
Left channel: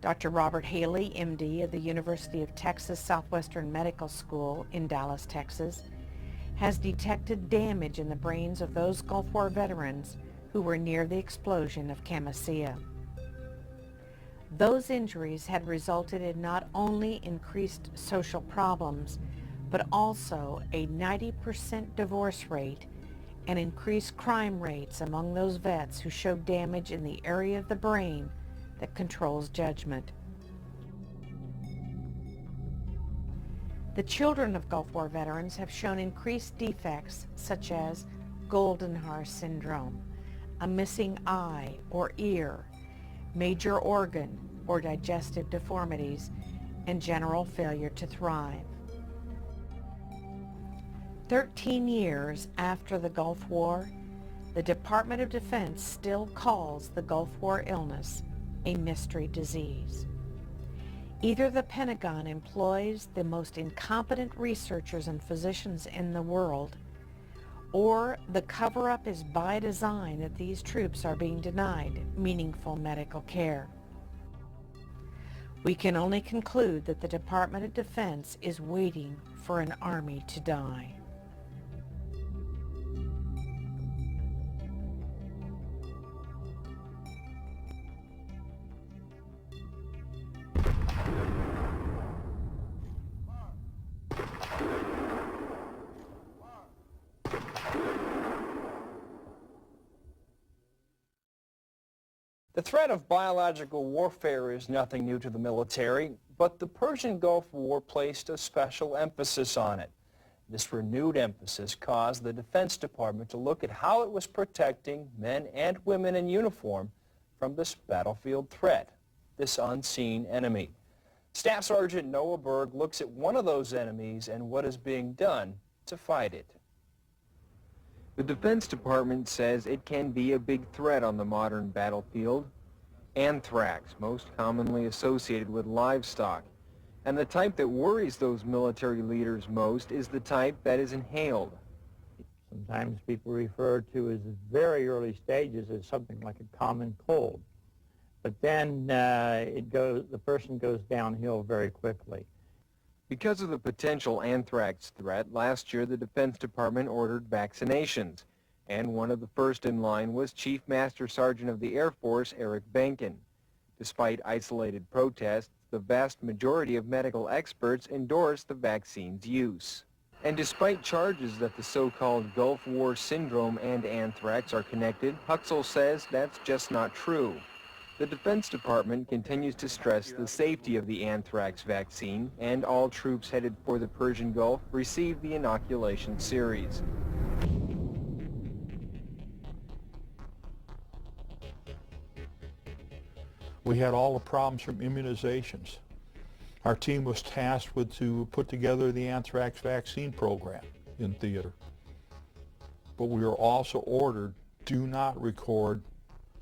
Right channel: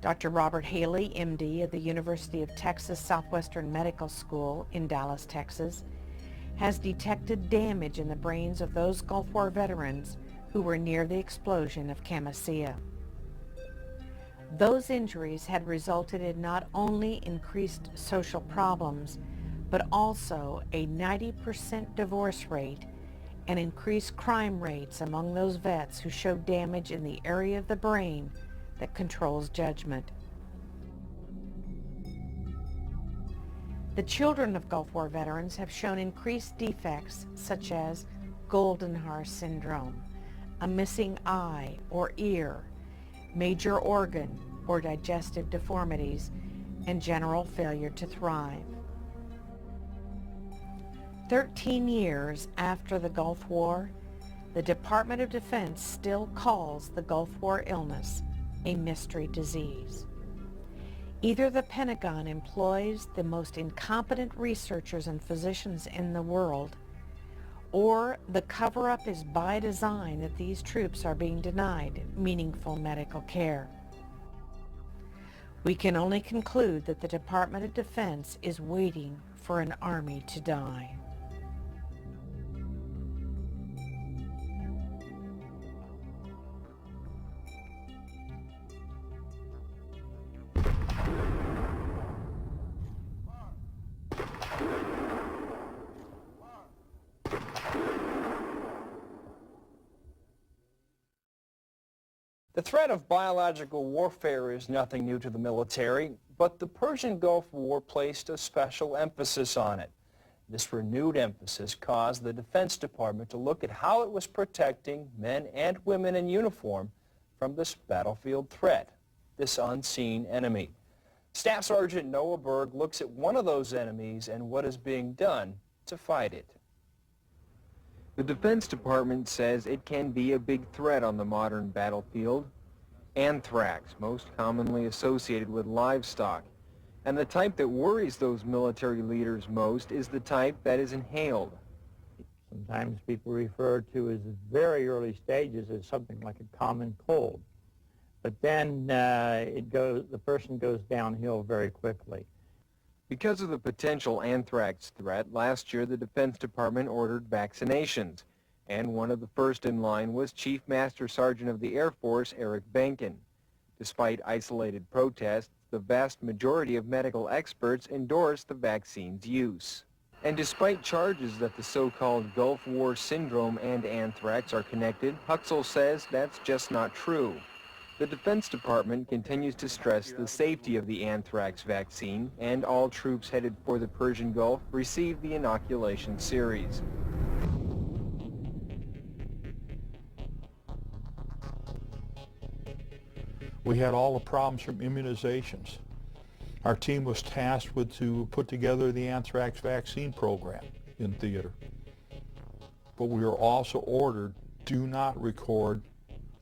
Dr. Robert Haley, MD, of the University of Texas Southwestern Medical School in Dallas, Texas, has detected damage in the brains of those Gulf War veterans who were near the explosion of Camisea. Those injuries had resulted in not only increased social problems, but also a 90% divorce rate and increased crime rates among those vets who showed damage in the area of the brain that controls judgment. The children of Gulf War veterans have shown increased defects such as Goldenhar syndrome, a missing eye or ear, major organ or digestive deformities, and general failure to thrive. 13 years after the Gulf War, the Department of Defense still calls the Gulf War illness a mystery disease. Either the Pentagon employs the most incompetent researchers and physicians in the world, or the cover-up is by design that these troops are being denied meaningful medical care. We can only conclude that the Department of Defense is waiting for an army to die. The threat of biological warfare is nothing new to the military, but the Persian Gulf War placed a special emphasis on it. This renewed emphasis caused the Defense Department to look at how it was protecting men and women in uniform from this battlefield threat, this unseen enemy. Staff Sergeant Noah Berg looks at one of those enemies and what is being done to fight it. The Defense Department says it can be a big threat on the modern battlefield. Anthrax, most commonly associated with livestock. And the type that worries those military leaders most is the type that is inhaled. Sometimes people refer to as very early stages as something like a common cold. But then the person goes downhill very quickly. Because of the potential anthrax threat, last year the Defense Department ordered vaccinations, and one of the first in line was Chief Master Sergeant of the Air Force, Eric Benken. Despite isolated protests, the vast majority of medical experts endorsed the vaccine's use. And despite charges that the so-called Gulf War syndrome and anthrax are connected, Huxell says that's just not true. The Defense Department continues to stress the safety of the anthrax vaccine, and all troops headed for the Persian Gulf receive the inoculation series. We had all the problems from immunizations. Our team was tasked to put together the anthrax vaccine program in theater. But we were also ordered, do not record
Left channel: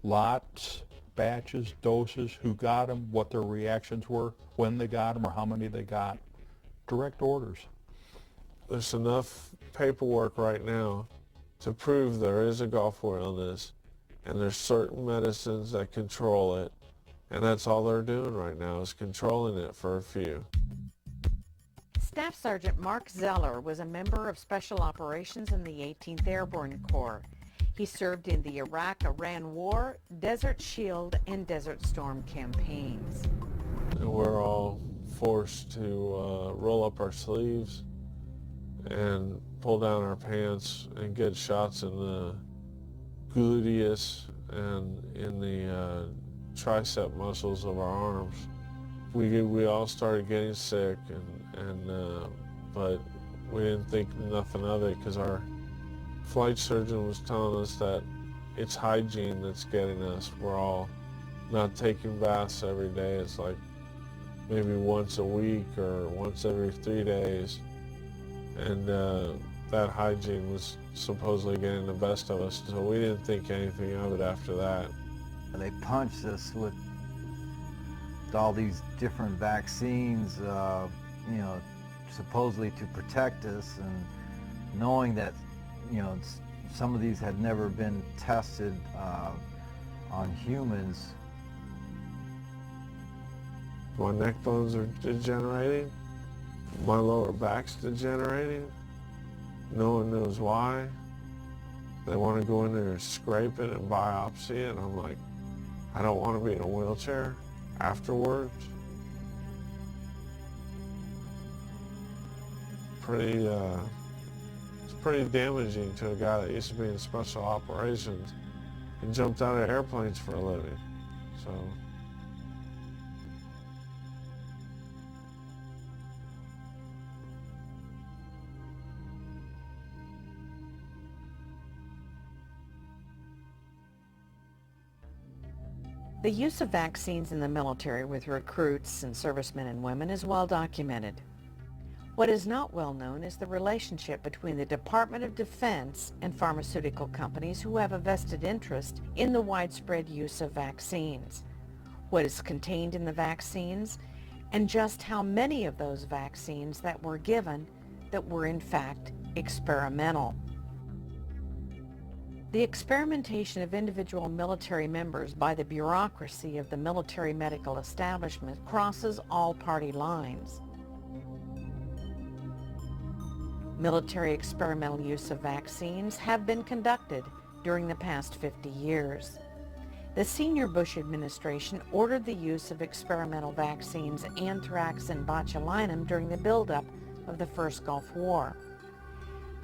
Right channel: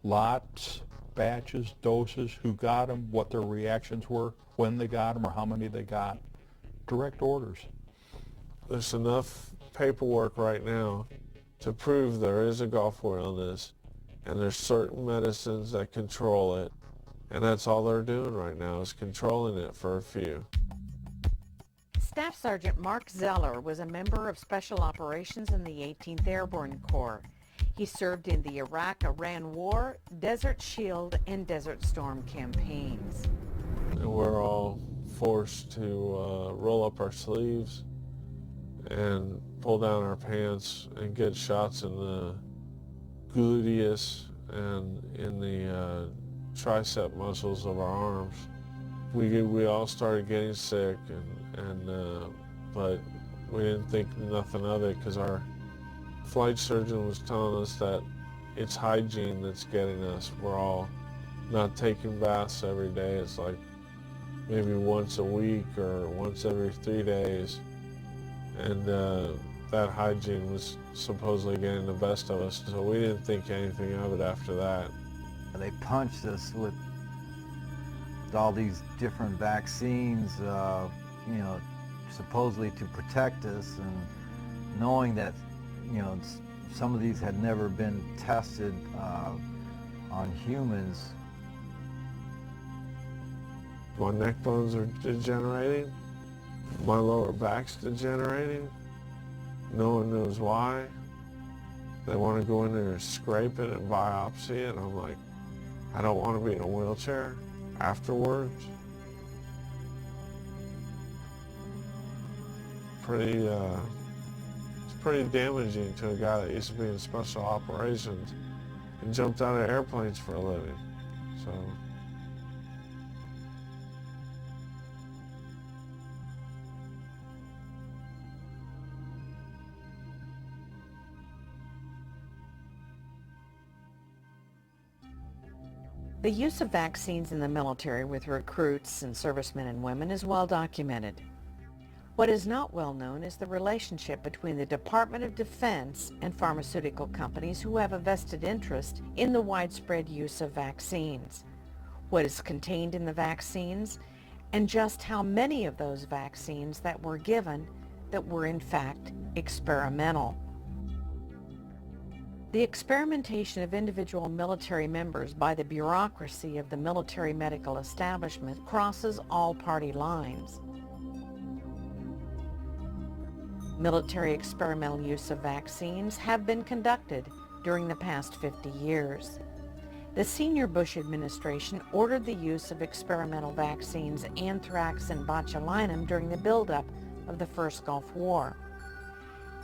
lots, batches, doses, who got them, what their reactions were, when they got them, or how many they got. Direct orders. There's enough paperwork right now to prove there is a Gulf War illness and there's certain medicines that control it, and that's all they're doing right now is controlling it for a few. Staff Sergeant Mark Zeller was a member of Special Operations in the 18th Airborne Corps. He served in the Iraq-Iran War, Desert Shield, and Desert Storm campaigns. And we're all forced to roll up our sleeves and pull down our pants and get shots in the gluteus and in the tricep muscles of our arms. We all started getting sick, but we didn't think nothing of it because our flight surgeon was telling us that it's hygiene that's getting us. We're all not taking baths every day. It's like maybe once a week or once every 3 days. And that hygiene was supposedly getting the best of us, so we didn't think anything of it after that. They punched us with all these different vaccines, supposedly to protect us, and knowing that, some of these had never been tested on humans. My neck bones are degenerating. My lower back's degenerating. No one knows why. They want to go in there and scrape it and biopsy it, and I'm like, I don't want to be in a wheelchair afterwards. It's pretty damaging to a guy that used to be in special operations and jumped out of airplanes for a living. So. The use of vaccines in the military with recruits and servicemen and women is well documented. What is not well known is the relationship between the Department of Defense and pharmaceutical companies who have a vested interest in the widespread use of vaccines, what is contained in the vaccines, and just how many of those vaccines that were given that were in fact experimental. The experimentation of individual military members by the bureaucracy of the military medical establishment crosses all party lines. Military experimental use of vaccines have been conducted during the past 50 years. The senior Bush administration ordered the use of experimental vaccines anthrax and botulinum during the buildup of the first Gulf War.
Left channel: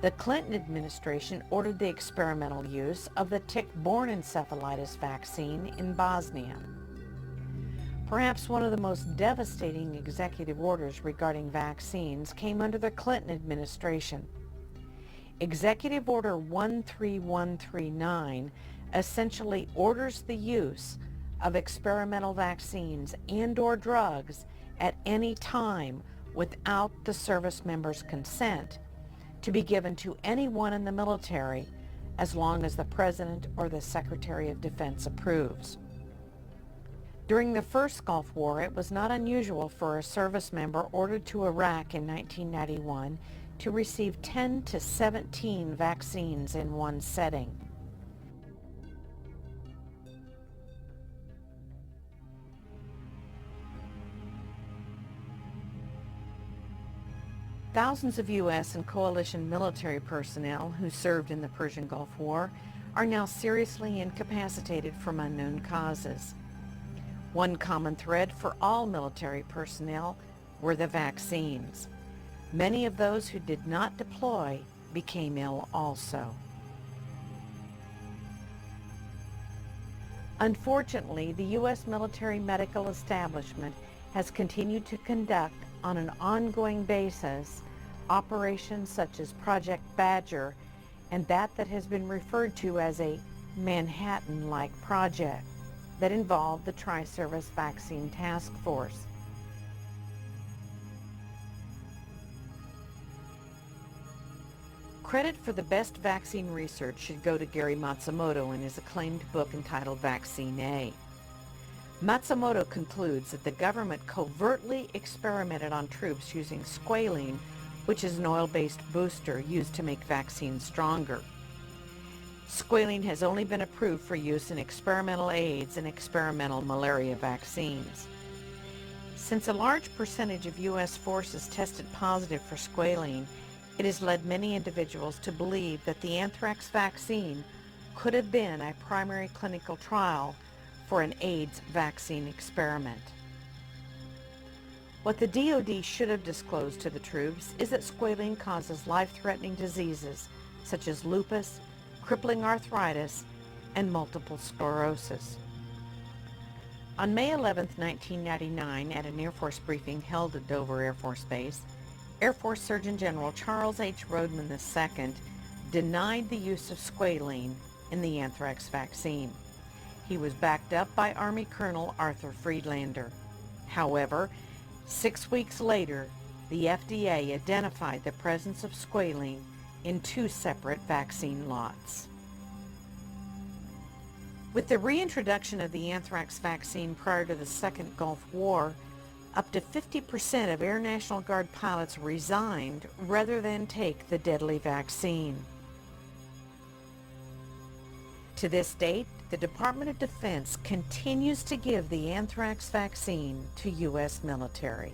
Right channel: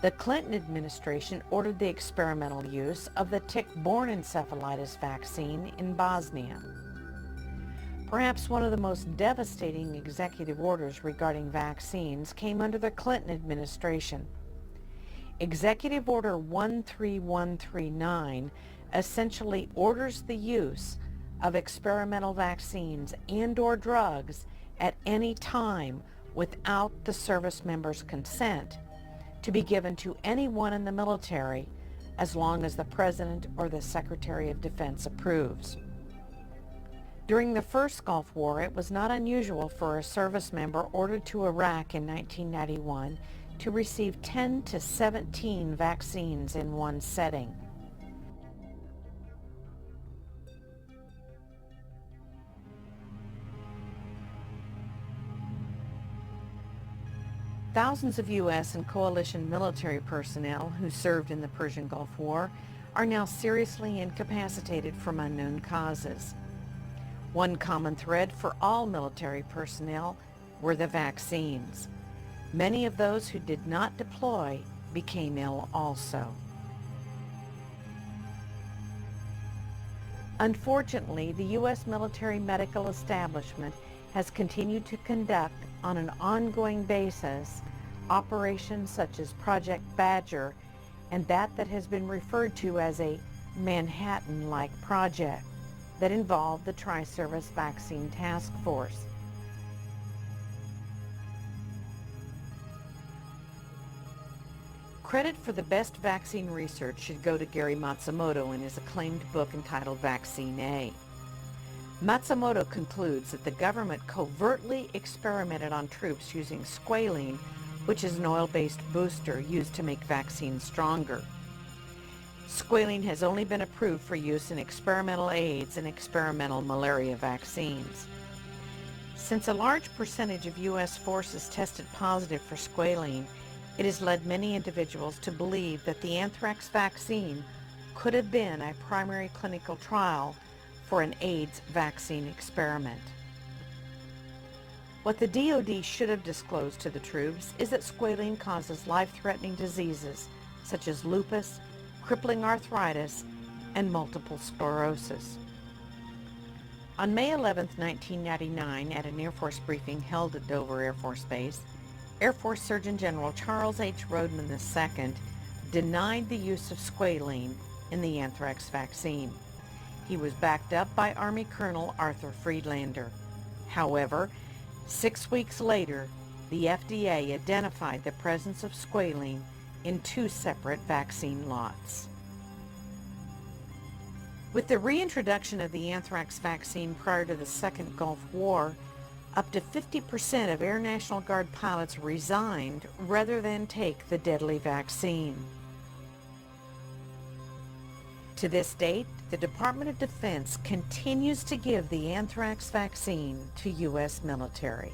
The Clinton administration ordered the experimental use of the tick-borne encephalitis vaccine in Bosnia. Perhaps one of the most devastating executive orders regarding vaccines came under the Clinton administration. Executive Order 13139 essentially orders the use of experimental vaccines and/or drugs at any time without the service member's consent to be given to anyone in the military as long as the President or the Secretary of Defense approves. During the first Gulf War, it was not unusual for a service member ordered to Iraq in 1991 to receive 10 to 17 vaccines in one setting. Thousands of U.S. and coalition military personnel who served in the Persian Gulf War are now seriously incapacitated from unknown causes. One common thread for all military personnel were the vaccines. Many of those who did not deploy became ill also. Unfortunately, the U.S. military medical establishment has continued to conduct on an ongoing basis operations such as Project Badger and that has been referred to as a Manhattan-like project that involved the Tri-Service Vaccine Task Force. Credit for the best vaccine research should go to Gary Matsumoto in his acclaimed book entitled Vaccine A. Matsumoto concludes that the government covertly experimented on troops using squalene, which is an oil-based booster used to make vaccines stronger. Squalene has only been approved for use in experimental AIDS and experimental malaria vaccines. Since a large percentage of U.S. forces tested positive for squalene, it has led many individuals to believe that the anthrax vaccine could have been a primary clinical trial for an AIDS vaccine experiment. What the DoD should have disclosed to the troops is that squalene causes life-threatening diseases such as lupus, crippling arthritis, and multiple sclerosis. On May 11, 1999, at an Air Force briefing held at Dover Air Force Base, Air Force Surgeon General Charles H. Rodman II denied the use of squalene in the anthrax vaccine. He was backed up by Army Colonel Arthur Friedlander. However, 6 weeks later, the FDA identified the presence of squalene in 2 separate vaccine lots. With the reintroduction of the anthrax vaccine prior to the Second Gulf War, up to 50% of Air National Guard pilots resigned rather than take the deadly vaccine. To this date, the Department of Defense continues to give the anthrax vaccine to U.S. military.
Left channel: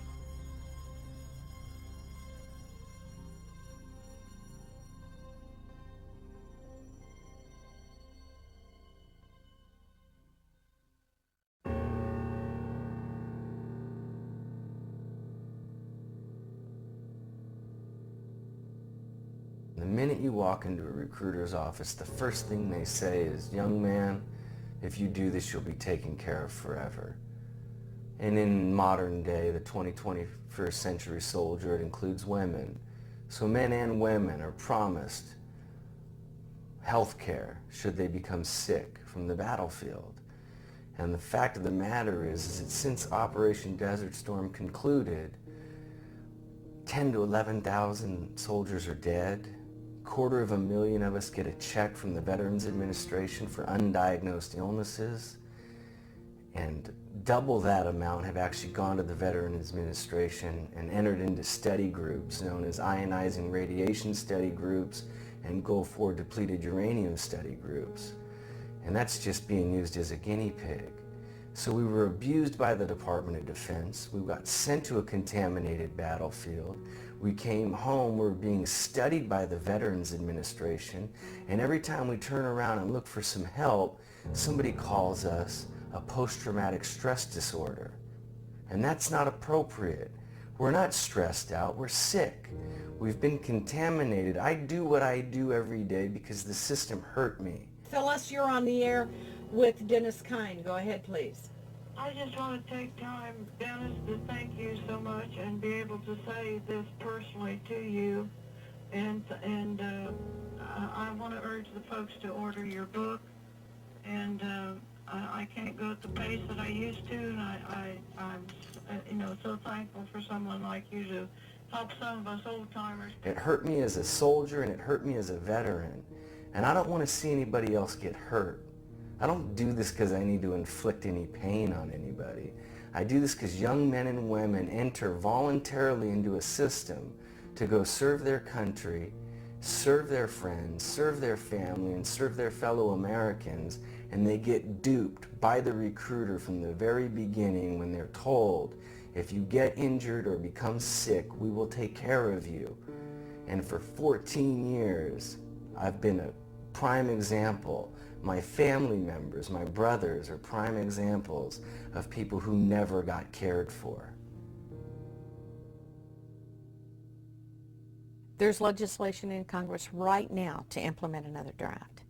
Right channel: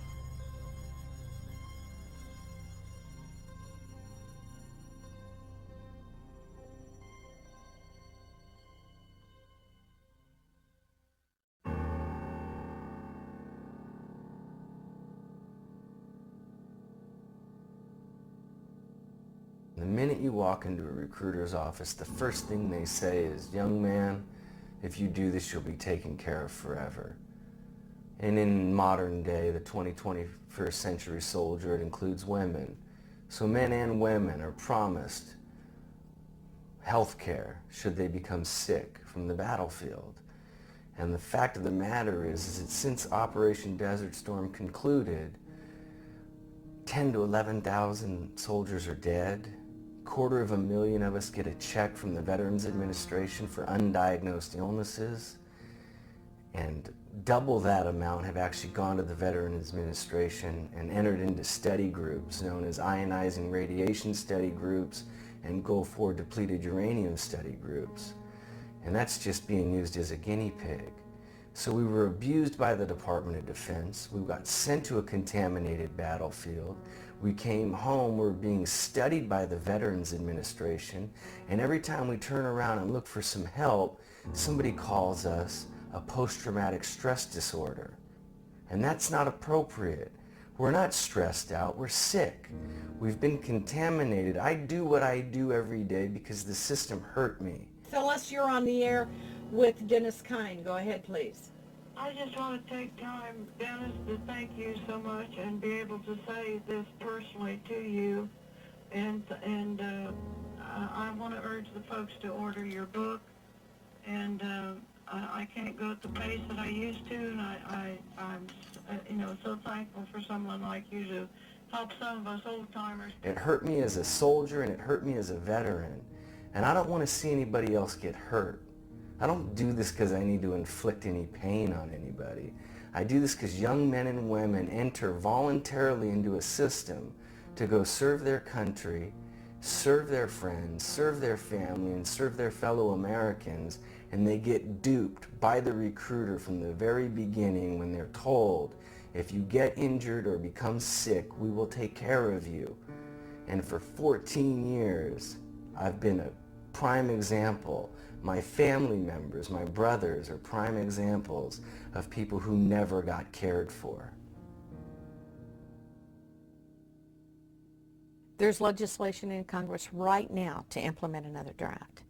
The minute you walk into a recruiter's office, the first thing they say is, "Young man, if you do this, you'll be taken care of forever." And in modern day, the 21st century soldier, it includes women. So men and women are promised health care should they become sick from the battlefield. And the fact of the matter is that since Operation Desert Storm concluded, 10 to 11,000 soldiers are dead. 250,000 of us get a check from the Veterans Administration for undiagnosed illnesses, and double that amount have actually gone to the Veterans Administration and entered into study groups known as ionizing radiation study groups and Gulf War depleted uranium study groups. And that's just being used as a guinea pig. So we were abused by the Department of Defense. We got sent to a contaminated battlefield. We came home, we were being studied by the Veterans Administration, and every time we turn around and look for some help, somebody calls us a post-traumatic stress disorder. And that's not appropriate. We're not stressed out, we're sick. We've been contaminated. I do what I do every day because the system hurt me. Phyllis, you're on the air with Dennis Kine. Go ahead, please. I just want to take time, Dennis, to thank you so much and be able to say this personally to you. And I want to urge the folks to order your book. And I can't go at the pace that I used to, and I'm so thankful for someone like you to help some of us old-timers. It hurt me as a soldier and it hurt me as a veteran. And I don't want to see anybody else get hurt. I don't do this because I need to inflict any pain on anybody. I do this because young men and women enter voluntarily into a system to go serve their country, serve their friends, serve their family, and serve their fellow Americans, and they get duped by the recruiter from the very beginning when they're told, if you get injured or become sick, we will take care of you. And for 14 years, I've been a prime example. My family members, my brothers, are prime examples of people who never got cared for. There's legislation in Congress right now to implement another draft.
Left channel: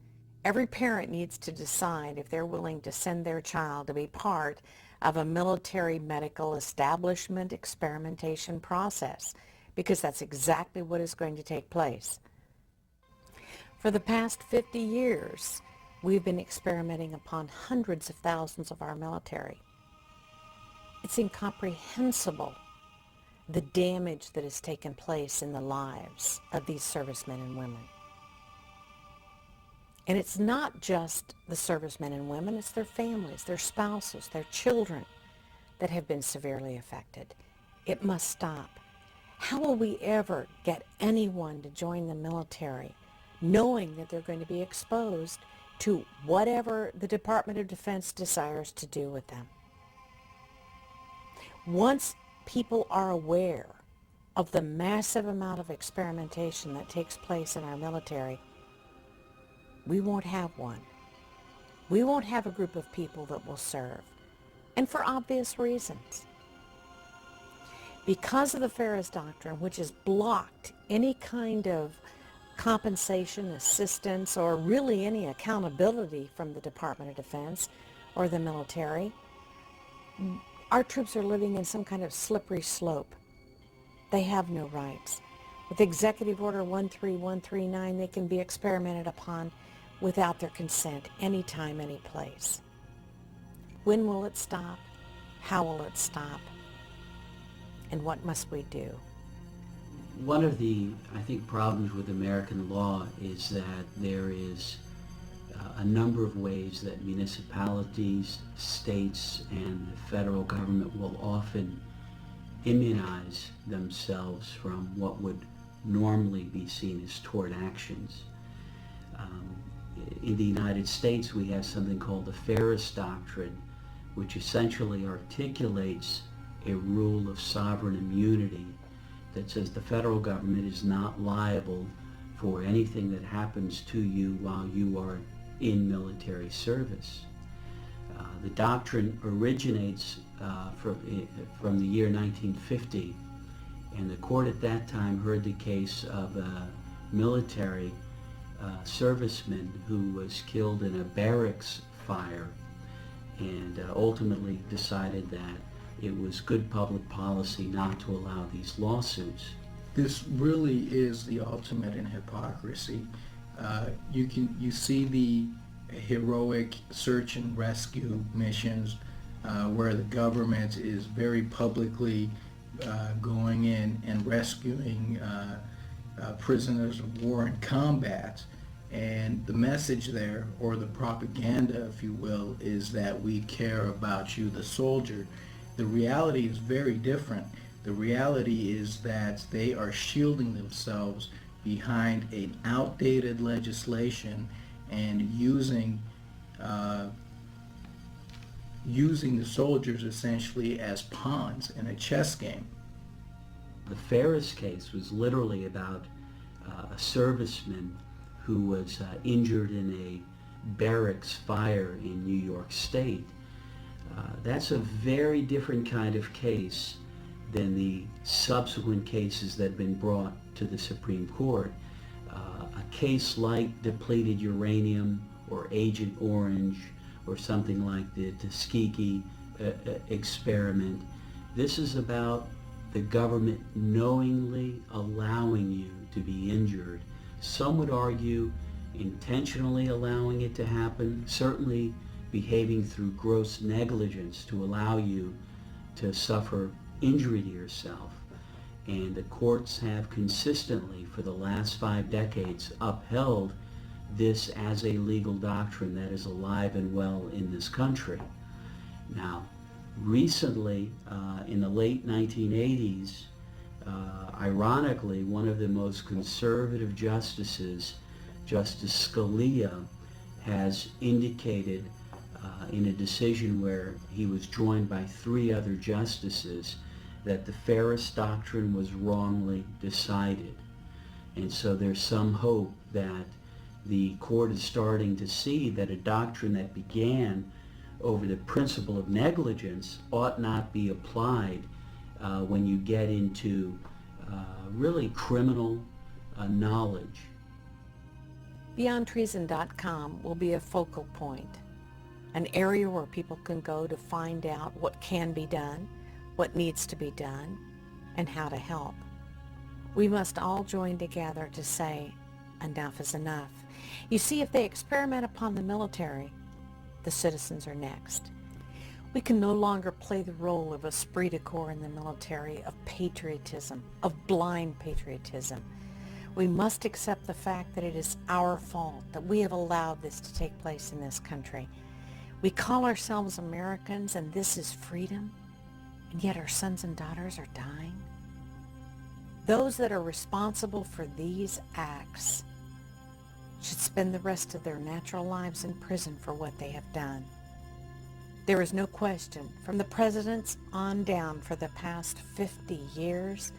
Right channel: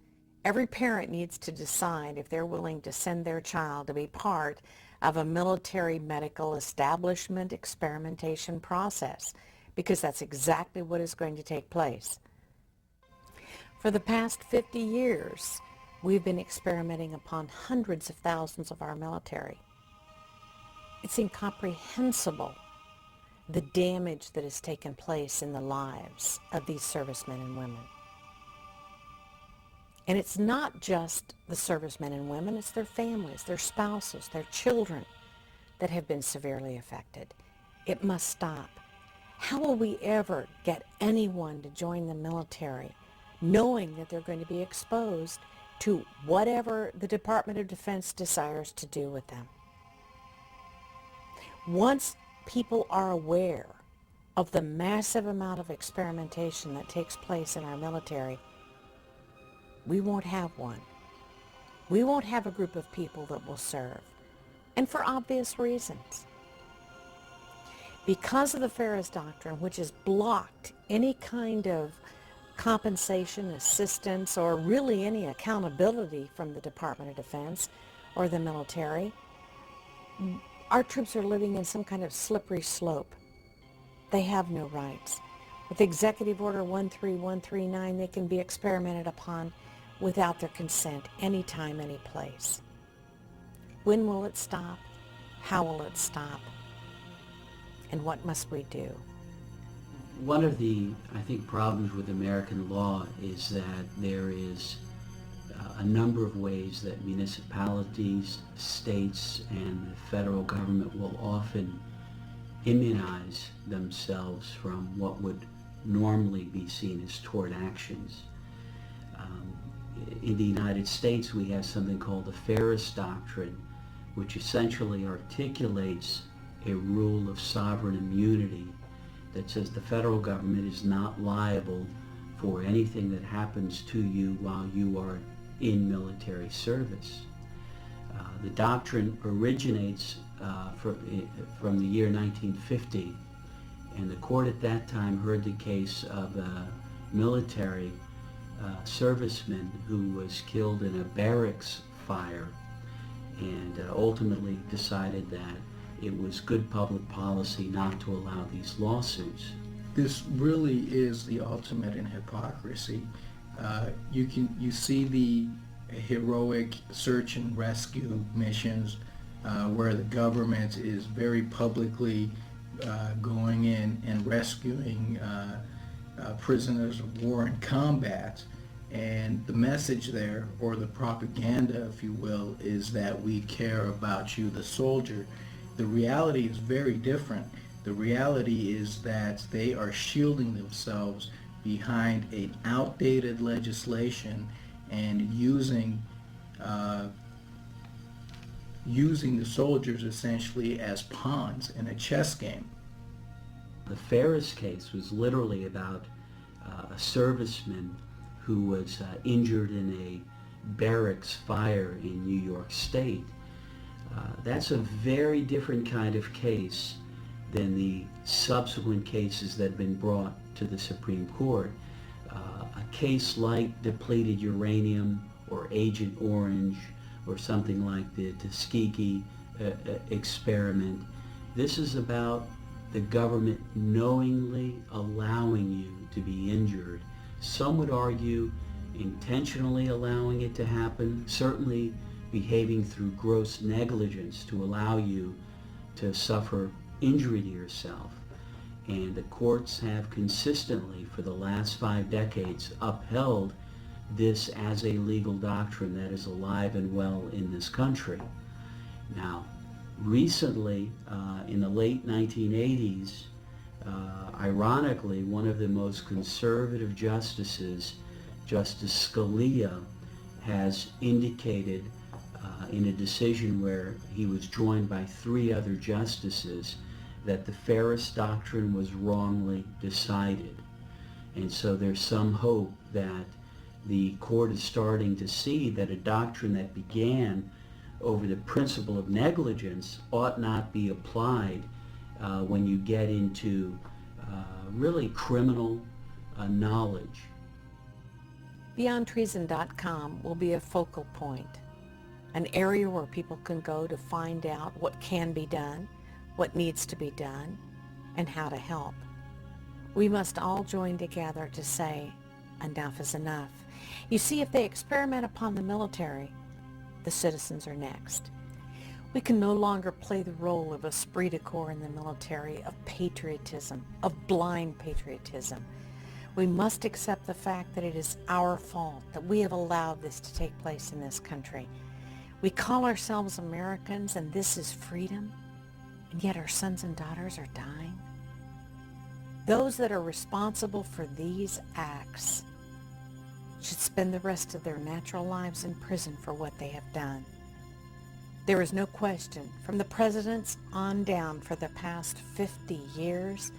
Every parent needs to decide if they're willing to send their child to be part of a military medical establishment experimentation process, because that's exactly what is going to take place. For the past 50 years, we've been experimenting upon hundreds of thousands of our military. It's incomprehensible the damage that has taken place in the lives of these servicemen and women. And it's not just the servicemen and women, it's their families, their spouses, their children that have been severely affected. It must stop. How will we ever get anyone to join the military knowing that they're going to be exposed to whatever the Department of Defense desires to do with them. Once people are aware of the massive amount of experimentation that takes place in our military, we won't have one. We won't have a group of people that will serve, and for obvious reasons. Because of the Ferris Doctrine, which has blocked any kind of compensation, assistance, or really any accountability from the Department of Defense or the military, our troops are living in some kind of slippery slope. They have no rights. With Executive Order 13139, they can be experimented upon without their consent, anytime, any place. When will it stop? How will it stop? And what must we do? One of the, I think, problems with American law is that there is a number of ways that municipalities, states, and the federal government will often immunize themselves from what would normally be seen as tort actions. In the United States, we have something called the Ferris Doctrine, which essentially articulates a rule of sovereign immunity that says the federal government is not liable for anything that happens to you while you are in military service. The doctrine originates from the year 1950, and the court at that time heard the case of a military serviceman who was killed in a barracks fire, and ultimately decided that it was good public policy not to allow these lawsuits. This really is the ultimate in hypocrisy. You see the heroic search and rescue missions where the government is very publicly going in and rescuing prisoners of war in combat. And the message there, or the propaganda, if you will, is that we care about you, the soldier. The reality is very different. The reality is that they are shielding themselves behind an outdated legislation and using the soldiers essentially as pawns in a chess game. The Ferris case was literally about a serviceman who was injured in a barracks fire in New York State. That's a very different kind of case than the subsequent cases that have been brought to the Supreme Court. A case like depleted uranium or Agent Orange or something like the Tuskegee experiment. This is about the government knowingly allowing you to be injured. Some would argue intentionally allowing it to happen, certainly behaving through gross negligence to allow you to suffer injury to yourself. And the courts have consistently, for the last 5 decades, upheld this as a legal doctrine that is alive and well in this country. Now, recently, in the late 1980s, ironically, one of the most conservative justices, Justice Scalia, has indicated in a decision where he was joined by 3 other justices that the Ferris Doctrine was wrongly decided. And so there's some hope that the court is starting to see that a doctrine that began over the principle of negligence ought not be applied when you get into really criminal knowledge. BeyondTreason.com will be a focal point, an area where people can go to find out what can be done, what needs to be done, and how to help. We must all join together to say, enough is enough. You see, if they experiment upon the military, the citizens are next. We can no longer play the role of esprit de corps in the military, of patriotism, of blind patriotism. We must accept the fact that it is our fault that we have allowed this to take place in this country. We call ourselves Americans, and this is freedom, and yet our sons and daughters are dying. Those that are responsible for these acts should spend the rest of their natural lives in prison for what they have done. There is no question, from the presidents on down for the past 50 years,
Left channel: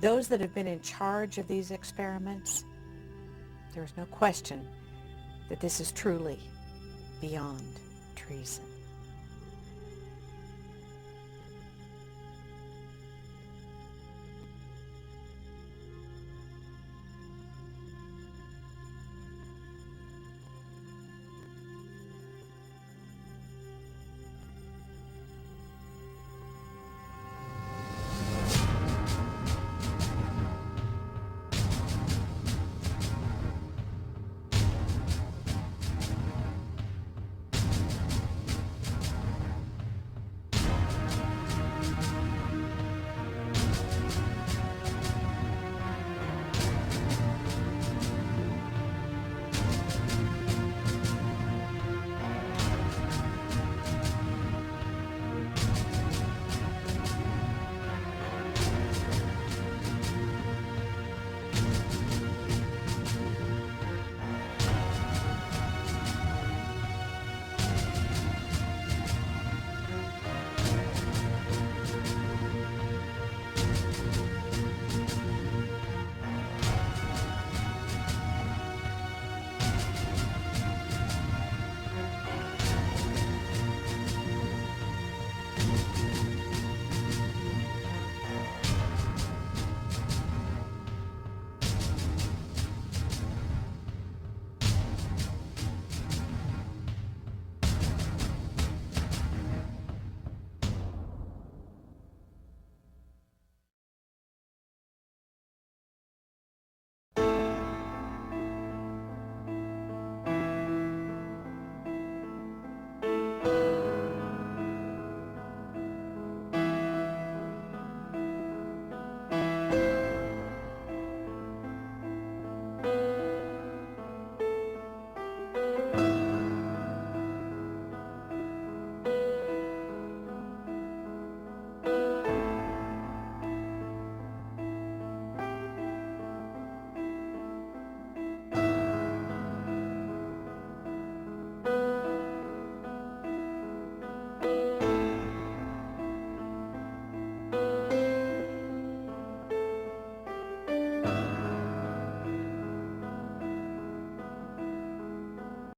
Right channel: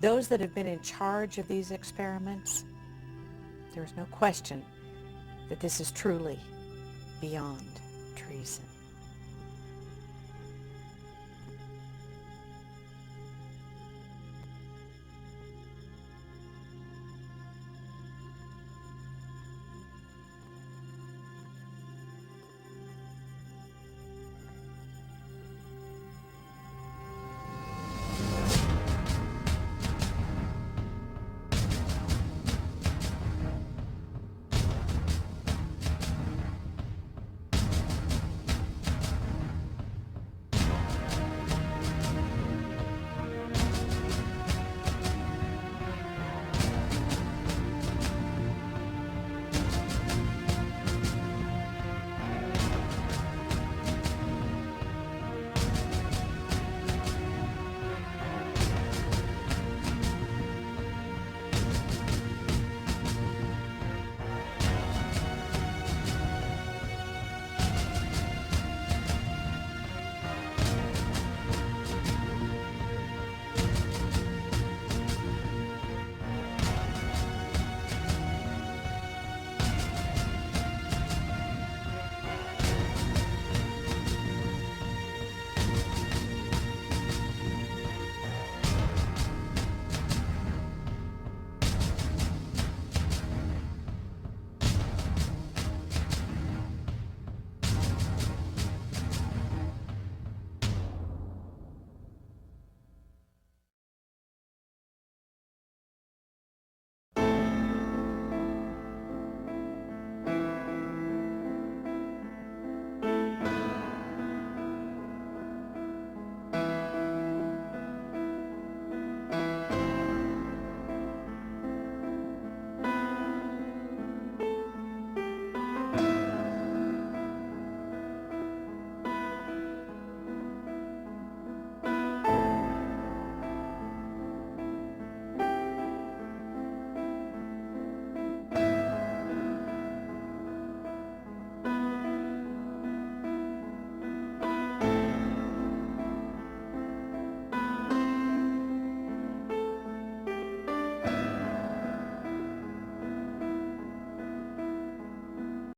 those that have been in charge of these experiments, there is no question that this is truly beyond treason.